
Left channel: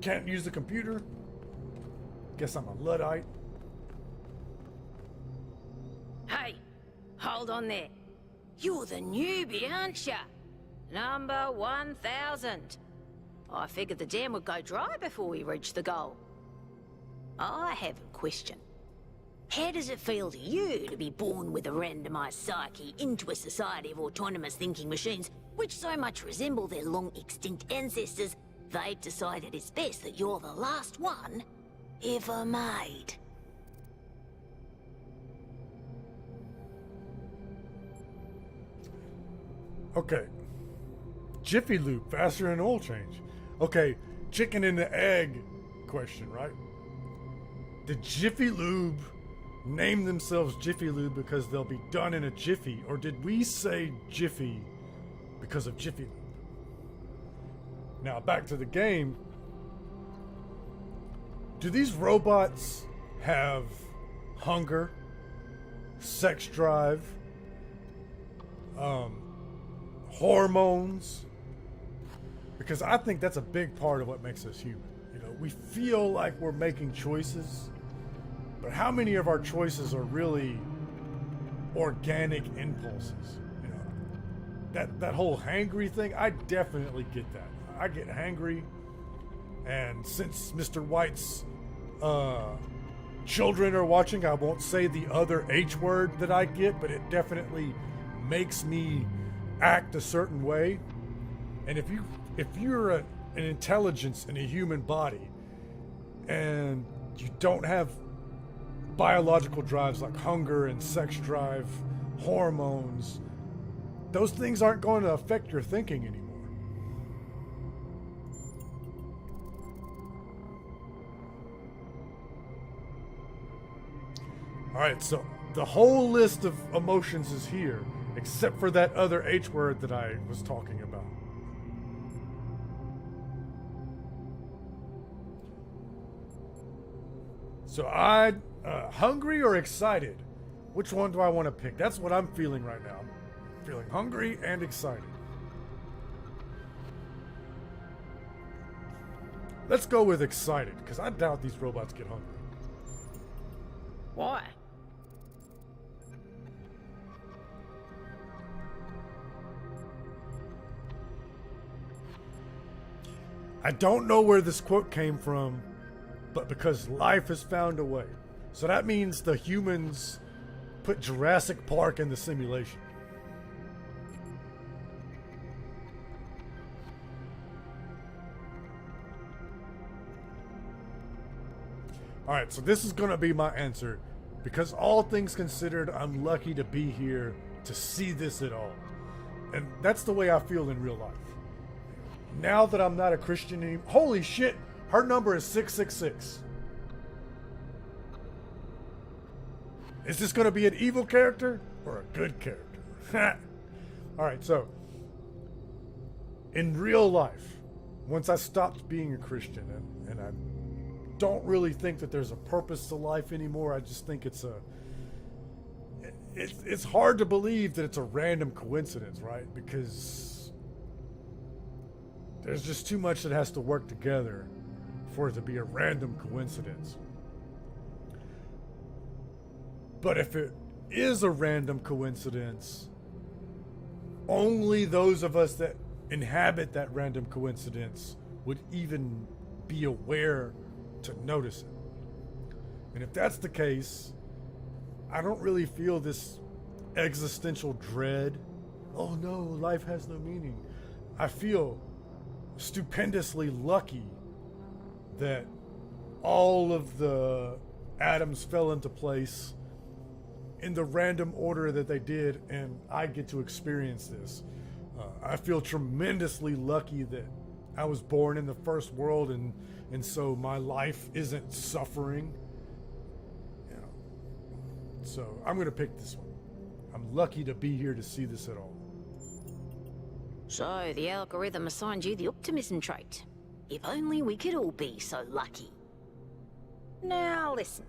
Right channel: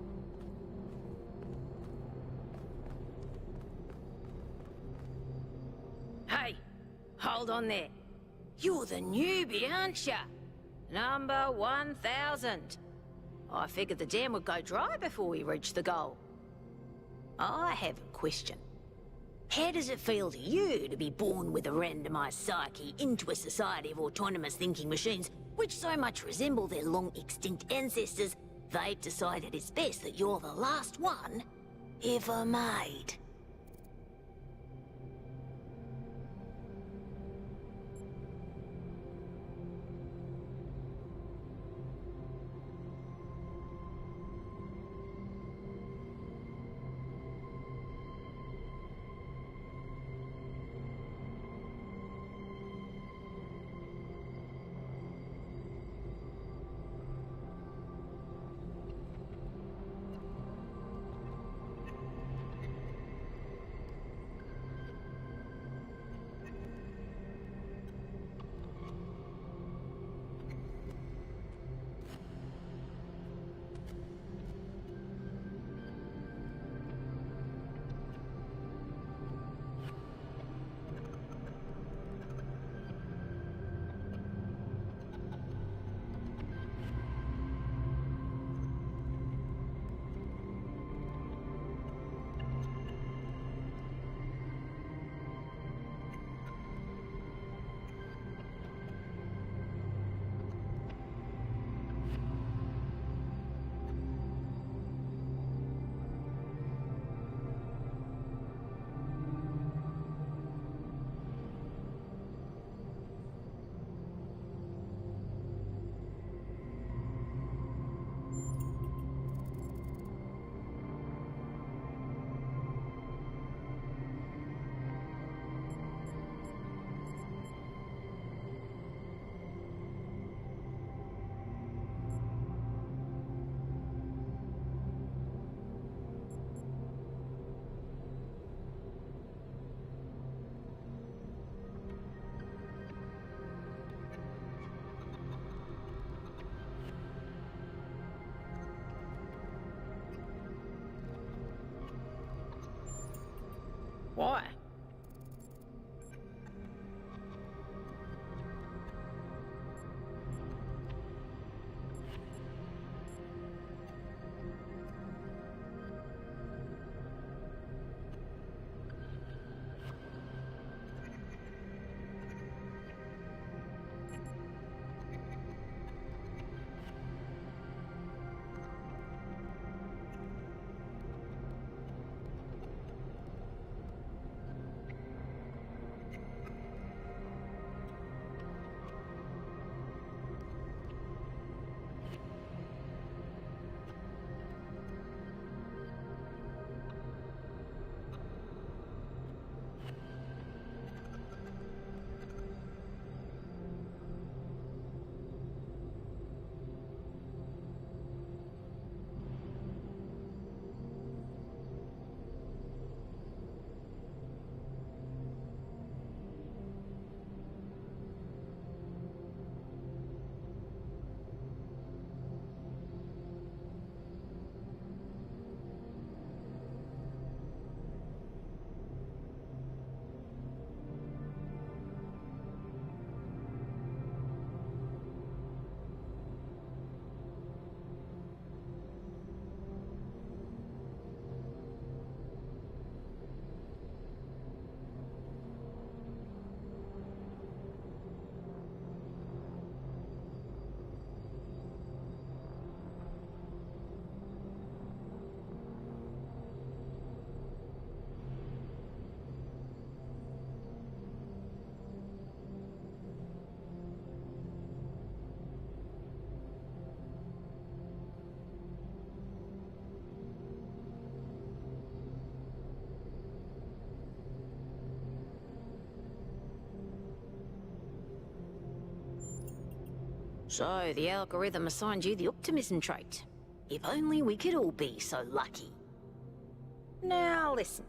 Can't use the computer. Guess I'm a Luddite. Hey, hold on there. You're the newbie, aren't ya? Number 1000. I figured the dam would go dry before we reach the goal. I have a question. How does it feel to you to be born with a randomized psyche into a society of autonomous thinking machines which so much resemble their long-extinct ancestors, they've decided it's best that you're the last one ever made? Okay. Jiffy Lube, faster than oil change. Okay, chicken and the egg question, right? Did Jiffy Lube name themselves Jiffy Lube because they'll be done in a jiffy, or did we say Jiffy because of Jiffy Lube? Now, back to the game. Do these robots have hunger, sex drive, hormones? Because I think that's a big part of what makes us human. You know, we feel like we're making choices, but how many of our choices are really organic impulses? You know, that whole hangry thing, I definitely get that. I get hangry, and since Mr. White's children are watching, I won't say the other H word that I get, but it definitely makes me act a certain way. And if you're an intelligence in a human body and you don't have biological drives like hunger and sex drive, hormones, those things aren't going to affect your thinking anymore. All right, so the whole list of emotions is here, except for that other H word that I was talking about. So hungry or excited? Which one do I want to pick? That's what I'm feeling right now. I'm feeling hungry and excited. Let's go with excited, because I doubt these robots get hungry. Why? I don't know where this quote came from, but because life has found a way. So that means the humans put Jurassic Park in the simulation. Alright, so this is going to be my answer. Because all things considered, I'm lucky to be here to see this at all. And that's the way I feel in real life. Now that I'm not a Christian anymore. Holy shit! Her number is 666. Is this going to be an evil character or a good character? Alright, so. In real life, once I stopped being a Christian and I don't really think that there's a purpose to life anymore, I just think it's hard to believe that it's a random coincidence, right? Because there's just too much that has to work together for it to be a random coincidence. But if it is a random coincidence, only those of us that inhabit that random coincidence would even be aware to notice it. And if that's the case, I don't really feel this existential dread. Oh no, life has no meaning. I feel stupendously lucky that all of the atoms fell into place in the random order that they did, and I get to experience this. I feel tremendously lucky that I was born in the first world, and so my life isn't suffering. You know. So I'm gonna pick this one. I'm lucky to be here to see this at all. So, the algorithm assigned you the optimism trait. If only we could all be so lucky. Now, listen.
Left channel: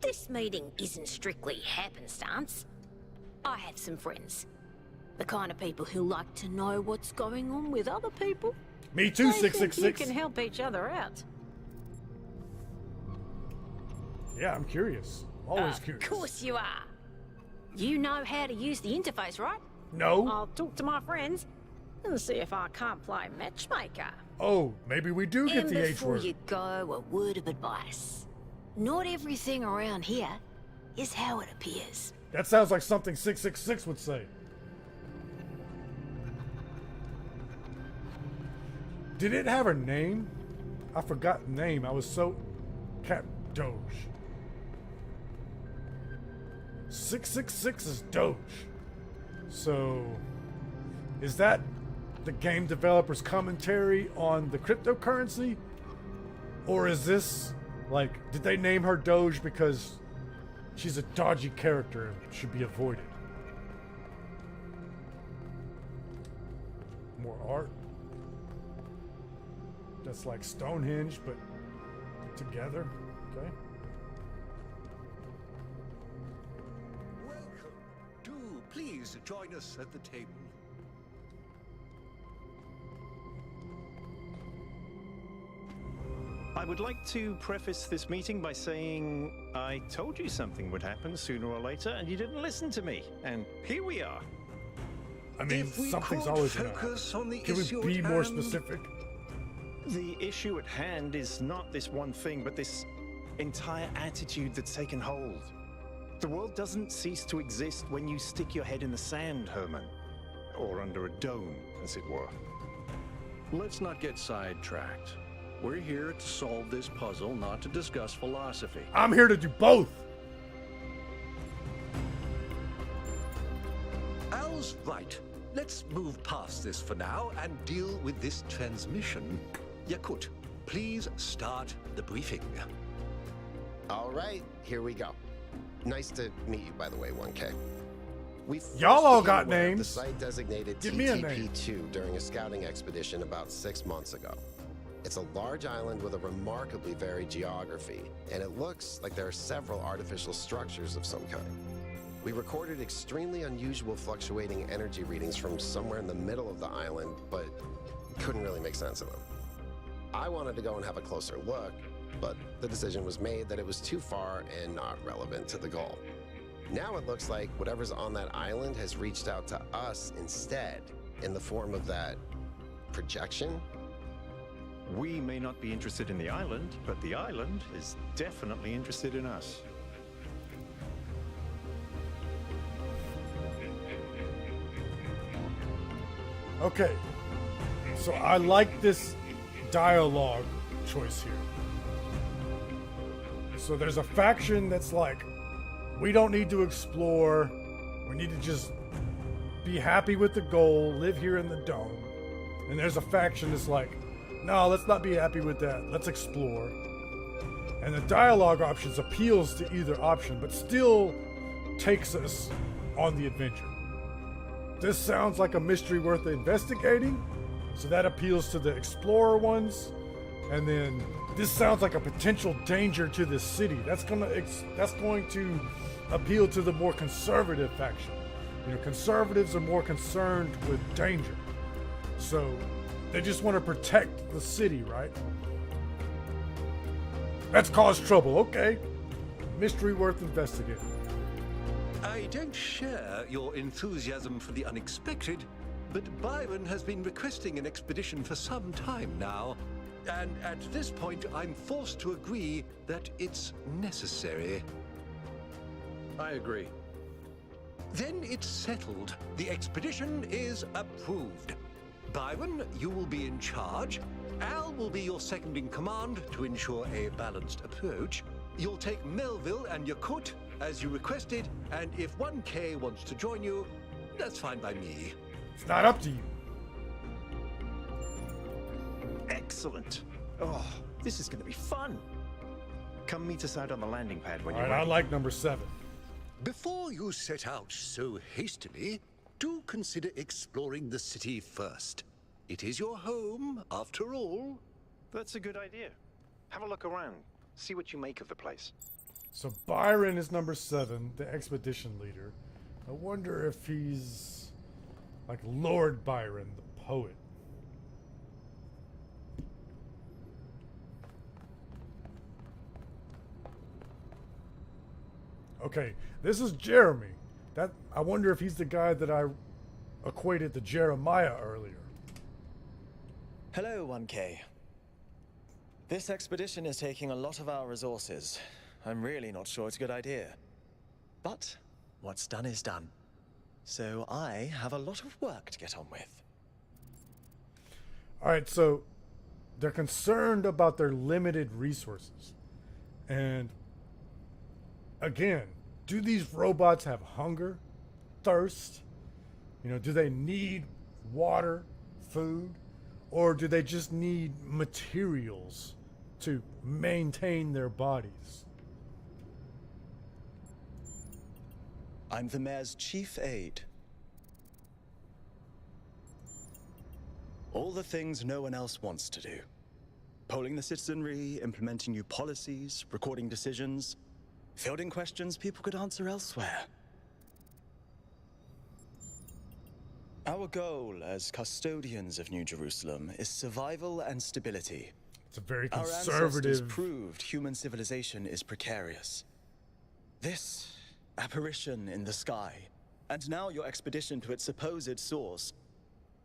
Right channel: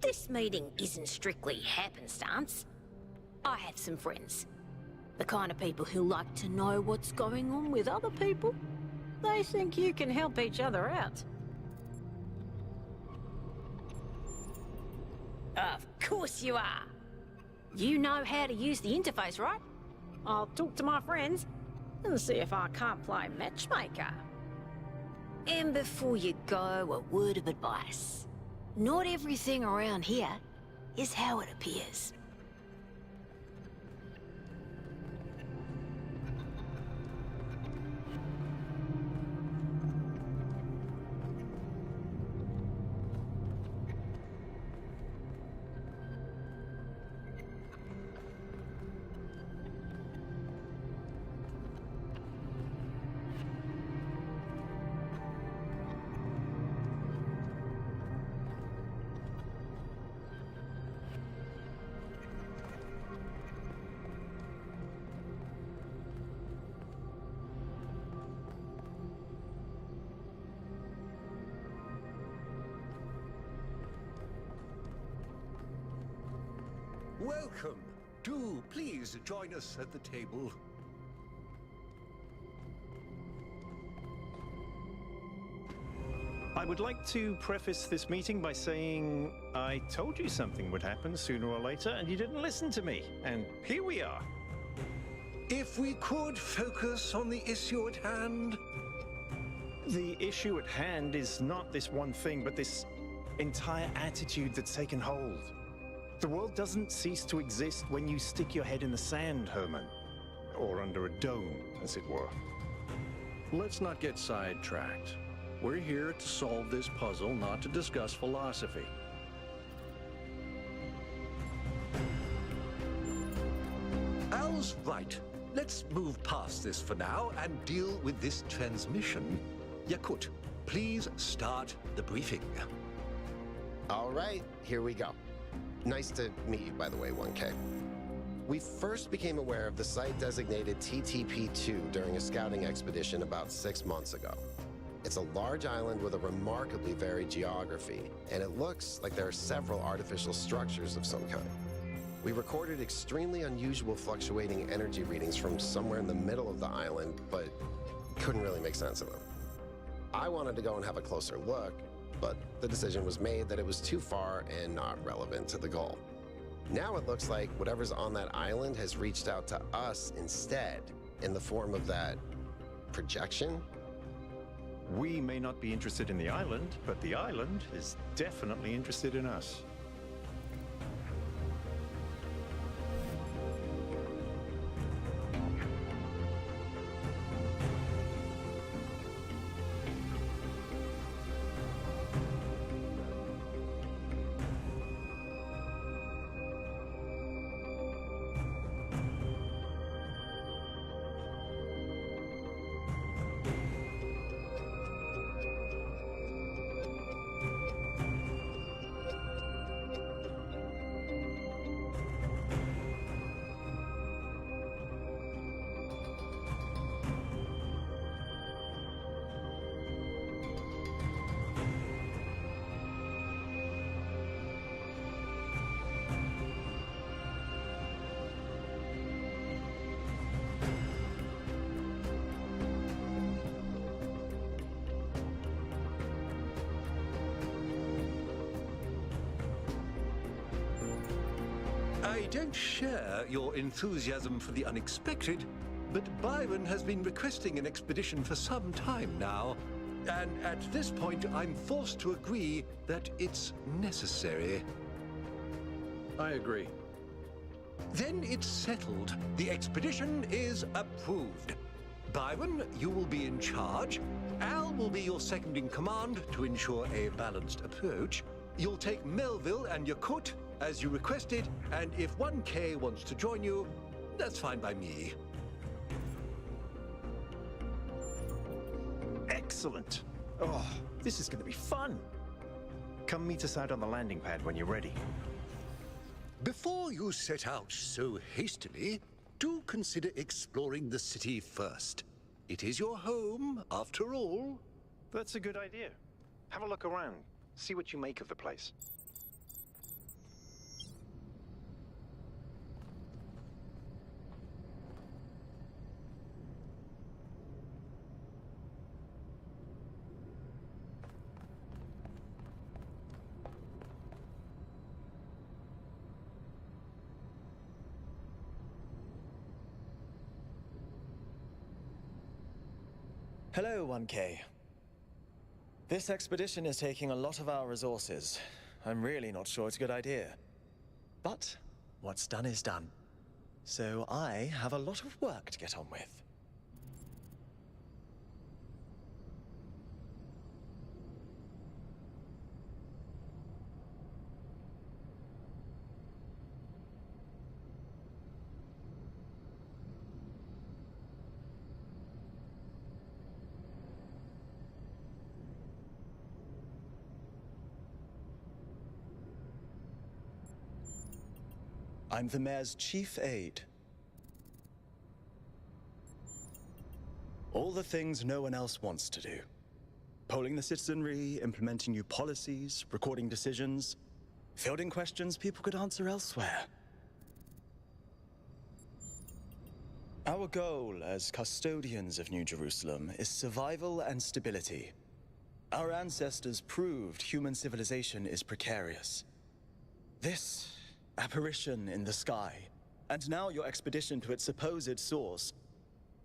This meeting isn't strictly happenstance. I have some friends. The kind of people who like to know what's going on with other people. Me too, They think 666. you can help each other out. Yeah, I'm curious. Always curious. Of course you are. You know how to use the interface, right? No? I'll talk to my friends and see if I can't play matchmaker. Oh, maybe we do get And the H before word. you go, a word of advice. Not everything around here is how it appears. That sounds like something 666 would say. Did it have a name? I forgot the name. I was so... Cat Doge. 666 is Doge. So... Is that the game developer's commentary on the cryptocurrency? Or is this... Like, did they name her Doge because she's a dodgy character and should be avoided? More art. That's like Stonehenge, but together. Okay. Welcome. Do please join us at the table. I would like to preface this meeting by saying I told you something would happen sooner or later, and you didn't listen to me. And here we are. I mean, If we something's could always gonna- focus on the Can issue we at be more hand. specific? The issue at hand is not this one thing, but this entire attitude that's taken hold. The world doesn't cease to exist when you stick your head in the sand, Herman. Or under a dome, as it were. Let's not get sidetracked. We're here to solve this puzzle, not to discuss philosophy. I'm here to do both. Al's right. Let's move past this for now and deal with this transmission. Yakut, please start the briefing. All right, here we go. Nice to meet you, by the way, 1K. We first Y'all all became got aware of the names. site designated Give me a name. TTP-2 during a scouting expedition about 6 months ago. It's a large island with a remarkably varied geography, and it looks like there are several artificial structures of some kind. We recorded extremely unusual fluctuating energy readings from somewhere in the middle of the island, but couldn't really make sense of them. I wanted to go and have a closer look, but the decision was made that it was too far and not relevant to the goal. Now it looks like whatever's on that island has reached out to us instead, in the form of that projection. We may not be interested in the island, but the island is definitely interested in us. Okay, so I like this dialogue choice here. So there's a faction that's like, we don't need to explore, we need to just be happy with the goal, live here in the dome. And there's a faction that's like, no, let's not be happy with that, let's explore. And the dialogue options appeals to either option, but still takes us on the adventure. This sounds like a mystery worth investigating, so that appeals to the explorer ones. And then this sounds like a potential danger to the city. That's going to appeal to the more conservative faction. You know, conservatives are more concerned with danger, so they just want to protect the city, right? That's caused trouble. Okay, mystery worth investigating. I don't share your enthusiasm for the unexpected, but Byron has been requesting an expedition for some time now, and at this point I'm forced to agree that it's necessary. I agree. Then it's settled. The expedition is approved. Byron, you will be in charge. Al will be your second in command to ensure a balanced approach. You'll take Melville and Yakut as you requested, and if 1K wants to join you, that's fine by me. It's not up to you. Excellent. Oh, this is going to be fun. Come meet us out on the landing pad when you're I ready. like number 7. Before you set out so hastily, do consider exploring the city first. It is your home, after all. That's a good idea. Have a look around. See what you make of the place. So Byron is number 7, the expedition leader. I wonder if he's like Lord Byron, the poet. Okay, this is Jeremy. I wonder if he's the guy that I equated to Jeremiah earlier. Hello, 1K. This expedition is taking a lot of our resources. I'm really not sure it's a good idea. But what's done is done. So I have a lot of work to get on with. Alright, so they're concerned about their limited resources. And again, do these robots have hunger, thirst? You know, do they need water, food? Or do they just need materials to maintain their bodies? I'm the mayor's chief aide. All the things no one else wants to do. Polling the citizenry, implementing new policies, recording decisions, fielding questions people could answer elsewhere. Our goal as custodians of New Jerusalem is survival and stability. It's a very Our conservative... ancestors proved human civilization is precarious. This apparition in the sky, and now your expedition to its supposed source,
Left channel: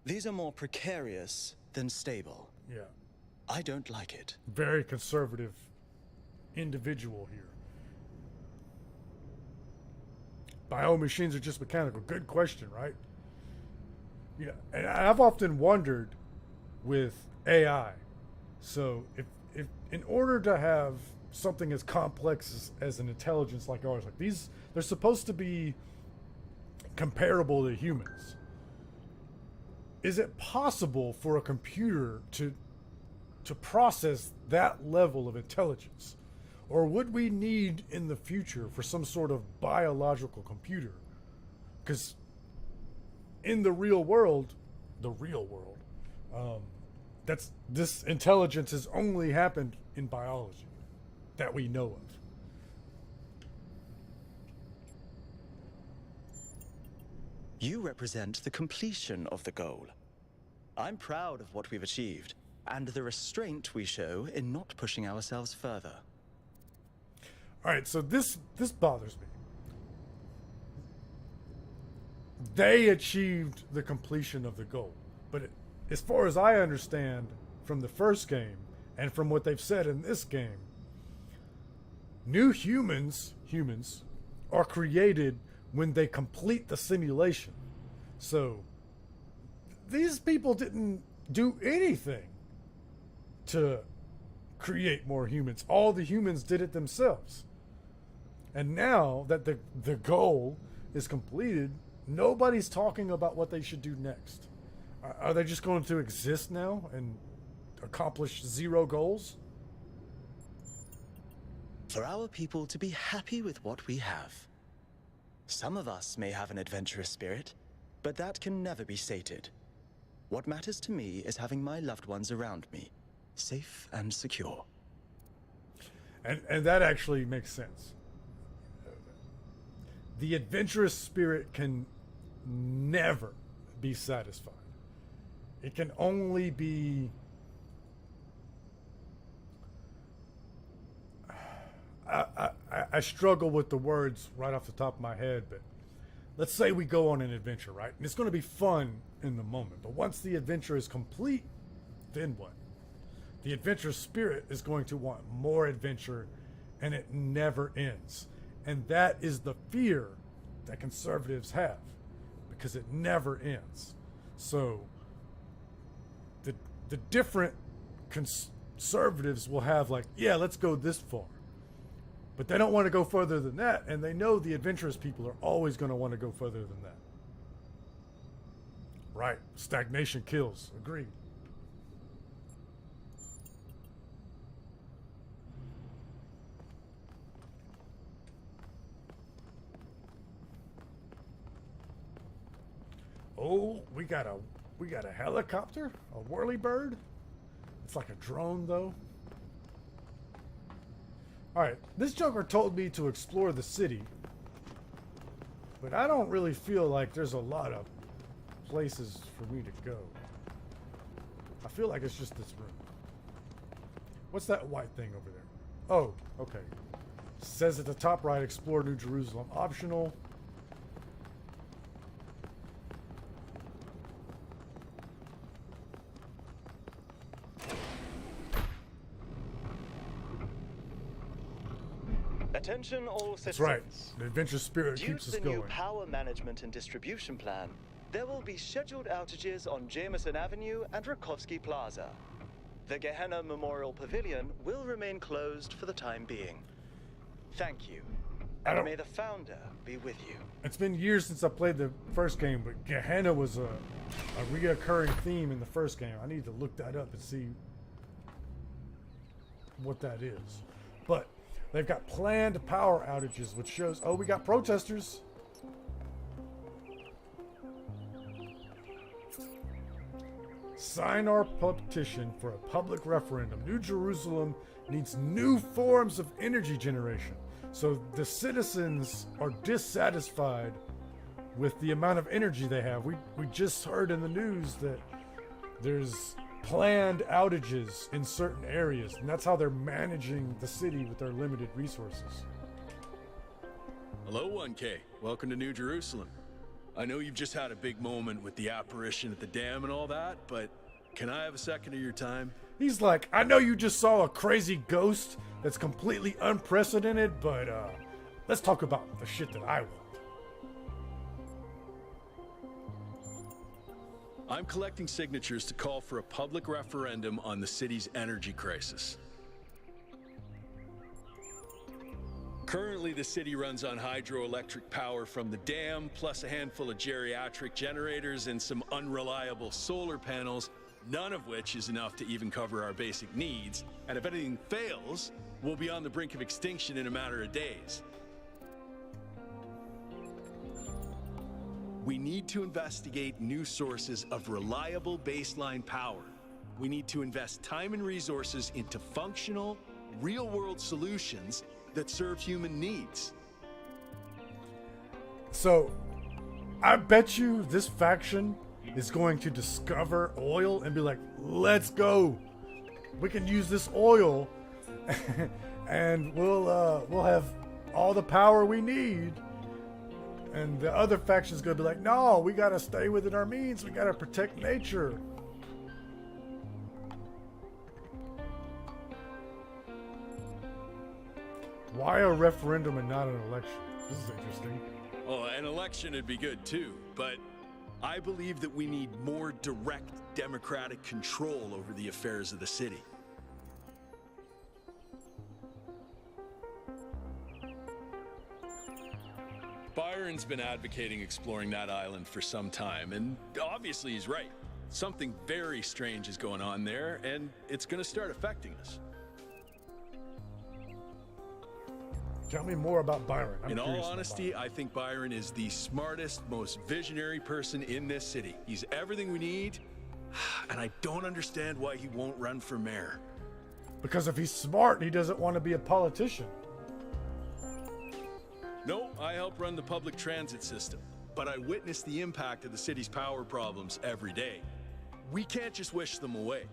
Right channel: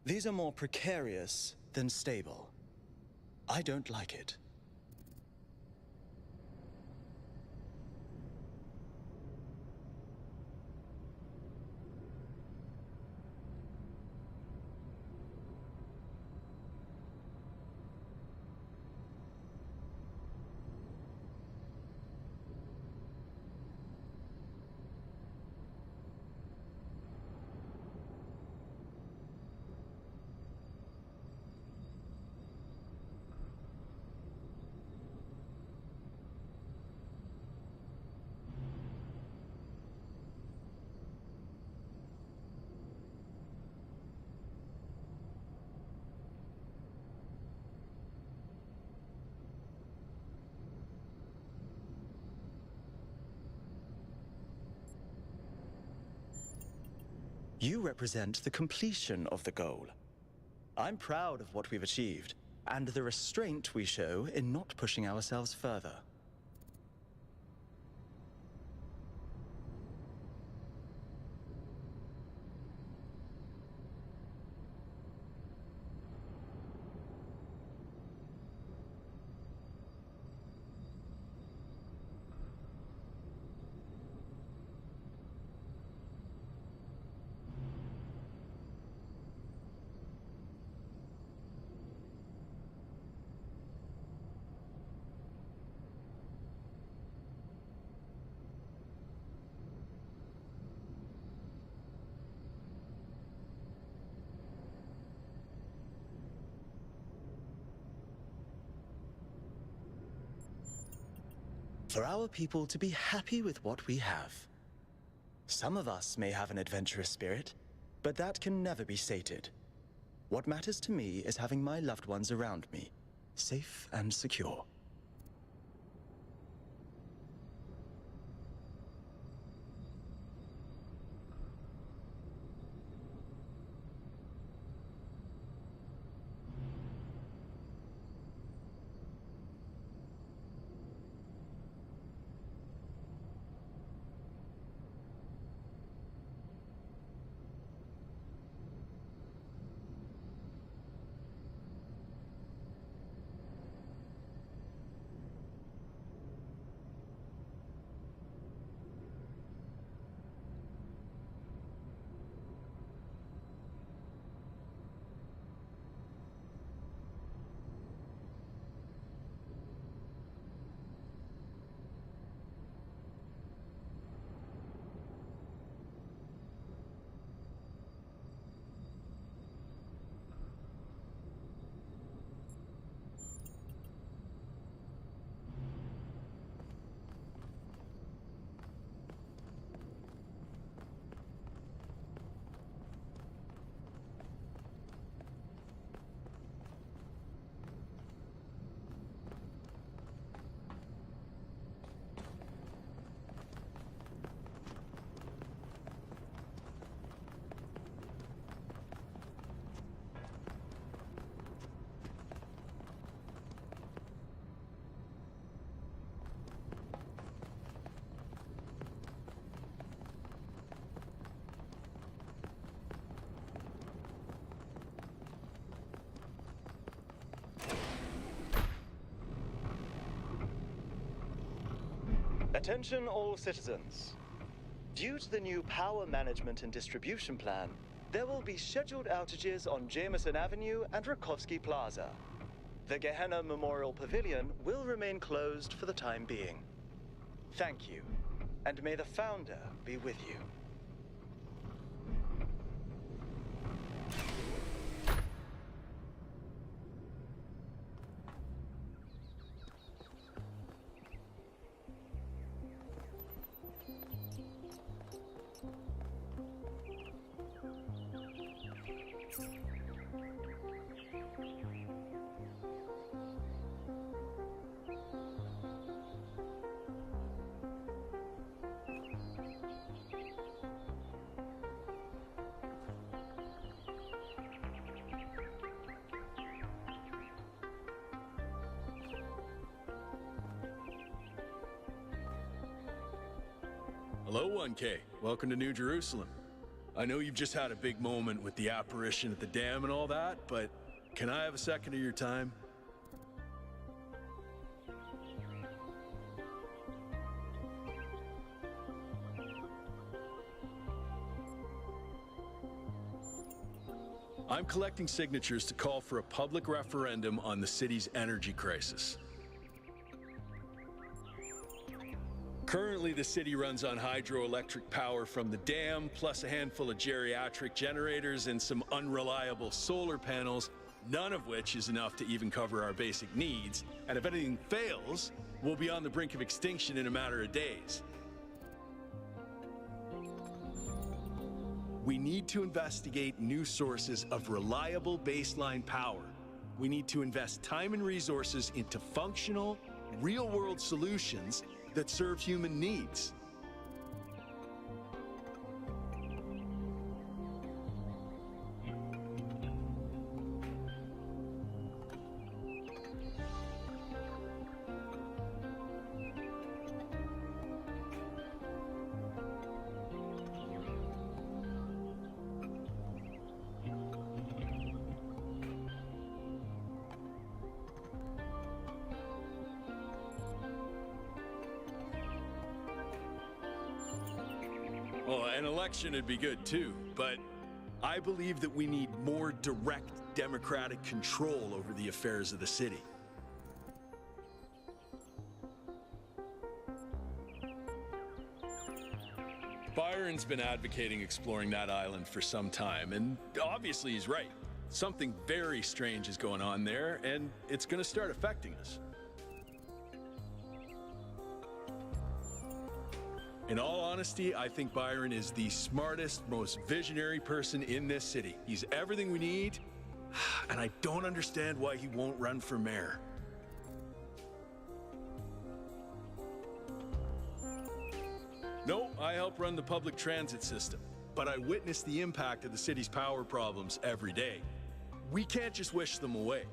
these are more precarious than stable. Yeah. I don't like it. Very conservative individual here. Biomachines are just mechanical. Good question, right? Yeah, and I've often wondered with AI. So if in order to have something as complex as an intelligence like ours, like these, they're supposed to be comparable to humans. Is it possible for a computer to process that level of intelligence? Or would we need in the future for some sort of biological computer? Because in the real world, this intelligence has only happened in biology that we know of. You represent the completion of the goal. I'm proud of what we've achieved, and the restraint we show in not pushing ourselves further. All right, so this bothers me. They achieved the completion of the goal, but as far as I understand from the first game and from what they've said in this game, new humans are created when they complete the simulation. So these people didn't do anything to create more humans. All the humans did it themselves. And now that the goal is completed, nobody's talking about what they should do next. Are they just going to exist now and accomplish 0 goals? For our people to be happy with what we have. Some of us may have an adventurous spirit, but that can never be sated. What matters to me is having my loved ones around me, safe and secure. And that actually makes sense. The adventurous spirit can never be satisfied. It can only be I struggle with the words right off the top of my head, but let's say we go on an adventure, right? And it's going to be fun in the moment, but once the adventure is complete, then what? The adventurous spirit is going to want more adventure, and it never ends. And that is the fear that conservatives have, because it never ends. So the different conservatives will have like, yeah, let's go this far. But they don't want to go further than that, and they know the adventurous people are always going to want to go further than that. Right. Stagnation kills. Agreed. Oh, we got a helicopter, a whirlybird. It's like a drone, though. All right, this Joker told me to explore the city, but I don't really feel like there's a lot of places for me to go. I feel like it's just this room. What's that white thing over there? Oh, okay. Says at the top right, explore New Jerusalem. Optional. Attention all citizens. That's right. The adventure spirit Due keeps to us the new going. power management and distribution plan, there will be scheduled outages on Jameson Avenue and Rakovsky Plaza. The Gehenna Memorial Pavilion will remain closed for the time being. Thank you, and may the Founder be with you. It's been years since I played the first game, but Gehenna was a reoccurring theme in the first game. I need to look that up and see what that is. But they've got planned power outages, which shows, oh, we got protesters. Sign our petition for a public referendum. New Jerusalem needs new forms of energy generation. So the citizens are dissatisfied with the amount of energy they have. We just heard in the news that there's planned outages in certain areas, and that's how they're managing the city with their limited resources. Hello, 1K. Welcome to New Jerusalem. I know you've just had a big moment with the apparition at the dam and all that, but can I have a second of your time? He's like, I know you just saw a crazy ghost that's completely unprecedented, but let's talk about the shit that I want. I'm collecting signatures to call for a public referendum on the city's energy crisis. Currently, the city runs on hydroelectric power from the dam, plus a handful of geriatric generators and some unreliable solar panels, none of which is enough to even cover our basic needs. And if anything fails, we'll be on the brink of extinction in a matter of days. We need to investigate new sources of reliable baseline power. We need to invest time and resources into functional, real-world solutions that serve human needs. So, I bet you this faction is going to discover oil and be like, let's go. We can use this oil and we'll have all the power we need. And the other faction's gonna be like, no, we gotta stay within our means. We gotta protect nature. Why a referendum and not an election? This is interesting. Well, an election would be good too, but I believe that we need more direct democratic control over the affairs of the city. Byron's been advocating exploring that island for some time, and obviously he's right. Something very strange is going on there, and it's going to start affecting us. Tell me more about Byron. In all honesty, I think Byron is the smartest, most visionary person in this city. He's everything we need, and I don't understand why he won't run for mayor. Because if he's smart, he doesn't want to be a politician. No, I help run the public transit system, but I witness the impact of the city's power problems every day. We can't just wish them away.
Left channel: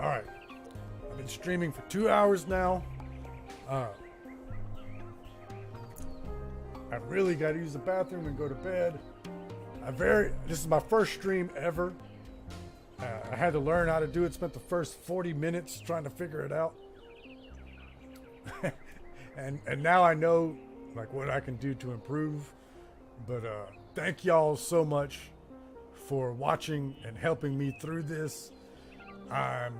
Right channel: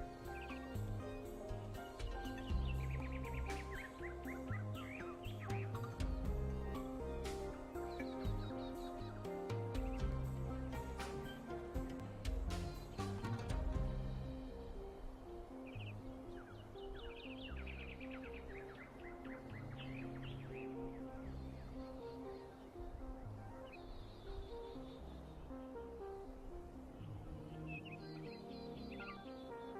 All right, I've been streaming for 2 hours now. I really got to use the bathroom and go to bed. This is my first stream ever. I had to learn how to do it. Spent the first 40 minutes trying to figure it out. and now I know like what I can do to improve. But thank y'all so much for watching and helping me through this. I'm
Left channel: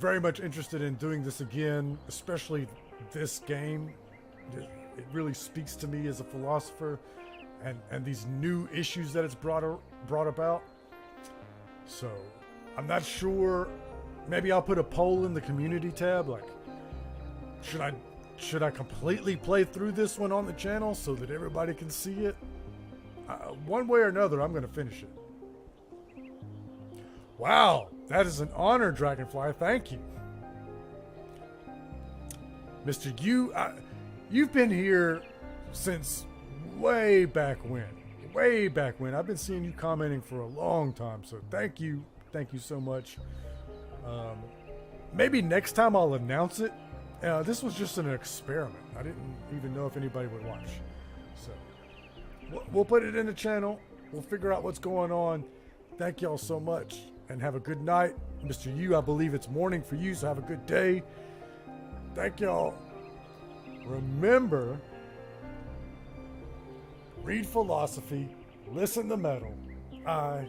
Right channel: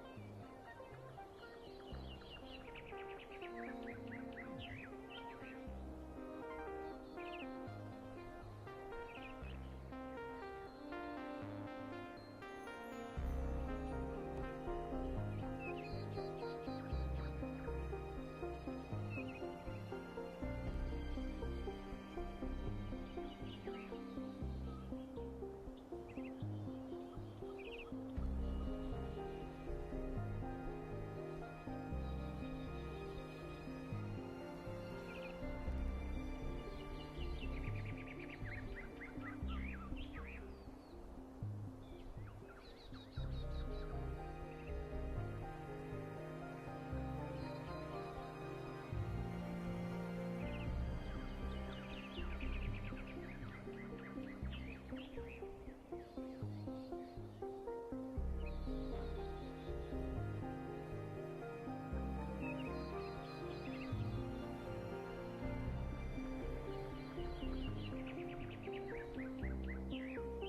very much interested in doing this again, especially this game. It really speaks to me as a philosopher, and these new issues that it's brought about. So I'm not sure. Maybe I'll put a poll in the community tab, like should I completely play through this one on the channel so that everybody can see it? One way or another, I'm gonna finish it. Wow, that is an honor, Dragonfly. Thank you. Mr. Yu, you've been here since way back when. I've been seeing you commenting for a long time, so thank you so much. Maybe next time I'll announce it. This was just an experiment. I didn't even know if anybody would watch. So we'll put it in the channel. We'll figure out what's going on. Thank y'all so much, and have a good night. Mr. Yu, I believe it's morning for you, so have a good day. Thank y'all. Remember, read philosophy, listen to metal. I